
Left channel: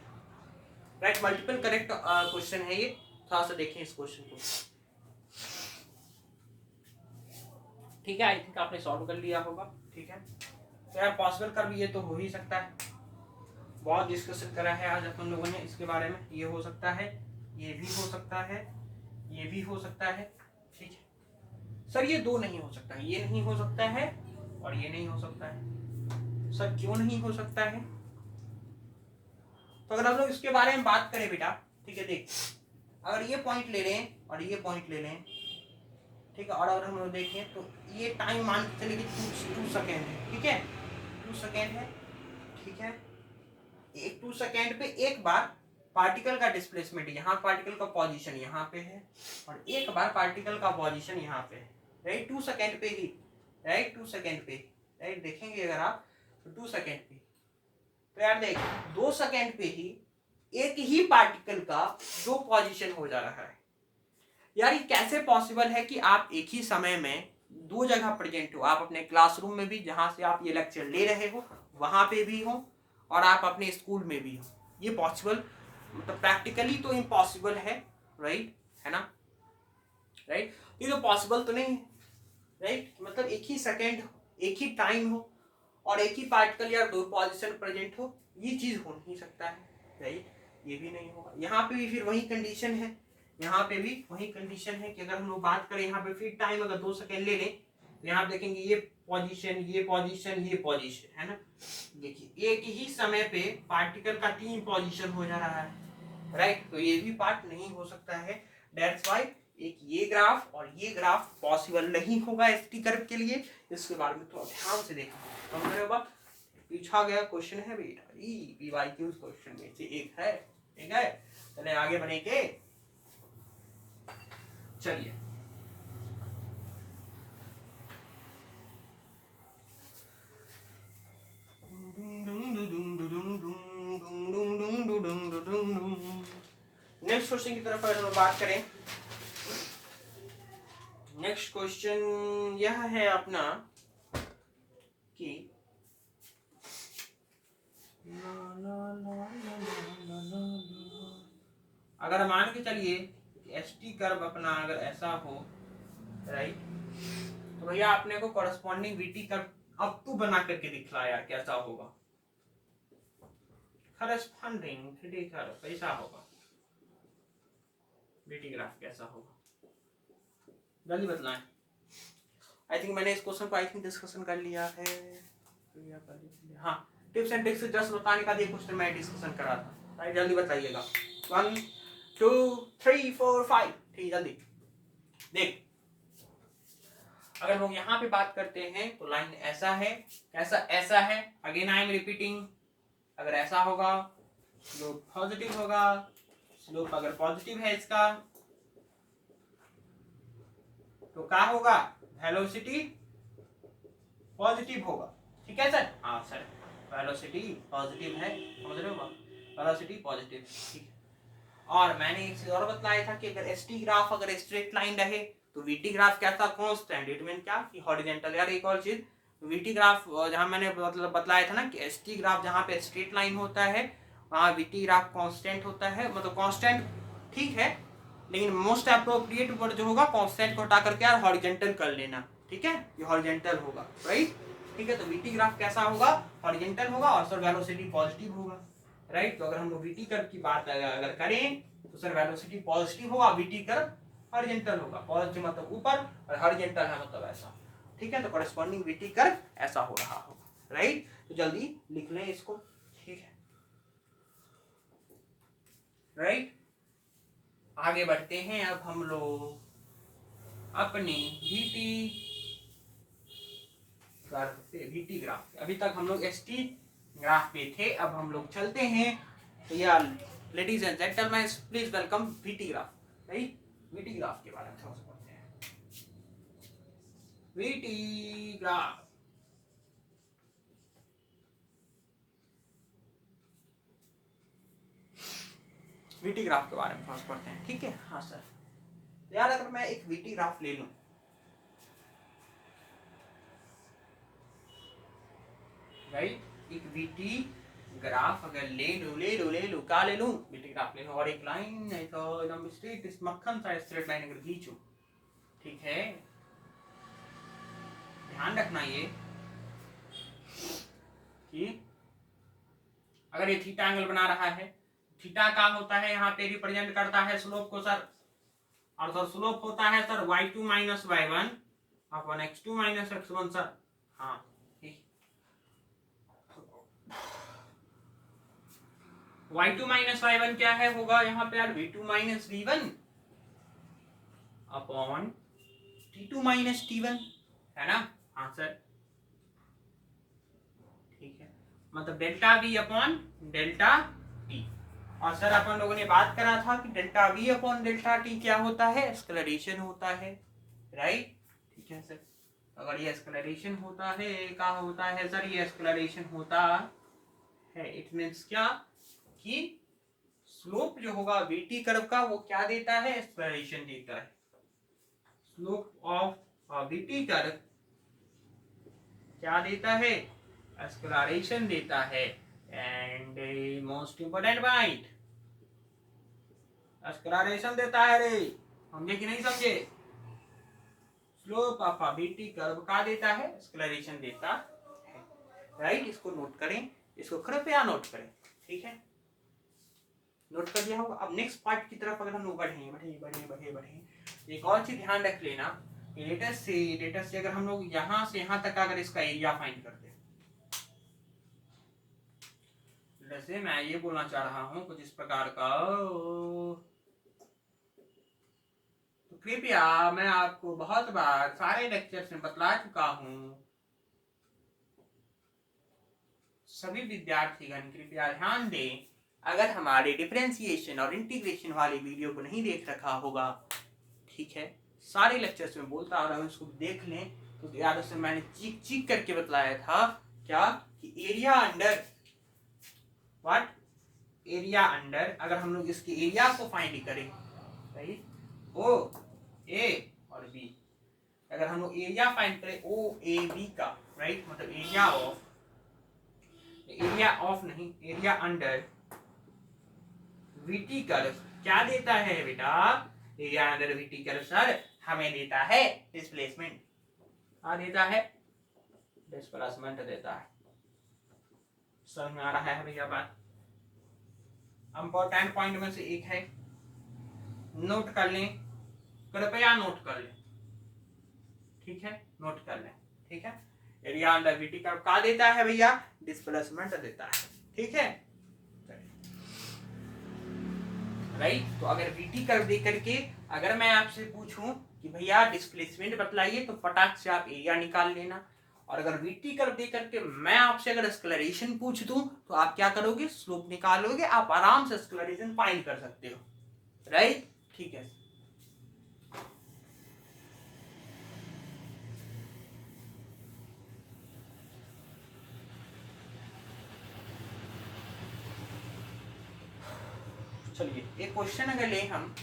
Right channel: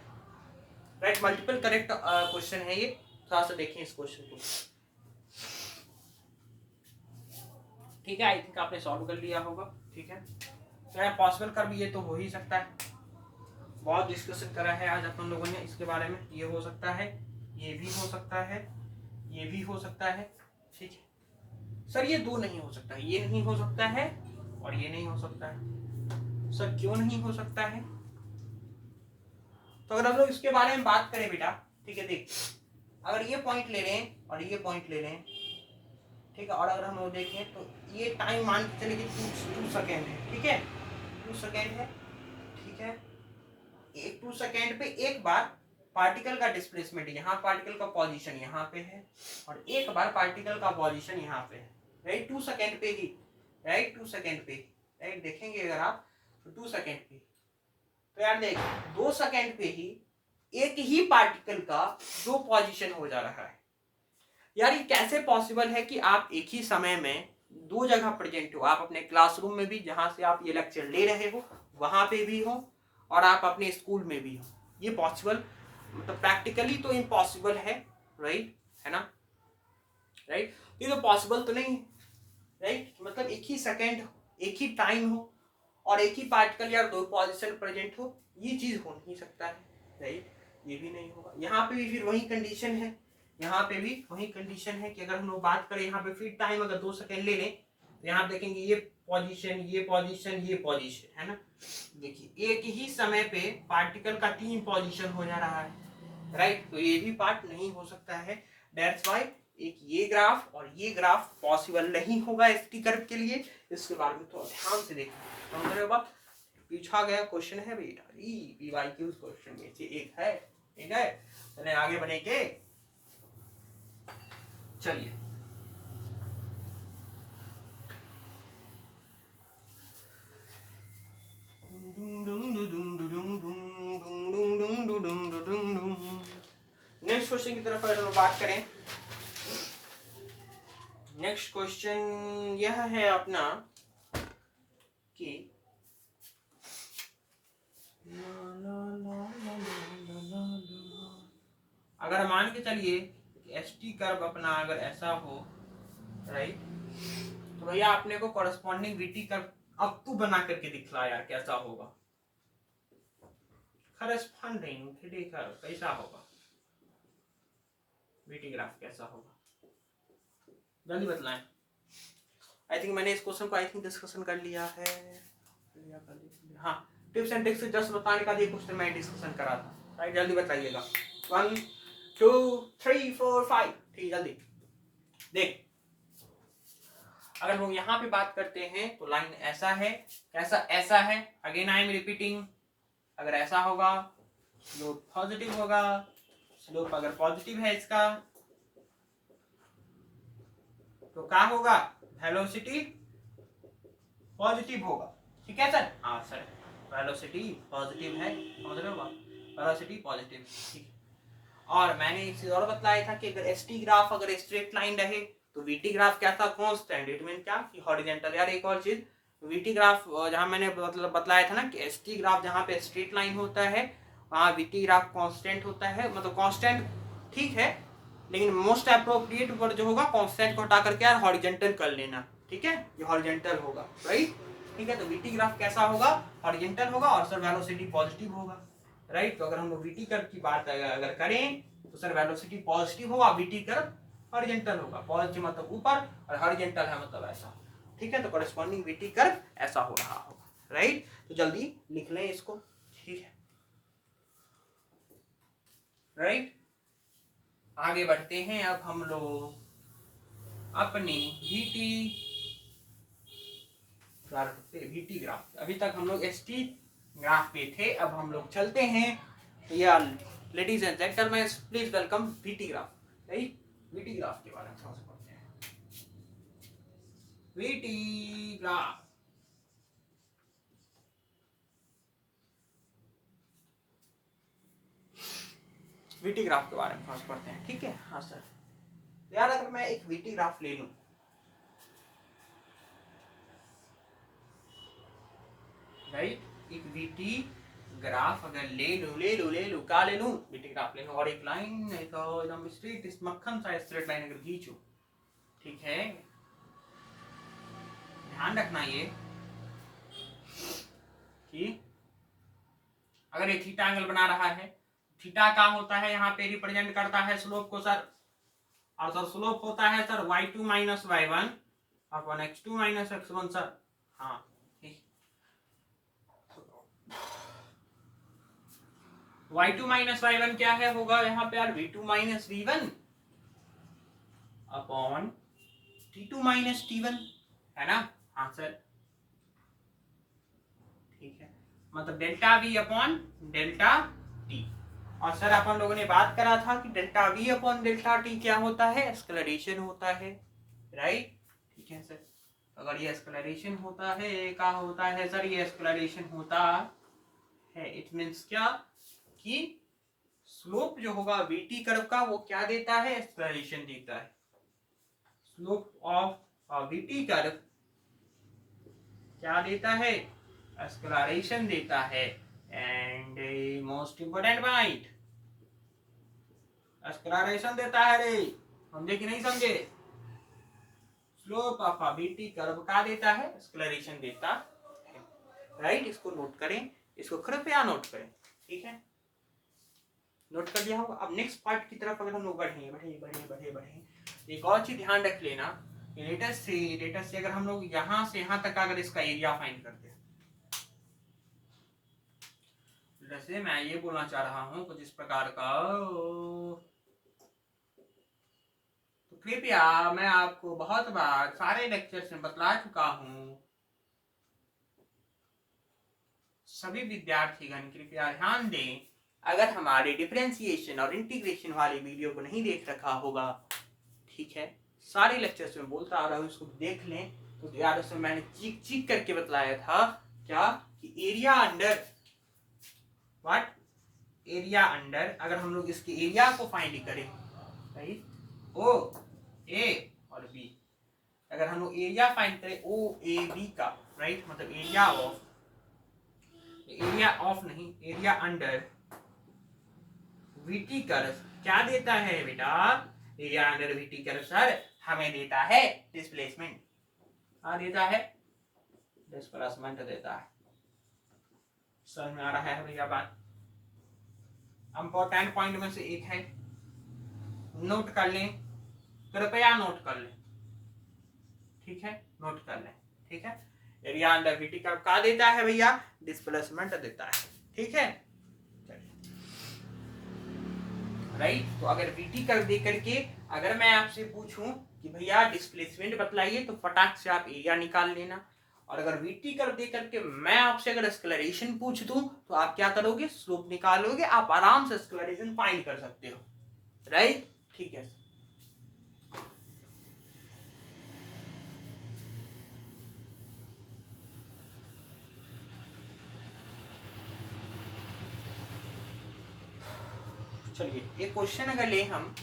राइट, मल्टीपल करेक्ट क्वेश्चन है ये, थोड़ा सा देखें इस क्वेश्चन को। ठीक है, आई थिंक आपने सॉल्व कर लिया होगा। ठीक है, तो यार पॉसिबल कर भी ये तो हो ही सकता है, बहुत डिस्कशन करा है आज अपन लोगों ने इसके बारे में। ये हो सकता है, ये भी हो सकता है, ये भी हो सकता है। ठीक है सर, ये दो नहीं हो सकता है, ये नहीं हो सकता है और ये नहीं हो सकता है। सर क्यों नहीं हो सकता है, तो अगर हम लोग इसके बारे में बात करें बेटा, ठीक है, देख, अगर ये पॉइंट ले लें और ये पॉइंट ले लें, ठीक है, और अगर हम लोग देखें तो ये टाइम मान के चले कि 2 सेकेंड है, ठीक है, 2 सेकेंड है। ठीक है, एक 2 सेकेंड पे एक बार पार्टिकल का डिस्प्लेसमेंट, यहाँ पार्टिकल का पोजीशन यहाँ पे है और एक बार पार्टिकल का पोजीशन यहाँ पे है, राइट, 2 सेकेंड पे ही, राइट, 2 सेकेंड पे, राइट, देखेंगे अगर आप तो 2 सेकेंड पे। तो यार देख, 2 सेकेंड पे ही एक ही पार्टिकल का 2 पोजीशन हो जा रहा है। यार ये कैसे पॉसिबल है कि आप एक ही समय में 2 जगह प्रेजेंट हो, आप अपने क्लासरूम में भी जहां से आप ये लेक्चर ले रहे हो वहां पे भी हो और आप अपने स्कूल में भी हो। ये पॉसिबल, मतलब प्रैक्टिकली तो इम्पॉसिबल है, राइट, है ना, राइट, ये तो पॉसिबल तो नहीं है, राइट, मतलब एक ही सेकेंड, एक ही टाइम हो और एक ही पार्टिकल या 2 पोजीशन प्रेजेंट हो, ये चीज हो नहीं सकता है, राइट, ये भी नहीं होगा। यहाँ पे भी फिर वही कंडीशन है, यहाँ पे भी वही कंडीशन है कि अगर हम लोग बात करें यहाँ पे फिर टाइम अगर 2 सेकेंड ले लें तो यहाँ पे देखेंगे ये पोजीशन, ये पोजीशन, ये पोजीशन, है ना। देखिए एक ही समय पे पार्टिकल का 3 पोजीशन हो जा रहा है, राइट, तो ये भी पार्ट नहीं हो सकता है। दैट्स व्हाई एक ये ग्राफ और ये ग्राफ पॉसिबल नहीं होगा एसटी कर्व के लिए। इसके बारे में तो ध्यान से देखना, समझ रहे हो बात। पूछा गया क्वेश्चन है बेटा, पीवाईक्यूज क्वेश्चन में से एक है, ठीक है, चले आगे बढ़े के, चलिए नेक्स्ट क्वेश्चन की तरफ अगर हम बात करें, नेक्स्ट क्वेश्चन यह है अपना कि अगर मान के चलिए एस टी कर्व अपना अगर ऐसा हो, राइट, तो भैया आपने को कॉरेस्पॉन्डिंग वीटी कर्व अब तू बना करके दिखला यार कैसा होगा, कॉरेस्पॉन्डिंग वीटी कर्व कैसा होगा, वीटी ग्राफ कैसा होगा, जल्दी बतलाएं। आई थिंक मैंने इस क्वेश्चन को डिस्कशन कर लिया है। हाँ, टिप्स एंड ट्रिक्स जस्ट बताने का क्वेश्चन मैं डिस्कशन करा था, राइट, जल्दी बताइएगा। 1 2 3 4 5, ठीक, जल्दी देख। अगर लोग यहाँ पे बात करते हैं तो लाइन ऐसा है, कैसा, ऐसा है, अगेन आई एम रिपीटिंग, अगर ऐसा होगा स्लोप पॉजिटिव होगा, स्लोप अगर पॉजिटिव है इसका तो क्या होगा, वेलोसिटी पॉजिटिव होगा, ठीक है सर, हाँ सर, वेलोसिटी पॉजिटिव है, समझ रहे हो बात, वेलोसिटी पॉजिटिव, ठीक है। और मैंने एक चीज और बताया था कि अगर एसटी ग्राफ अगर स्ट्रेट लाइन रहे तो वीटी ग्राफ क्या था, कांस्टेंट, इट मीन क्या कि हॉरिजॉन्टल। यार एक और चीज, वीटी ग्राफ जहां मैंने मतलब बतलाया था ना कि एसटी ग्राफ जहां पे स्ट्रेट लाइन होता है वहां वीटी ग्राफ कांस्टेंट होता है, मतलब कांस्टेंट ठीक है, लेकिन मोस्ट अप्रोप्रिएट वर्ड जो होगा कांस्टेंट को हटा करके यार हॉरिजॉन्टल कर लेना, ठीक है, ये हॉरिजॉन्टल होगा, राइट, ठीक है। तो वीटी ग्राफ कैसा होगा, हॉरिजॉन्टल होगा और सर वेलोसिटी पॉजिटिव होगा, राइट। तो अगर हम लोग वीटी कर्व की बात अगर करें तो सर वेलोसिटी पॉजिटिव होगा, वीटी कर्व हॉरिजॉन्टल होगा, पॉजिटिव मतलब ऊपर और हॉरिजॉन्टल है मतलब ऐसा, ठीक है। तो कॉरेस्पॉन्डिंग वीटी कर्व ऐसा हो रहा होगा, राइट। तो जल्दी लिख लें इसको, ठीक है, राइट। आगे बढ़ते हैं अब हम लोग अपनी वीटी ग्राफ, अभी तक हम लोग एसटी ग्राफ पे थे, अब हम लोग चलते हैं। तो यार ladies and gentleman please welcome VT graph, right. VT graph के बारे में थोड़ा सा पढ़ते हैं। वीटी ग्राफ, वीटी ग्राफ के बारे में थोड़ा सा पढ़ते हैं, ठीक है। हाँ सर, यार अगर मैं एक वीटी ग्राफ ले लूं, राइट, एक वीटी ग्राफ अगर ले लूं क्या ले लूं, वीटी ग्राफ ले लूं और एक लाइन एकदम स्ट्रेट, इस मक्खन सा स्ट्रेट लाइन अगर खींचूं, ठीक है, ध्यान रखना ये कि अगर ये थीटा एंगल बना रहा है, थीटा का होता है यहाँ पे रिप्रेजेंट करता है स्लोप को सर, और सर स्लोप होता है sir y2 minus y1 upon x2 minus x1 sir, हाँ ठीक, y2 माइनस y1 क्या है, होगा यहाँ पे यार v2 minus v1 upon t2 minus t1, है ना, हाँ सर, ठीक है, मतलब delta v upon delta t। और सर अपन लोगों ने बात करा था कि delta v upon delta t क्या होता है, एक्सेलरेशन होता है, राइट, ठीक है सर। अगर ये एक्सेलरेशन होता है, क्या होता है सर, ये एक्सेलरेशन होता है, इट मींस क्या कि स्लोप जो होगा वीटी कर्व का वो क्या देता है, एक्सेलरेशन देता है, स्लोप ऑफ वीटी कर्व क्या देता है, एक्सेलरेशन देता है। And most important point, acceleration देता है रे, समझे कि नहीं समझे, स्लोप ऑफ वीटी कर्व का देता है, एक्सेलरेशन देता है, राइट। इसको नोट करें, इसको कृपया नोट करें, ठीक है, नोट कर दिया होगा। अब नेक्स्ट पार्ट की तरफ अगर हम लोग बढ़े, एक और चीज ध्यान रख लेना, लेटेस्ट से अगर हम लोग यहां से यहां तक अगर इसका एरिया फाइंड करते हैं, जैसे मैं ये बोलना चाह रहा हूं कुछ इस प्रकार का, तो कृपया मैं आपको बहुत बार सारे लेक्चर्स में बतला चुका हूं, सभी विद्यार्थीगण कृपया ध्यान दें, अगर हमारे डिफरेंशिएशन और इंटीग्रेशन वाली वीडियो को नहीं देख रखा होगा, ठीक है, सारे लेक्चर्स में बोलता आ रहा हूं, उसको देख लें। तो यार उसमें मैंने चीक करके बतलाया था क्या कि area under what, area under, अगर हम लोग इसके एरिया को फाइंड करें, राइट, ओ ए और बी, अगर हम लोग एरिया फाइंड करें ओ ए बी का, राइट, मतलब एरिया ऑफ नहीं, एरिया अंडर वीटी कर्व क्या देता है बेटा, area under VT curve sir हमें देता है डिस्प्लेसमेंट, देता है डिस्प्लेसमेंट देता है। समझ में आ रहा है भैया बात? इंपॉर्टेंट पॉइंट में से एक है, नोट कर लें, कृपया नोट कर लें, ठीक है, नोट कर लें, ठीक है। एरिया अंडर वीटी कर्व क्या देता है भैया, डिस्प्लेसमेंट देता है, ठीक है, राइट। तो अगर वीटी कर्व दे करके अगर मैं आपसे पूछूं कि भैया डिस्प्लेसमेंट बतलाइए, तो फटाक से आप एरिया निकाल लेना। और अगर वीटी कर्व दे करके मैं आपसे अगर एक्सेलरेशन पूछ दूं, तो आप क्या करोगे, स्लोप निकालोगे, आप आराम से एक्सेलरेशन फाइंड कर सकते हो, राइट, ठीक है। चलिए एक क्वेश्चन अगर ले हम,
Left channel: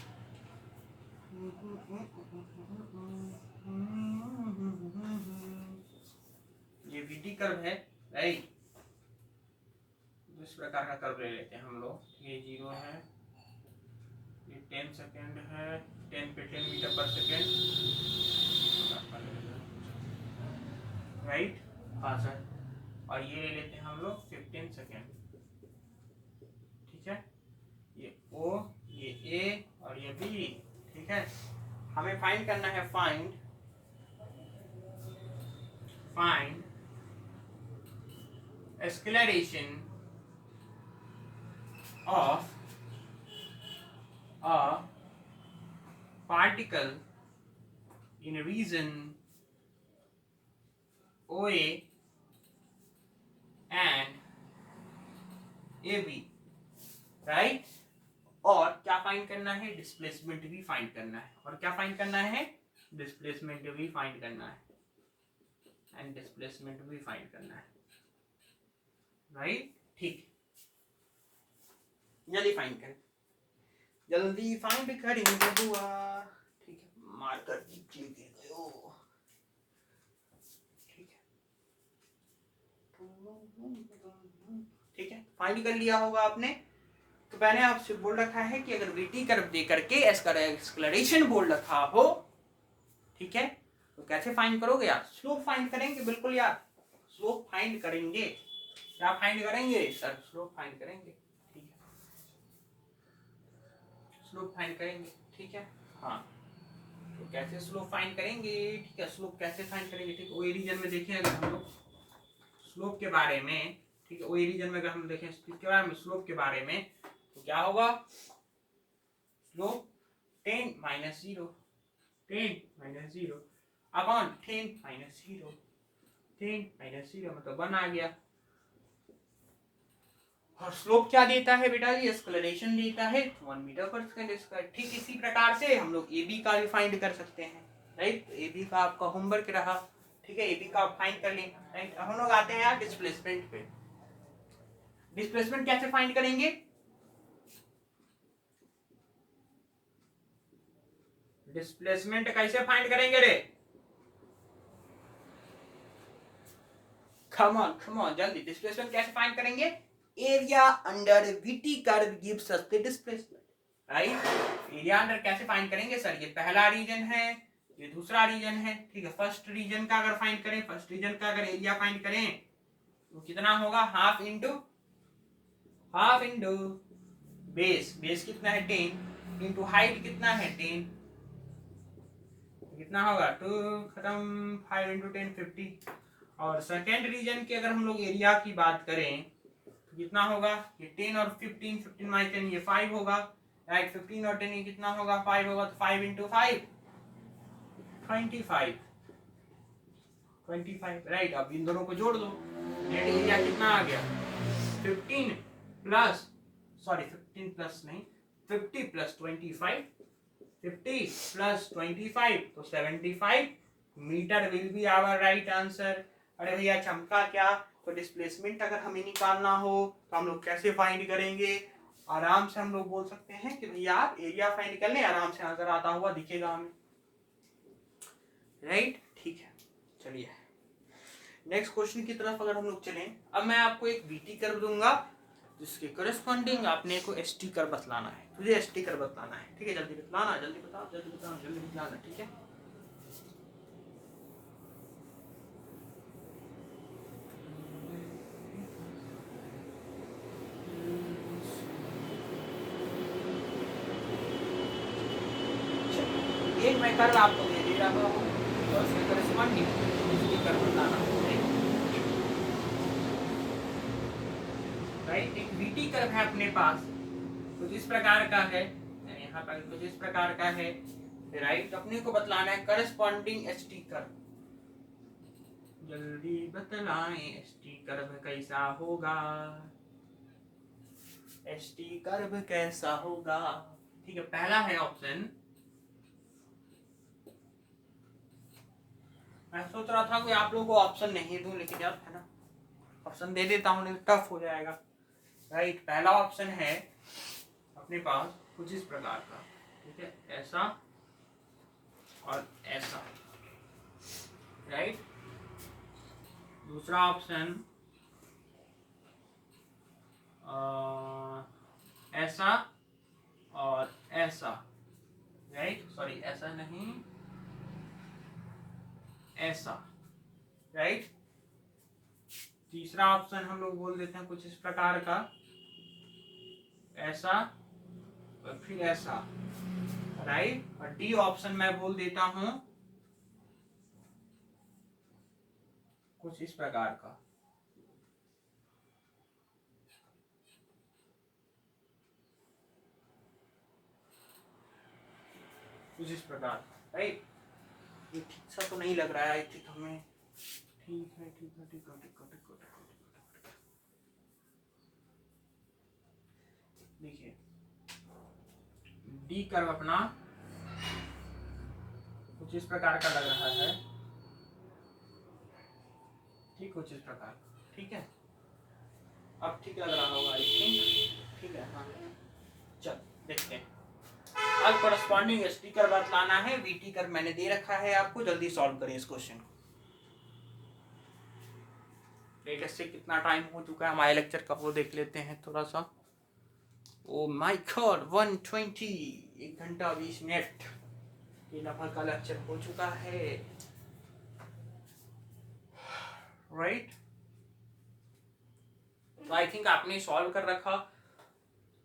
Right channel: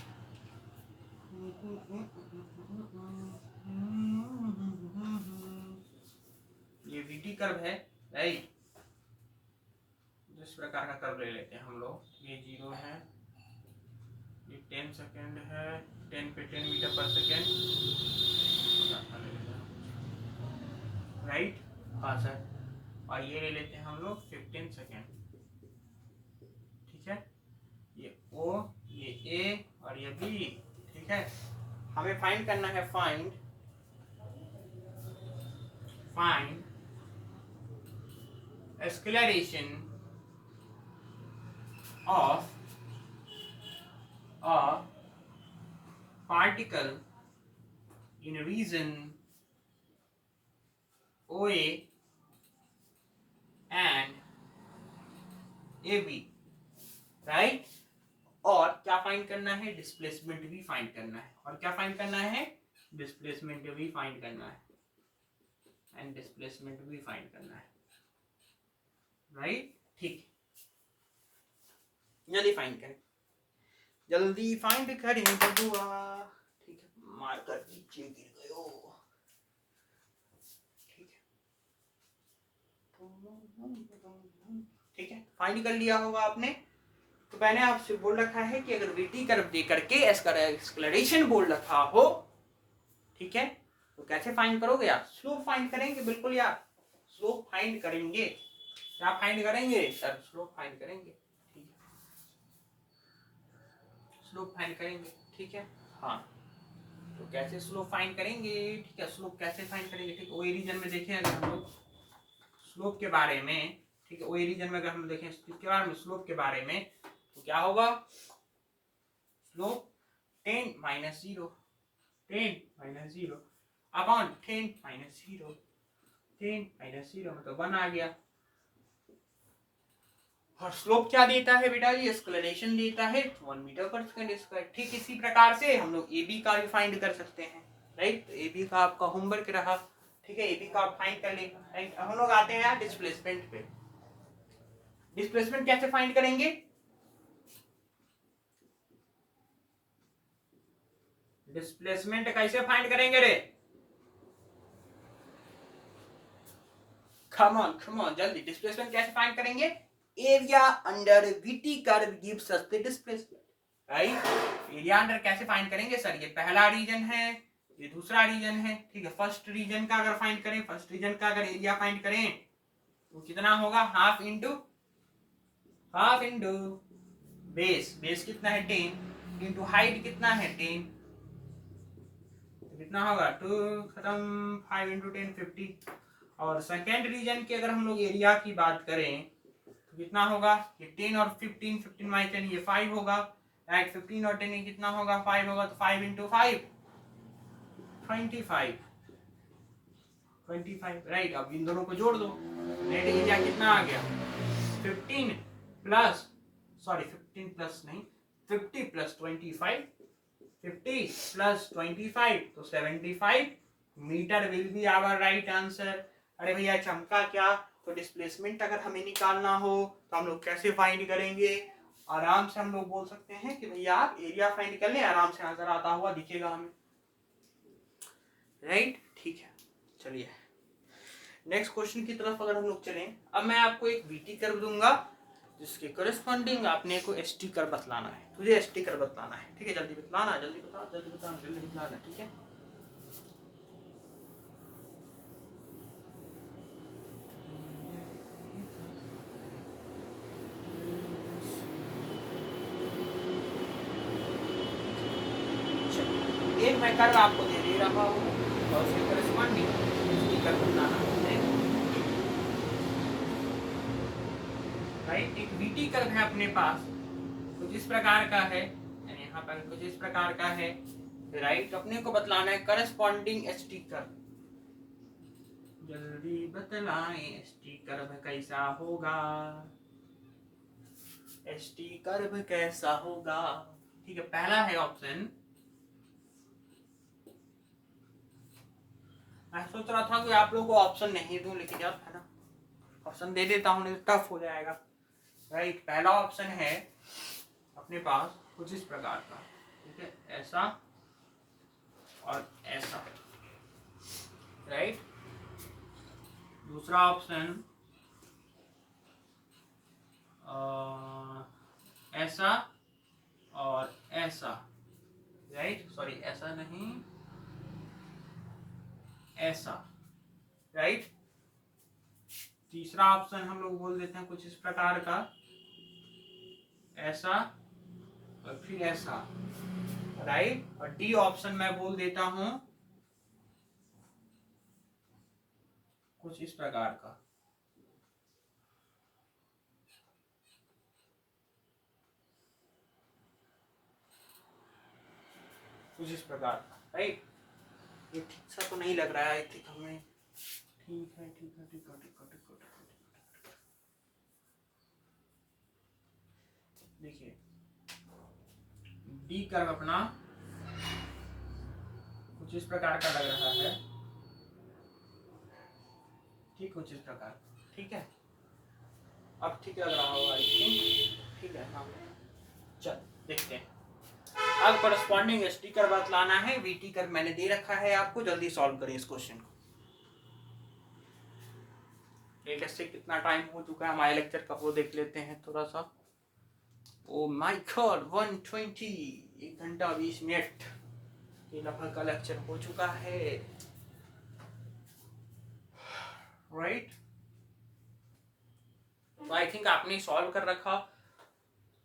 ये वीटी कर्व है, राइट, जिस प्रकार का कर्व ले लेते हैं हम लोग, ये 0 है, ये 10 सेकेंड है, 10 पे 10 मीटर पर सेकेंड, राइट, हाँ सर, और ये ले लेते हैं हम लोग 15 सेकेंड, ठीक है, ये ओ, ये ए और ये बी, ठीक है। हमें फाइंड करना है, find acceleration of a particle in region OA and AB, right. और क्या फाइंड करना है, डिस्प्लेसमेंट भी फाइंड करना है, और क्या फाइंड करना है, डिस्प्लेसमेंट भी फाइंड करना है, एंड डिस्प्लेसमेंट भी फाइंड करना है, राइट, ठीक, जल्दी फाइंड करें, जल्दी फाइंड करें बबुआ, ठीक है, मार कर दीजिए, गिर गयो, ठीक है, ठीक है, फाइंड कर लिया होगा आपने। तो मैंने आपसे बोल रखा है कि अगर वीटी कर्व दे करके एक्सेलरेशन बोल रखा हो, ठीक है, तो कैसे फाइंड करोगे यार, स्लोप फाइंड करेंगे, बिल्कुल यार, स्लोप फाइंड करेंगे, क्या फाइंड करेंगे सर, स्लोप फाइंड करेंगे, ठीक है, स्लोप फाइंड करेंगे, ठीक है, हाँ, तो कैसे स्लोप फाइंड करेंगे, ठीक है, स्लोप कैसे फाइंड करेंगे, ठीक है, वही रीजन में देखें अगर हम लोग स्लोप के बारे में, ठीक है, वही रीजन में अगर हम देखें इसके बारे में, स्लोप के बारे में, तो क्या होगा, slope 10 minus 0 upon 10 minus 0, 10 minus 0 मतलब 1 आ गया। और स्लोप क्या देता है बेटा, ये एक्सेलरेशन देता है 1 मीटर पर सेकंड स्क्वायर। ठीक इसी प्रकार से हम लोग AB का भी फाइंड कर सकते हैं, राइट, तो AB का आपका होमवर्क रहा, ठीक है, AB का आप फाइंड कर लेंगे, राइट। हम लोग आते हैं यार डिस्प्लेसमेंट पे। डिस्प्लेसमेंट कैसे फाइंड करेंगे, डिस्प्लेसमेंट कैसे फाइंड करेंगे रे, कम ऑन जल्दी, डिस्प्लेसमेंट कैसे फाइंड करेंगे, area under VT curve gives us the displacement, right. Area under कैसे फाइंड करेंगे सर, ये पहला रीजन है, ये दूसरा रीजन है, ठीक है, फर्स्ट रीजन का अगर फाइंड करें, फर्स्ट रीजन का अगर एरिया फाइंड करें तो कितना होगा, हाफ इंटू बेस कितना है 10 इंटू हाइट कितना है 10, कितना होगा 2 खत्म, 5 इंटू 10 50। और सेकेंड रीजन की अगर हम लोग एरिया की बात करें तो कितना होगा, ये 10 और 15 माइनस 10 ये 5 होगा, राइट, 15 और 10 ये कितना होगा 5 होगा, तो 5 इंटू 5 25, राइट। अब इन दोनों को जोड़ दो, नेट एरिया कितना आ गया 15 प्लस 50 प्लस 25, 50 प्लस 25 तो 75 metre will be our right answer. अरे भैया चमका क्या, तो डिस्प्लेसमेंट अगर हमें निकालना हो तो हम लोग कैसे फाइंड करेंगे, आराम से हम लोग बोल सकते हैं कि भैया आप एरिया फाइंड कर लें, आराम से नजर आता हुआ दिखेगा हमें, राइट। ठीक है, चलिए नेक्स्ट क्वेश्चन की तरफ अगर हम लोग चलें, अब मैं आपको एक वीटी कर्व दूंगा जिसके करस्पॉन्डिंग आपने को एस टी कर्व बतलाना है, तुझे एस टी कर्व बतलाना है, ठीक है। जल्दी बतलाना, जल्दी बता, जल्दी बता, जल्दी बतलाना, ठीक है। एक मैं कर्व आपको दे दे रहा हूँ और उसके करस्पॉन्डिंग एस टी कर्व बतलाना है, राइट। एक वीटी कर्व है अपने पास, कुछ इस प्रकार का है, यहाँ पर कुछ इस प्रकार का है, राइट। अपने को बतलाना है करस्पॉन्डिंग एस टी कर्व, जल्दी बतलाएं एस टी कर्व कैसा होगा, एस टी कर्व कैसा होगा, ठीक है। पहला है ऑप्शन, मैं सोच रहा था कि आप लोगों को ऑप्शन नहीं दूं, लेकिन यार है ना, ऑप्शन दे देता हूँ, नहीं टफ हो जाएगा, राइट। पहला ऑप्शन है अपने पास कुछ इस प्रकार का, ठीक है, ऐसा और ऐसा, राइट। दूसरा ऑप्शन ऐसा और ऐसा, राइट, सॉरी ऐसा नहीं, ऐसा, राइट। तीसरा ऑप्शन हम लोग बोल देते हैं कुछ इस प्रकार का, ऐसा और फिर ऐसा, राइट। और डी ऑप्शन मैं बोल देता हूं कुछ इस प्रकार का, कुछ इस प्रकार का, राइट। ये ठीक सा तो नहीं लग रहा है, आई थिंक हमें, ठीक है, ठीक है, ठीक है, ठीक है, ठीक है, ठीक है। देखिए डी कर्व अपना कुछ इस प्रकार का लग रहा है, ठीक, कुछ इस प्रकार, ठीक है। अब ठीक लग रहा होगा आई थिंक, ठीक है, हाँ। चल देखते हैं, अब करस्पॉन्डिंग एस टी कर्व बतलाना है, वी टी कर्व मैंने दे रखा है आपको, जल्दी सॉल्व करें इस क्वेश्चन को। लेटेस्ट से कितना टाइम हो चुका है हमारे लेक्चर का वो देख लेते हैं थोड़ा सा। ओ माय गॉड 120, 1 घंटा 20 मिनट ये लगभग का लेक्चर हो चुका है, राइट। तो आई थिंक आपने सॉल्व कर रखा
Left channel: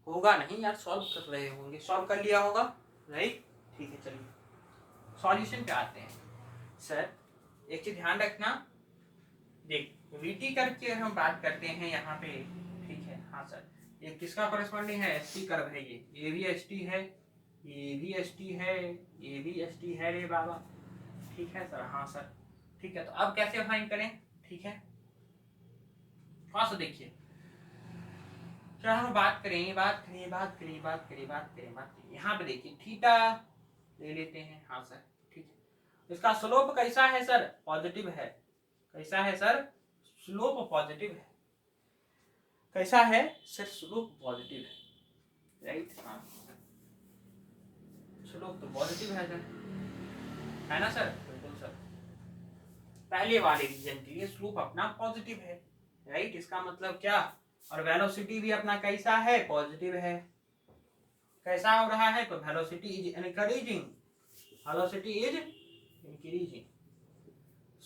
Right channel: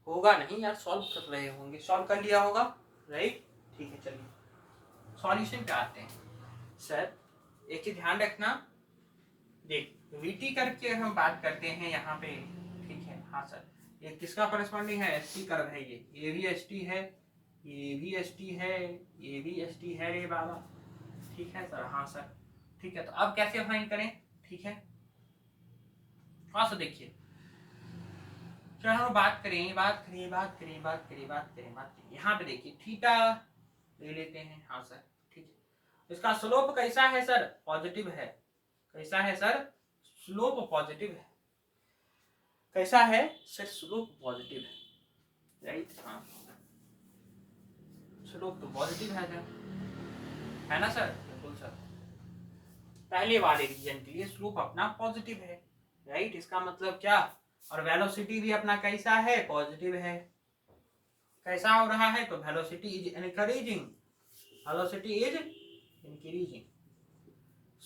होगा, नहीं यार सॉल्व कर रहे होंगे, सॉल्व कर लिया होगा, राइट। ठीक है, चलिए सॉल्यूशन पे आते हैं। सर एक चीज ध्यान रखना, देख वीटी कर्व की अगर हम बात करते हैं यहाँ पे, ठीक है, हाँ सर, ये किसका कॉरेस्पॉन्डिंग है, एस टी कर्व है, ये भी एस टी है, ये भी एस टी है, ये भी एस टी है रे बाबा, ठीक है सर, हाँ सर, ठीक है। तो अब कैसे फाइंड करें, ठीक है, थोड़ा सा देखिए, क्या हम बात करें, बात करें, बात करें, बात करें, बात करें, बात करें, यहाँ पे देखिए थीटा ले लेते हैं, हाँ सर, ठीक है। इसका स्लोप कैसा है सर, पॉजिटिव है, कैसा है सर, स्लोप पॉजिटिव है, कैसा है सर, स्लोप पॉजिटिव है, राइट, हाँ स्लोप तो पॉजिटिव है सर, है ना सर, बिल्कुल सर। पहले वाले रीजन के लिए स्लोप अपना पॉजिटिव है, राइट, इसका मतलब क्या, और वेलोसिटी भी अपना कैसा है, पॉजिटिव है, कैसा हो रहा है, तो velocity is increasing, velocity is increasing,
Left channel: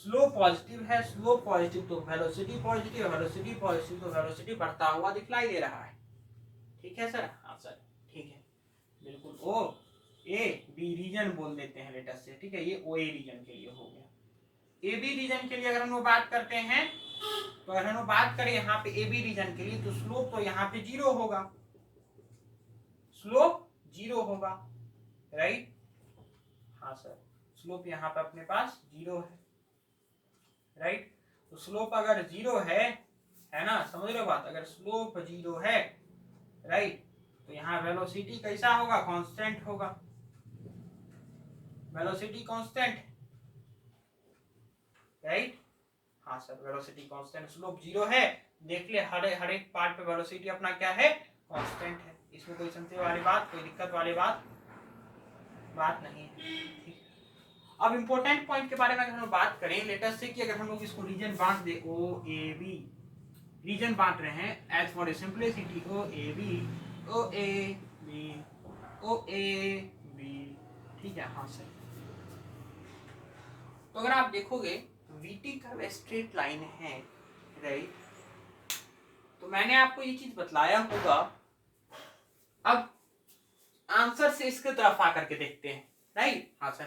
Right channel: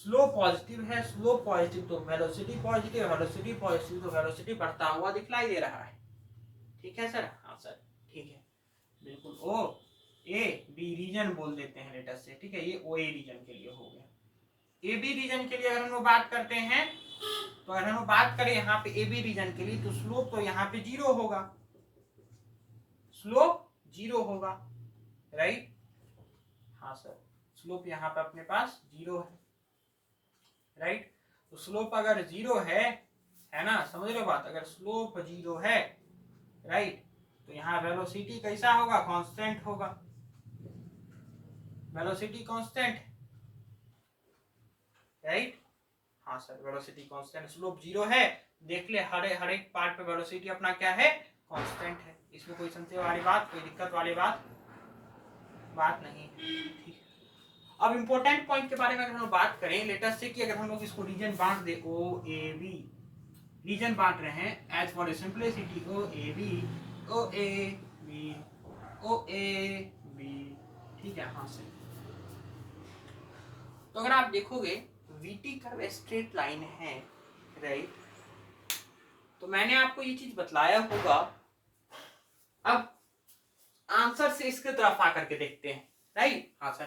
slow positive है, स्लो पॉजिटिव तो वेलोसिटी पॉजिटिव, वेलोसिटी पॉजिटिव तो वेलोसिटी बढ़ता हुआ दिखलाई दे रहा है, ठीक है सर, हाँ सर, ठीक है, बिल्कुल। ओ ए बी रीजन बोल देते हैं लेटर से, ठीक है, ये ओ ए रीजन के लिए हो गया। ए बी रीजन के लिए अगर हम लोग बात करते हैं, तो अगर हम लोग बात करें यहाँ पे ए बी रीजन के लिए, तो स्लोप तो यहाँ पे 0 होगा, स्लोप 0 होगा, राइट, हाँ सर, स्लोप यहाँ पे अपने पास 0 है, राइट। तो स्लोप अगर 0 है ना, समझ लो बात, अगर स्लोप 0 है, राइट, तो यहाँ वेलोसिटी कैसा होगा, कांस्टेंट होगा, वेलोसिटी कांस्टेंट, राइट, हाँ सर, वेलोसिटी कांस्टेंट, स्लोप 0 है, देख ले हर एक पार्ट पे वेलोसिटी अपना क्या है, कांस्टेंट है, इसमें कोई संशय वाली बात, कोई दिक्कत वाली बात नहीं है, ठीक। अब इंपॉर्टेंट पॉइंट के बारे में अगर हम बात करें, लेटर से कि अगर हम लोग इसको रीजन बांट दे, ओ ए बी, रीजन बांट रहे हैं as for simplicity, O A B, O A B, O A B, ठीक है। हाँ सर, तो अगर आप देखोगे वीटी कर्व स्ट्रेट लाइन है, राइट, तो मैंने आपको ये चीज बतलाया होगा। अब आंसर से इसके तरफ आकर के देखते हैं, राइट। हाँ सर,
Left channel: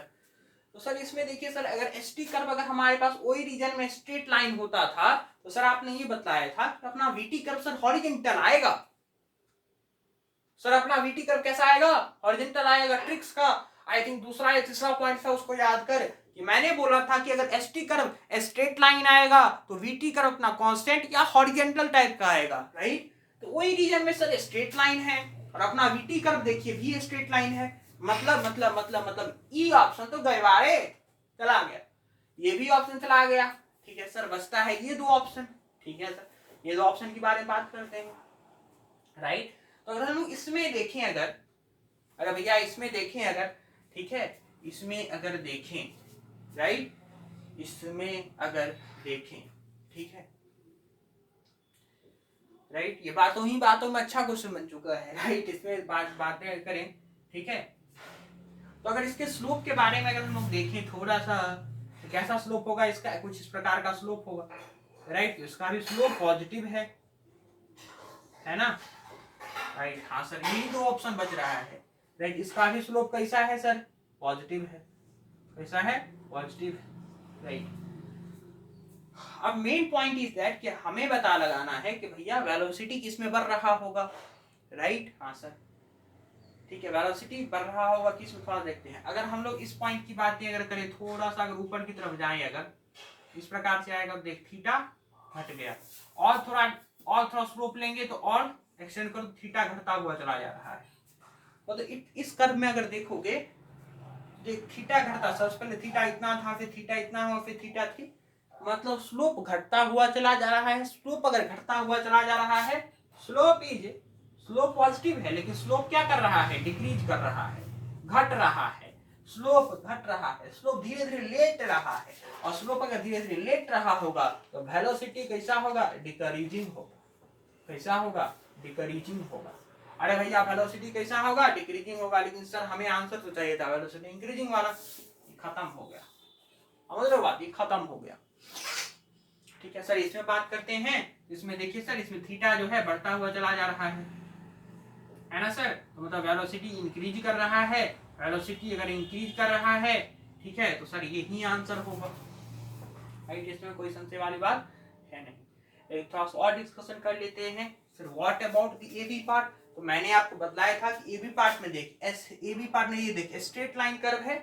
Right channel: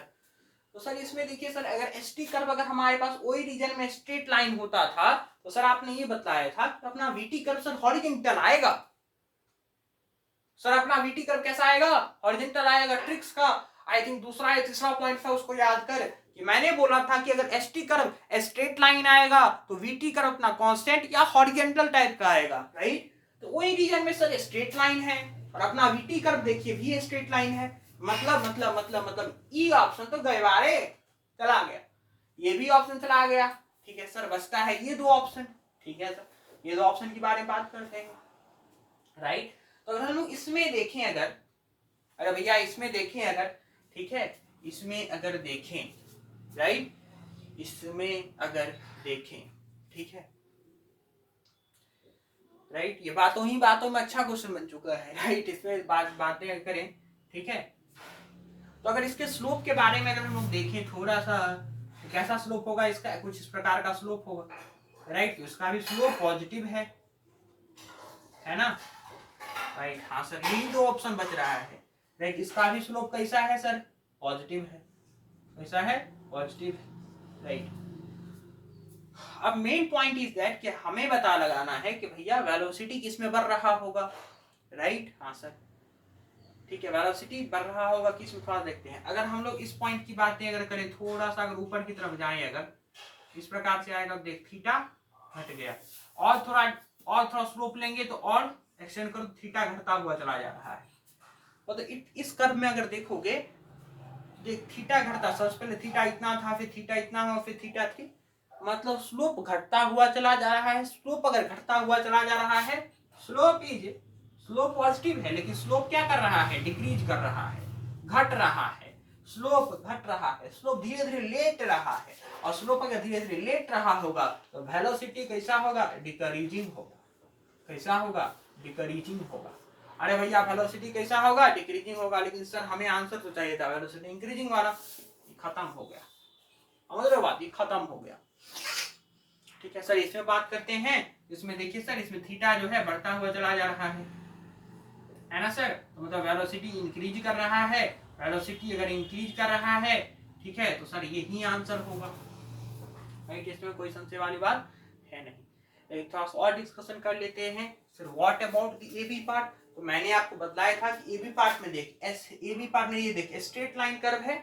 तो सर इसमें देखिए सर, अगर एसटी कर्व अगर हमारे पास वही रीजन में स्ट्रेट लाइन होता था तो सर आपने ये बताया था कि अपना वीटी कर्व सर हॉरिजॉन्टल आएगा। सर अपना वीटी कर्व कैसा आएगा? हॉरिजॉन्टल आएगा। ट्रिक्स का आई थिंक दूसरा या तीसरा पॉइंट था, उसको याद कर कि मैंने बोला था कि अगर एसटी कर्व स्ट्रेट लाइन आएगा तो वीटी कर्व अपना कांस्टेंट या हॉरिजॉन्टल टाइप का आएगा, राइट। तो वही रीजन में सर स्ट्रेट लाइन है और अपना वीटी कर्व देखिए भी स्ट्रेट लाइन है। मतलब ई ऑप्शन तो गए बारे चला गया, ये भी ऑप्शन चला गया, ठीक है सर। बचता है ये दो ऑप्शन, ठीक है सर। ये दो ऑप्शन के बारे में बात करते हैं, राइट। तो अगर हम लोग इसमें देखें, अगर भैया इसमें देखें अगर, ठीक है, इसमें अगर देखें, राइट, इसमें अगर देखें, ठीक है, राइट, ये बातों में अच्छा क्वेश्चन बन चुका है, राइट। इसमें बातें करें, ठीक है। तो अगर इसके स्लोप के बारे में अगर हम लोग देखें थोड़ा सा, तो कैसा स्लोप होगा इसका? कुछ इस प्रकार का स्लोप होगा, राइट। तो इसका भी स्लोप पॉजिटिव है ना, राइट। हाँ सर, यही दो ऑप्शन बच रहा है, राइट। इसका भी स्लोप कैसा है सर? पॉजिटिव है। कैसा है? पॉजिटिव है, राइट। अब मेन पॉइंट इज दैट कि हमें पता लगाना है कि भैया वेलोसिटी किसमें बढ़ रहा होगा, राइट। हाँ सर, ठीक है, वेलोसिटी बढ़ रहा होगा किसमें, थोड़ा देखते हैं। अगर हम लोग इस पॉइंट की बातें अगर करें, थोड़ा सा अगर ऊपर की तरफ जाएं, अगर इस प्रकार से आएगा, देख थीटा घट गया, और थोड़ा स्लोप लेंगे तो और एक्सटेंड करो, थीटा घटता हुआ चला जा रहा है। तो इस कर्व में अगर देखोगे, देख थीटा घटता, सबसे पहले थीटा इतना था, फिर थीटा इतना हुआ, फिर थीटा थी, मतलब स्लोप घटता हुआ चला जा रहा है। स्लोप अगर घटता हुआ चला जा रहा है, स्लोप पॉजिटिव है, लेकिन स्लोप क्या कर रहा है? डिक्रीज कर रहा है, घट रहा है, स्लोप घट रहा है, स्लोप धीरे धीरे लेट रहा है। और स्लोप अगर धीरे धीरे लेट रहा होगा तो वेलोसिटी कैसा होगा? डिक्रीजिंग होगा। कैसा होगा? डिक्रीजिंग होगा। अरे भैया वेलोसिटी कैसा होगा? डिक्रीजिंग होगा, लेकिन सर हमें आंसर तो चाहिए था वेलोसिटी इंक्रीजिंग वाला, खत्म हो गया। समझ रहे बात? ये खत्म हो गया, ठीक है सर। इसमें बात करते हैं, इसमें देखिए सर, इसमें थीटा जो है बढ़ता हुआ चला जा रहा है ना सर। तो मतलब वेलोसिटी इंक्रीज कर रहा है, वेलोसिटी अगर इंक्रीज कर रहा है, ठीक है, तो सर यही आंसर होगा, राइट। इसमें कोई संशय वाली बात है नहीं। एक थोड़ा और डिस्कशन कर लेते हैं sir, what about the AB part. तो मैंने आपको बताया था कि एबी पार्ट में देख, एबी पार्ट में ये देख स्ट्रेट लाइन कर्व है,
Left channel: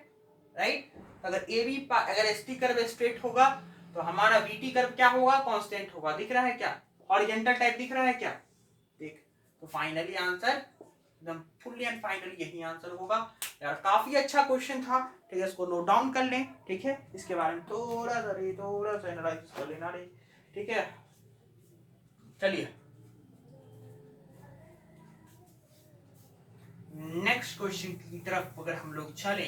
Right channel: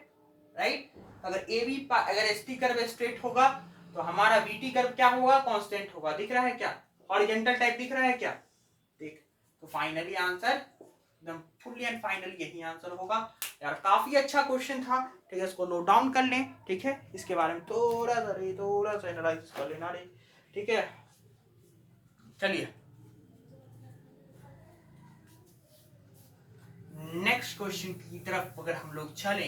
राइट। अगर एसटी कर्व स्ट्रेट होगा तो हमारा वीटी कर्व क्या होगा? कांस्टेंट होगा। दिख रहा है क्या? हॉरिजॉन्टल टाइप दिख रहा है क्या? देख, तो फाइनली आंसर एकदम फुल्ली एंड फाइनली यही आंसर होगा। यार काफी अच्छा क्वेश्चन था, ठीक है, इसको नोट डाउन कर लें, ठीक है। इसके बारे में थोड़ा सा एनालाइसिस कर लेना रे, ठीक है। चलिए नेक्स्ट क्वेश्चन की तरफ अगर हम लोग चले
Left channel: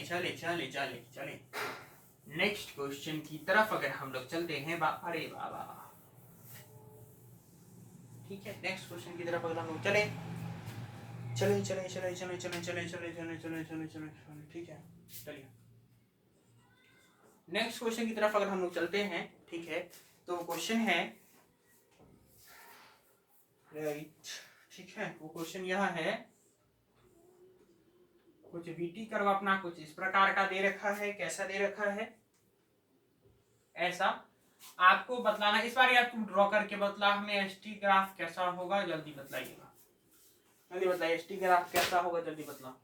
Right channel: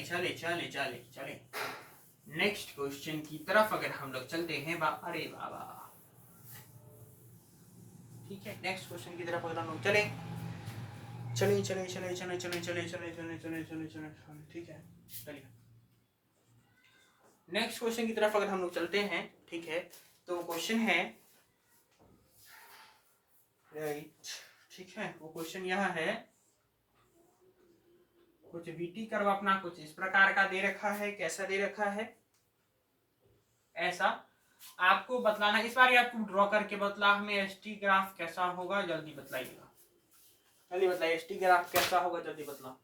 नेक्स्ट क्वेश्चन की तरफ अगर हम लोग चलते हैं, अरे बाबा, ठीक है, नेक्स्ट क्वेश्चन की तरफ अगर हम लोग चले, ठीक है, चलिए नेक्स्ट क्वेश्चन की तरफ अगर हम लोग चलते हैं, ठीक है। तो क्वेश्चन है, राइट, ठीक है, वो क्वेश्चन यह है, कुछ वीटी कर्व अपना कुछ इस प्रकार का दे रखा है। कैसा दे रखा है? ऐसा आपको बतलाना, इस बार आपको ड्रॉ करके बतला हमें एसटी ग्राफ कैसा होगा, जल्दी बतलाइएगा, जल्दी बताइए एसटी ग्राफ कैसा होगा, जल्दी बतला।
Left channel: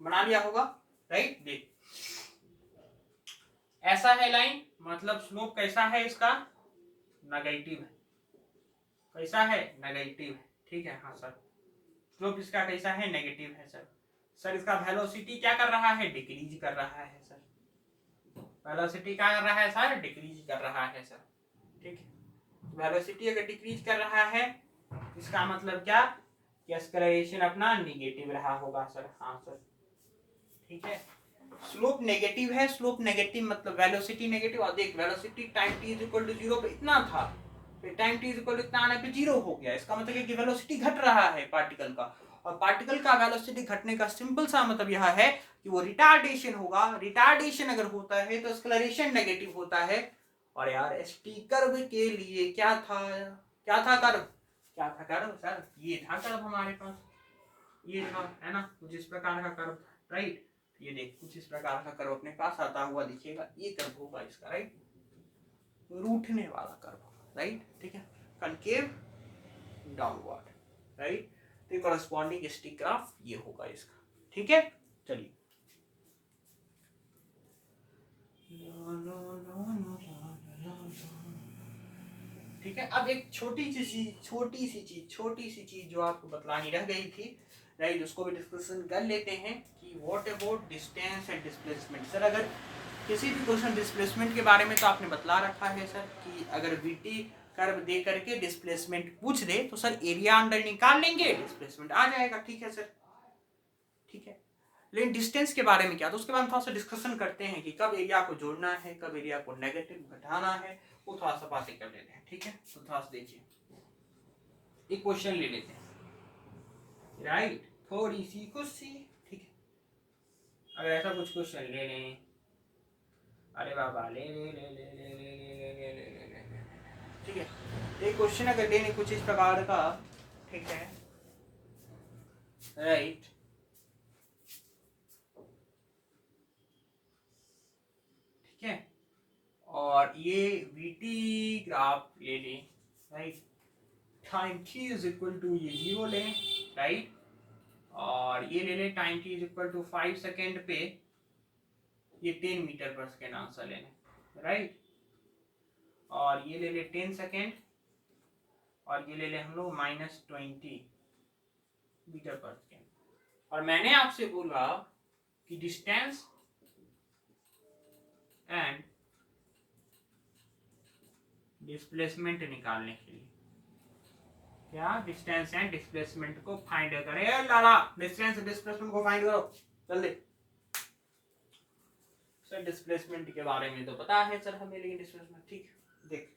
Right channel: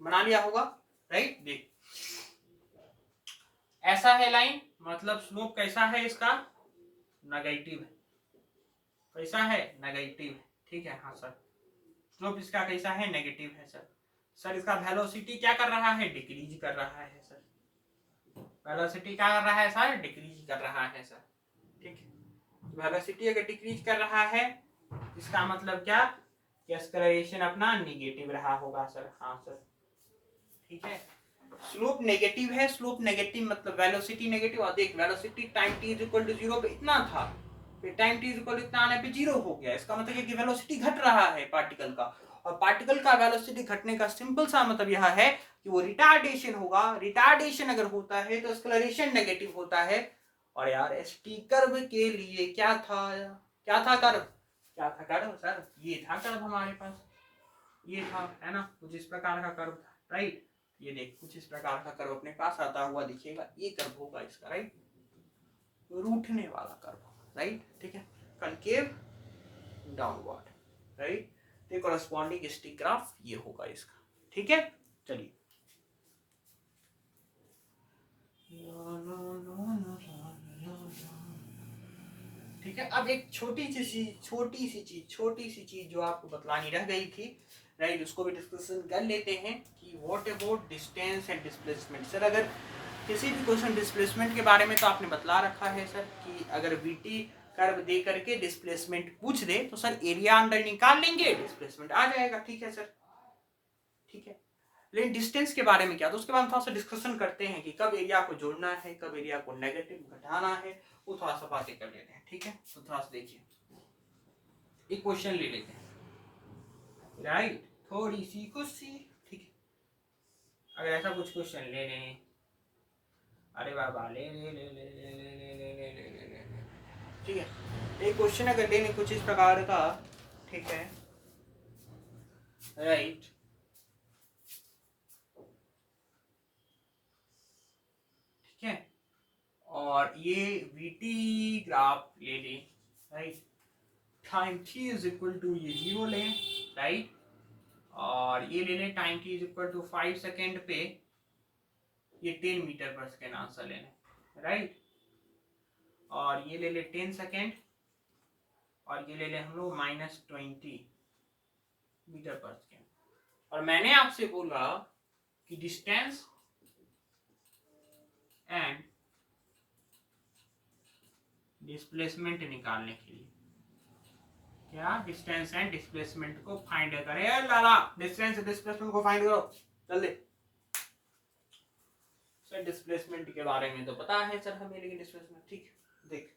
बना लिया होगा, राइट। देख ऐसा है लाइन, मतलब स्लोप कैसा है इसका? नेगेटिव है। कैसा है? नेगेटिव है, ठीक है। हाँ सर, स्लोप इसका कैसा है? नेगेटिव है सर। सर इसका वेलोसिटी क्या कर रहा है, डिक्रीज कर रहा है सर, वेलोसिटी क्या कर रहा है सर, डिक्रीज कर रहा है सर, ठीक है। वेलोसिटी अगर डिक्रीज कर रहा है इसका मतलब क्या कि एक्सेलरेशन अपना निगेटिव रहा होगा सर, हाँ सर, ठीक है। स्लोप नेगेटिव है, स्लोप नेगेटिव मतलब वेलोसिटी नेगेटिव, और देख velocity time t is equal to 0 पे इतना था, फिर time t is equal to इतना आने पे 0 हो गया, इसका मतलब है कि वेलोसिटी घट रहा है पार्टिकल का, और पार्टिकल का वेलोसिटी घटने का सिंपल सा मतलब यह है कि वो रिटार्डेशन होगा, रिटार्डेशन अगर होता है तो एक्सेलरेशन नेगेटिव होता है। और यार एसटी कर्व के लिए क्या था, क्या था कर्व, क्या था कर्व सर, ये था कर्व हमारे पास, ये था, है ना, कुछ इस प्रकार का कर्व था, राइट। ये देख कुछ इस प्रकार का कर्व अपने पास आता हुआ दिखेगा, ये कर्व होगा इसका, राइट, रूठने वाला कर्व होगा, राइट, ठीक है, कनकेव डाउनवर्ड, राइट, तो कॉरेस्पॉन्डिंग स्टिक ग्राफ ये होगा इसका, ठीक है। चलिए ठीक है, अब एक छोटी सी चीज जो आपको बतलानी रह गई थी, राइट, उसको भी डिस्कशन कर लेते हैं कि what about distance and displacement. Sir अगर किसी भी क्वेश्चन डिस्प्लेसमेंट के बारे में तो आपने बतला रखा है सर कि अगर वीटी कर्व दे करके डिस्प्लेसमेंट पूछ दे तो सर एरिया अंडर निकाल लेंगे, डिस्प्लेसमेंट आ जाएगा, ठीक है सर, ठीक है। लेकिन डिस्टेंस के बारे में क्या, तो उसके बाद हम थोड़ा सा डिस्कशन करते हैं कि कब एरिया को जोड़ना है, कब एरिया को नेगेटिव घटाना है, वो थोड़ा सा बातें कर लेते हैं, ठीक है। तो थोड़ा सा देखिए एक क्वेश्चन ले लेते हैं, राइट, थोड़ी सी कुछ सी, ठीक है, अगर ऐसा कुछ क्वेश्चन ले लें, अरे बाबा ले ले ले ले ले ले ले ले ले ले ले ले, ठीक है, एक क्वेश्चन अगर लेने कुछ इस प्रकार का, ठीक है, राइट, ठीक है, और ये वीटी ग्राफ ले लें, right, time t is equal to ये 0 लें, राइट, और ये ले लें time t is equal to 5 second पे ये 10 मीटर पर सेकेंड आंसर लेने, राइट, और ये ले ले 10 सेकेंड, और ये ले ले हम लोग -20 मीटर पर सेकेंड, और मैंने आपसे बोला कि डिस्टेंस एंड डिस्प्लेसमेंट निकालने के लिए, क्या डिस्टेंस एंड डिस्प्लेसमेंट को फाइंड करें, लाला डिस्टेंस एंड डिस्प्लेसमेंट को फाइंड करो जल्दी। सर डिस्प्लेसमेंट के बारे में तो पता है सर हमें, लेकिन डिस्प्लेसमेंट, ठीक, देख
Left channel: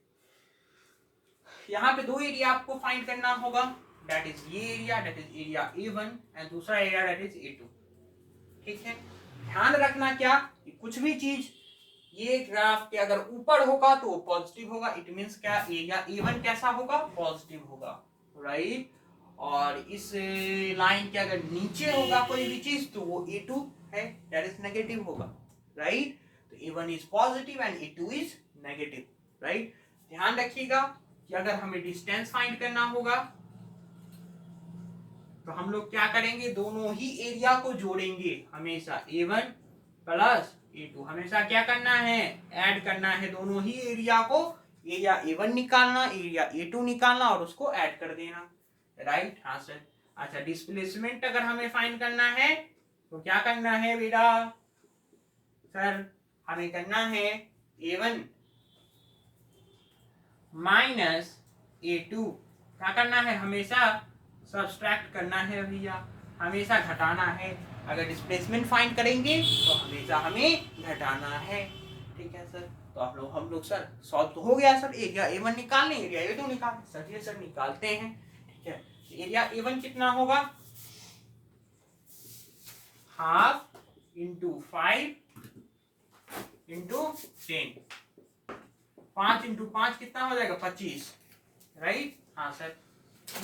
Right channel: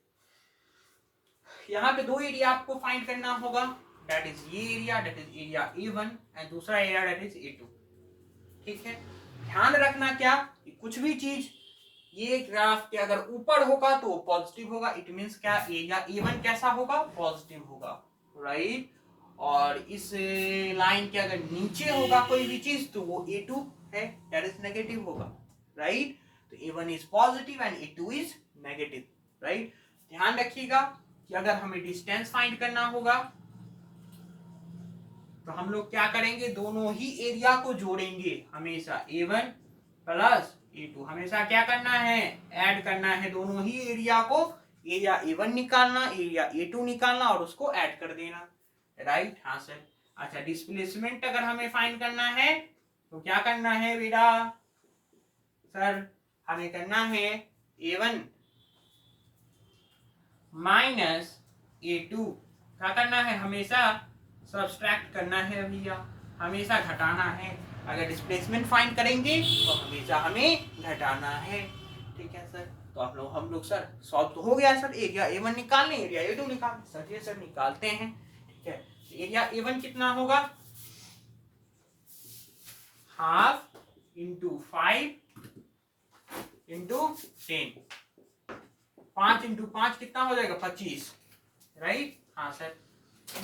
यहाँ पे दो एरिया आपको फाइंड करना होगा, दैट इज ये area, that is area A1 and दूसरा एरिया दैट इज A2, ठीक है। ध्यान रखना क्या कि कुछ भी चीज ये ग्राफ के अगर ऊपर होगा तो वो पॉजिटिव होगा, इट मींस क्या एरिया A1 कैसा होगा, पॉजिटिव होगा, राइट, और इस लाइन के अगर नीचे होगा कोई भी चीज तो वो A2 है, दैट इज नेगेटिव होगा, राइट, तो A1 is positive and A2 is negative, right. ध्यान रखिएगा कि अगर हमें डिस्टेंस फाइंड करना होगा तो हम लोग क्या करेंगे, दोनों ही एरिया को जोड़ेंगे, हमेशा A1 प्लस A2, हमेशा क्या करना है, ऐड करना है दोनों ही एरिया को, एरिया A1 निकालना, एरिया A2 निकालना और उसको ऐड कर देना, राइट, हाँ सर। अच्छा डिस्प्लेसमेंट अगर हमें फाइंड करना है तो क्या करना है बेटा, सर हमें करना है A1 माइनस A2, क्या करना है, हमेशा सब्सट्रैक्ट करना है भैया, हमेशा घटाना है, अगर डिस्प्लेसमेंट फाइंड करेंगे तो हमेशा हमें घटाना है, ठीक है सर। तो हम लोग सर सॉल्व तो हो गया सर, एरिया A1 निकालने, एरिया A2 निकालने, सर ये सर निकालते हैं, ठीक है। एरिया A1 कितना होगा, हाफ इंटू 5 इंटू 10, 5 इंटू 5 कितना हो जाएगा 25, राइट, हाँ सर,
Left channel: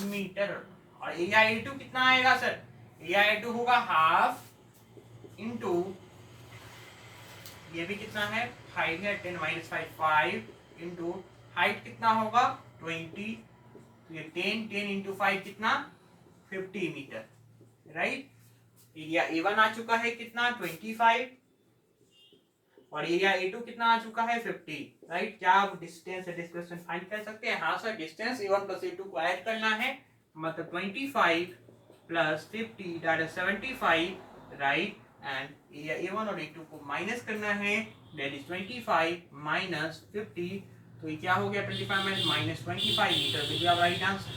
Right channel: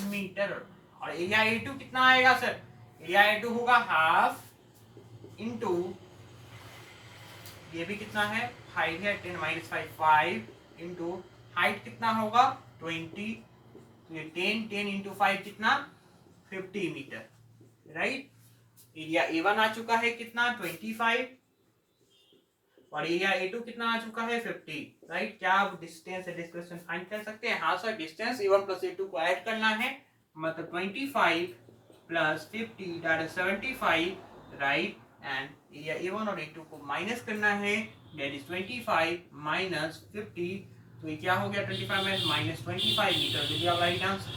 मीटर। और एरिया A2 कितना आएगा सर, एरिया A2 होगा हाफ इंटू ये भी कितना है 5 है, 10 माइनस 5 5 इंटू हाइट कितना होगा 20, तो ये 10 इंटू 5 कितना 50 मीटर, राइट। एरिया A1 आ चुका है कितना 25 और एरिया A2 कितना आ चुका है 50, राइट। क्या आप डिस्टेंस से डिस्प्लेसमेंट फाइंड कर सकते हैं, हाँ sir, distance A1 plus A2 को ऐड करना है, मतलब 25 plus 50 that is 75 right, and area A1 और A2 को माइनस करना है, दैट इज 25 माइनस 50, तो ये क्या हो गया 25 minus 25 metre will be our right answer,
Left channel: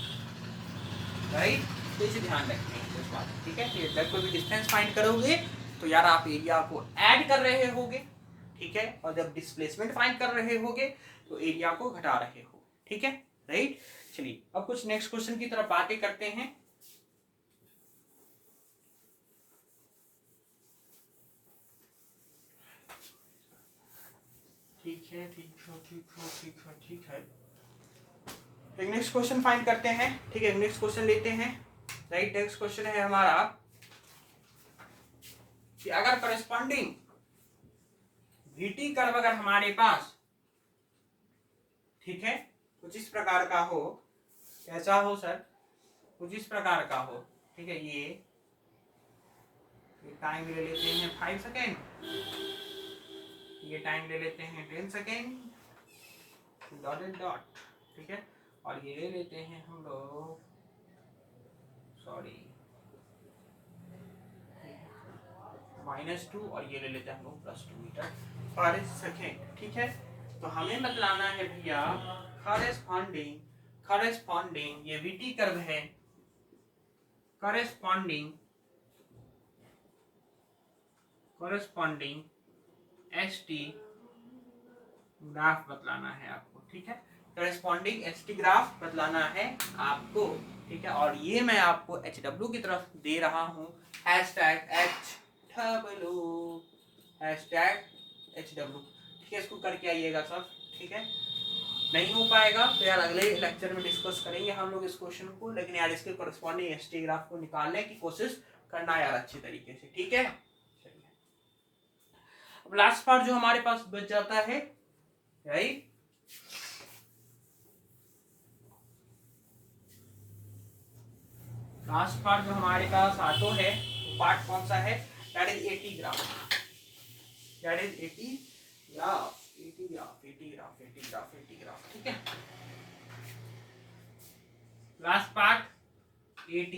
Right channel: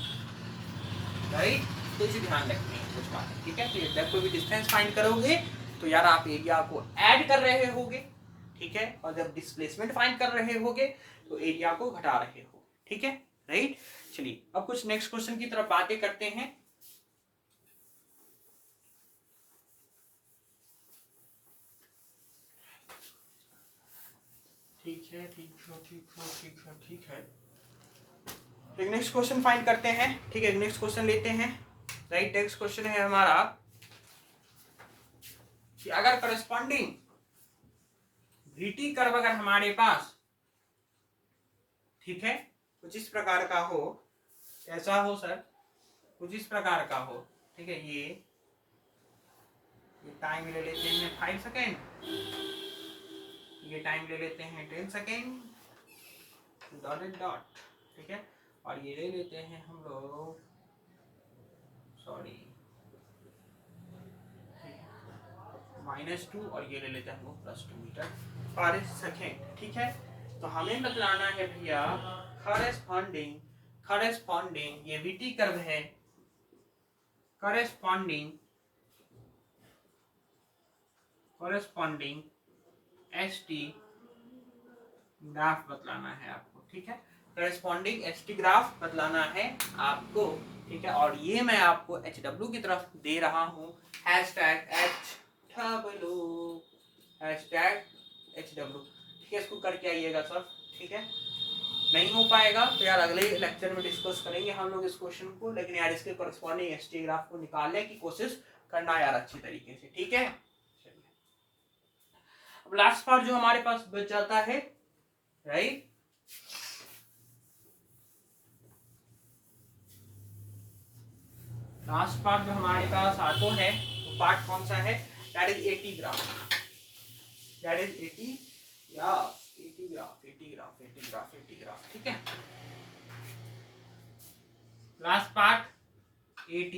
right. तो इसे ध्यान रखते हैं इस बात, ठीक है। तो जब कोई भी डिस्टेंस फाइंड करोगे तो यार आप एरिया को ऐड कर रहे होगे, ठीक है, और जब डिस्प्लेसमेंट फाइंड कर रहे होगे तो एरिया को घटा रहे हो, ठीक है, राइट। चलिए अब कुछ नेक्स्ट क्वेश्चन की तरफ बातें करते हैं। ठीक है, ठीक है। एक नेक्स्ट क्वेश्चन फाइंड करते हैं, ठीक है, नेक्स्ट क्वेश्चन लेते हैं, राइट। नेक्स्ट क्वेश्चन है हमारा कि अगर करस्पॉन्डिंग VT कर्व अगर हमारे पास, ठीक है, कुछ इस प्रकार का हो, कैसा हो सर, कुछ इस प्रकार का हो, ठीक है, ये टाइम ले लेते हैं 5 सेकेंड, ये टाइम ले लेते हैं 10 सेकेंड, डॉट, ठीक है, और ये ले लेते हैं हम लोग, सॉरी, -2, और ये ले लेते हैं हम लोग +2 मीटर पर सेकेंड, ठीक है। तो हमें बतलाना है भैया करस्पॉन्डिंग ये VT कर्व है, करस्पॉन्डिंग ST ग्राफ बतलाना है आपको, ठीक है, करस्पॉन्डिंग ST ग्राफ बतलाना है आपको, ठीक है। और ये मैं आपको HW की तरफ दे रहा हूँ, #HW, ठीक है, इसको करके आइएगा सब, ठीक है। नहीं हो पाएगा तो यार अगले लेक्चर में डिस्कस करेंगे हम लोग इस क्वेश्चन को, लेकिन यार इसके करस्पॉन्डिंग ST ग्राफ को निकालने की कोशिश करना यार अच्छी तरीके से, ठीक है। चलिए अब लास्ट पार्ट जो हमारे पास बच जाता है, राइट, लास्ट पार्ट जो हमारे पास आटो है, वो पार्ट कौन सा है, that is AT graph, that is AT graph, ठीक है। Last part AT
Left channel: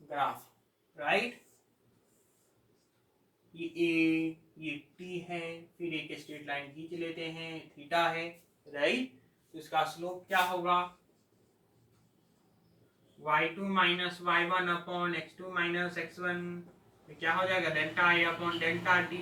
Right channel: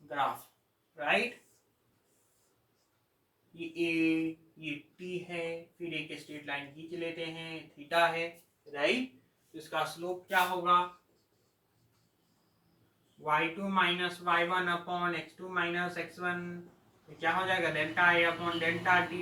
graph, right, ये T है, फिर एक स्ट्रेट लाइन खींच लेते हैं, थीटा है, राइट। तो इसका स्लोप क्या होगा, y2 minus y1 upon x2 minus x1, क्या हो जाएगा delta a upon delta t,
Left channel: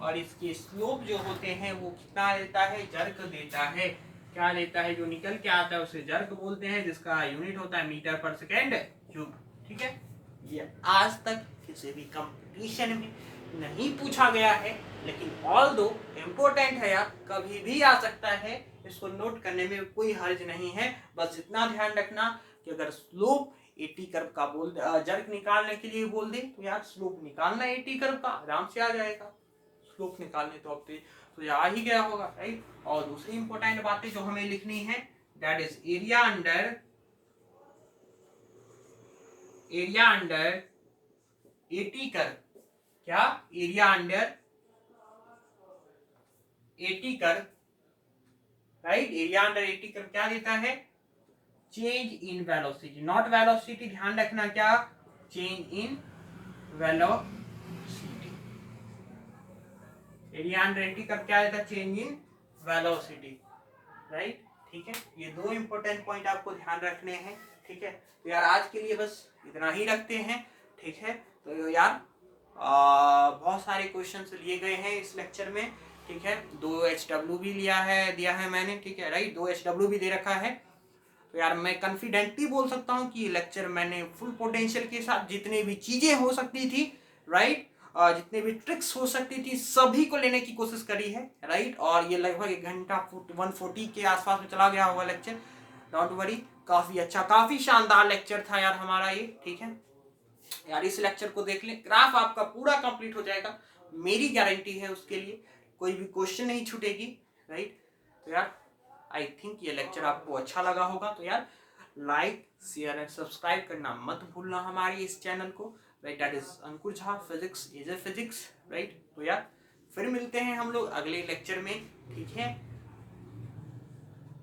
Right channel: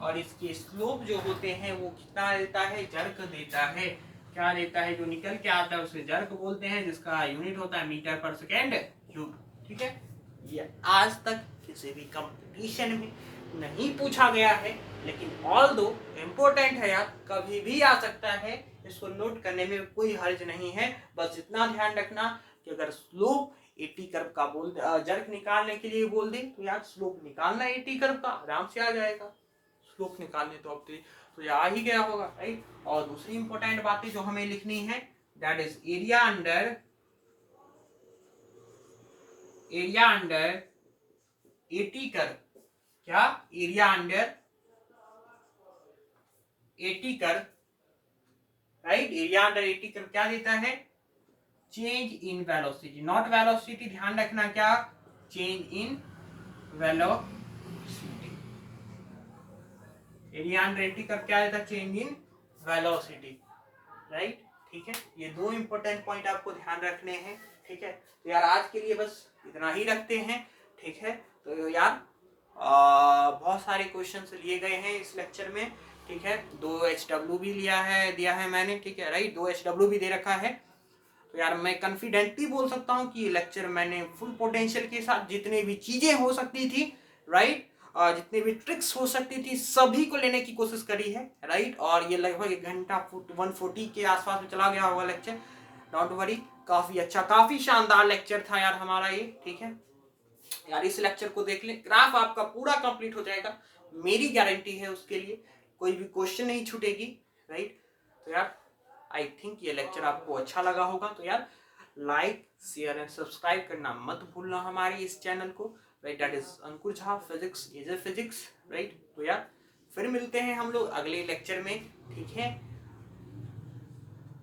और इसके स्लोप जो होते हैं वो कितना देता है, जर्क देता है, क्या देता है, जो निकल के आता है उसे जर्क बोलते हैं, जिसका यूनिट होता है मीटर पर सेकेंड क्यूब, ठीक है। ये आज तक किसी भी कंपटीशन में नहीं पूछा गया है, लेकिन ऑल दो इम्पोर्टेंट है यार, कभी भी आ सकता है, इसको नोट करने में कोई हर्ज नहीं है। बस इतना ध्यान रखना कि अगर स्लोप AT कर्व का बोल जर्क निकालने के लिए बोल दे तो यार स्लोप निकालना AT कर्व का आराम से आ जाएगा, स्लोप निकालने तो अब तो आ ही गया होगा, राइट। और दूसरी इंपॉर्टेंट बातें जो हमें लिखनी है, that is area under AT curve, क्या area under AT curve, right, area under AT curve क्या देता है, change in velocity, not velocity, ध्यान रखना, क्या change in velocity, area under AT curve क्या देता है, चेंज इन वेलोसिटी, राइट, ठीक है। ये दो इंपॉर्टेंट पॉइंट आपको ध्यान रखने हैं, ठीक है। तो यार आज के लिए बस इतना ही रखते हैं, ठीक है। तो यार बहुत सारे क्वेश्चंस लिए गए हैं इस लेक्चर में, ठीक है, 2 HW भी दिया है मैंने, ठीक है, राइट, 2 HW भी दे रखा है। तो यार मैं कॉन्फिडेंटली बोल सकता हूँ कि ये लेक्चर मैंने फुल पोटेंशियल के साथ जितने भी चीजें हो सकती थी, राइट, जितने भी ट्रिक्स हो सकती थी सभी को लेने की कोशिश करी है, राइट। और ये लगभग 1 घंटा 140 के आसपास में चला गया होगा लेक्चर, डोंट वरी, काफी अच्छा, काफी शानदार लेक्चर था यार हमारा ये, ठीक है। यार इस लेक्चर को देख लें, ग्राफ आपका पूरा कंप्लीट हो जाएगा, मेरी गारंटी है उसके लिए, कोई भी क्वेश्चन नहीं छूटेगी, राइट। तो यार आई थिंक ये लेक्चर आपको अच्छा लगा होगा, तो यार लाइक शेयर एंड सब्सक्राइब करना मत भूलना हमारी इस चैनल को, right, that is Ankur Jha physics is a physics, right. तो यार फिर मिलते हैं हम लोग अगले लेक्चर में, ठीक है,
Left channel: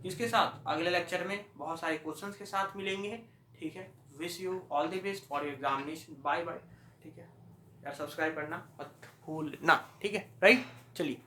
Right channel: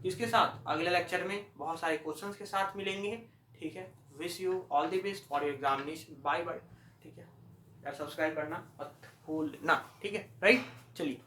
इसके साथ अगले लेक्चर में बहुत सारे क्वेश्चंस के साथ मिलेंगे, ठीक है। Wish you all the best for your examination, bye bye. ठीक है यार, सब्सक्राइब करना मत भूलना, ठीक है राइट। चलिए।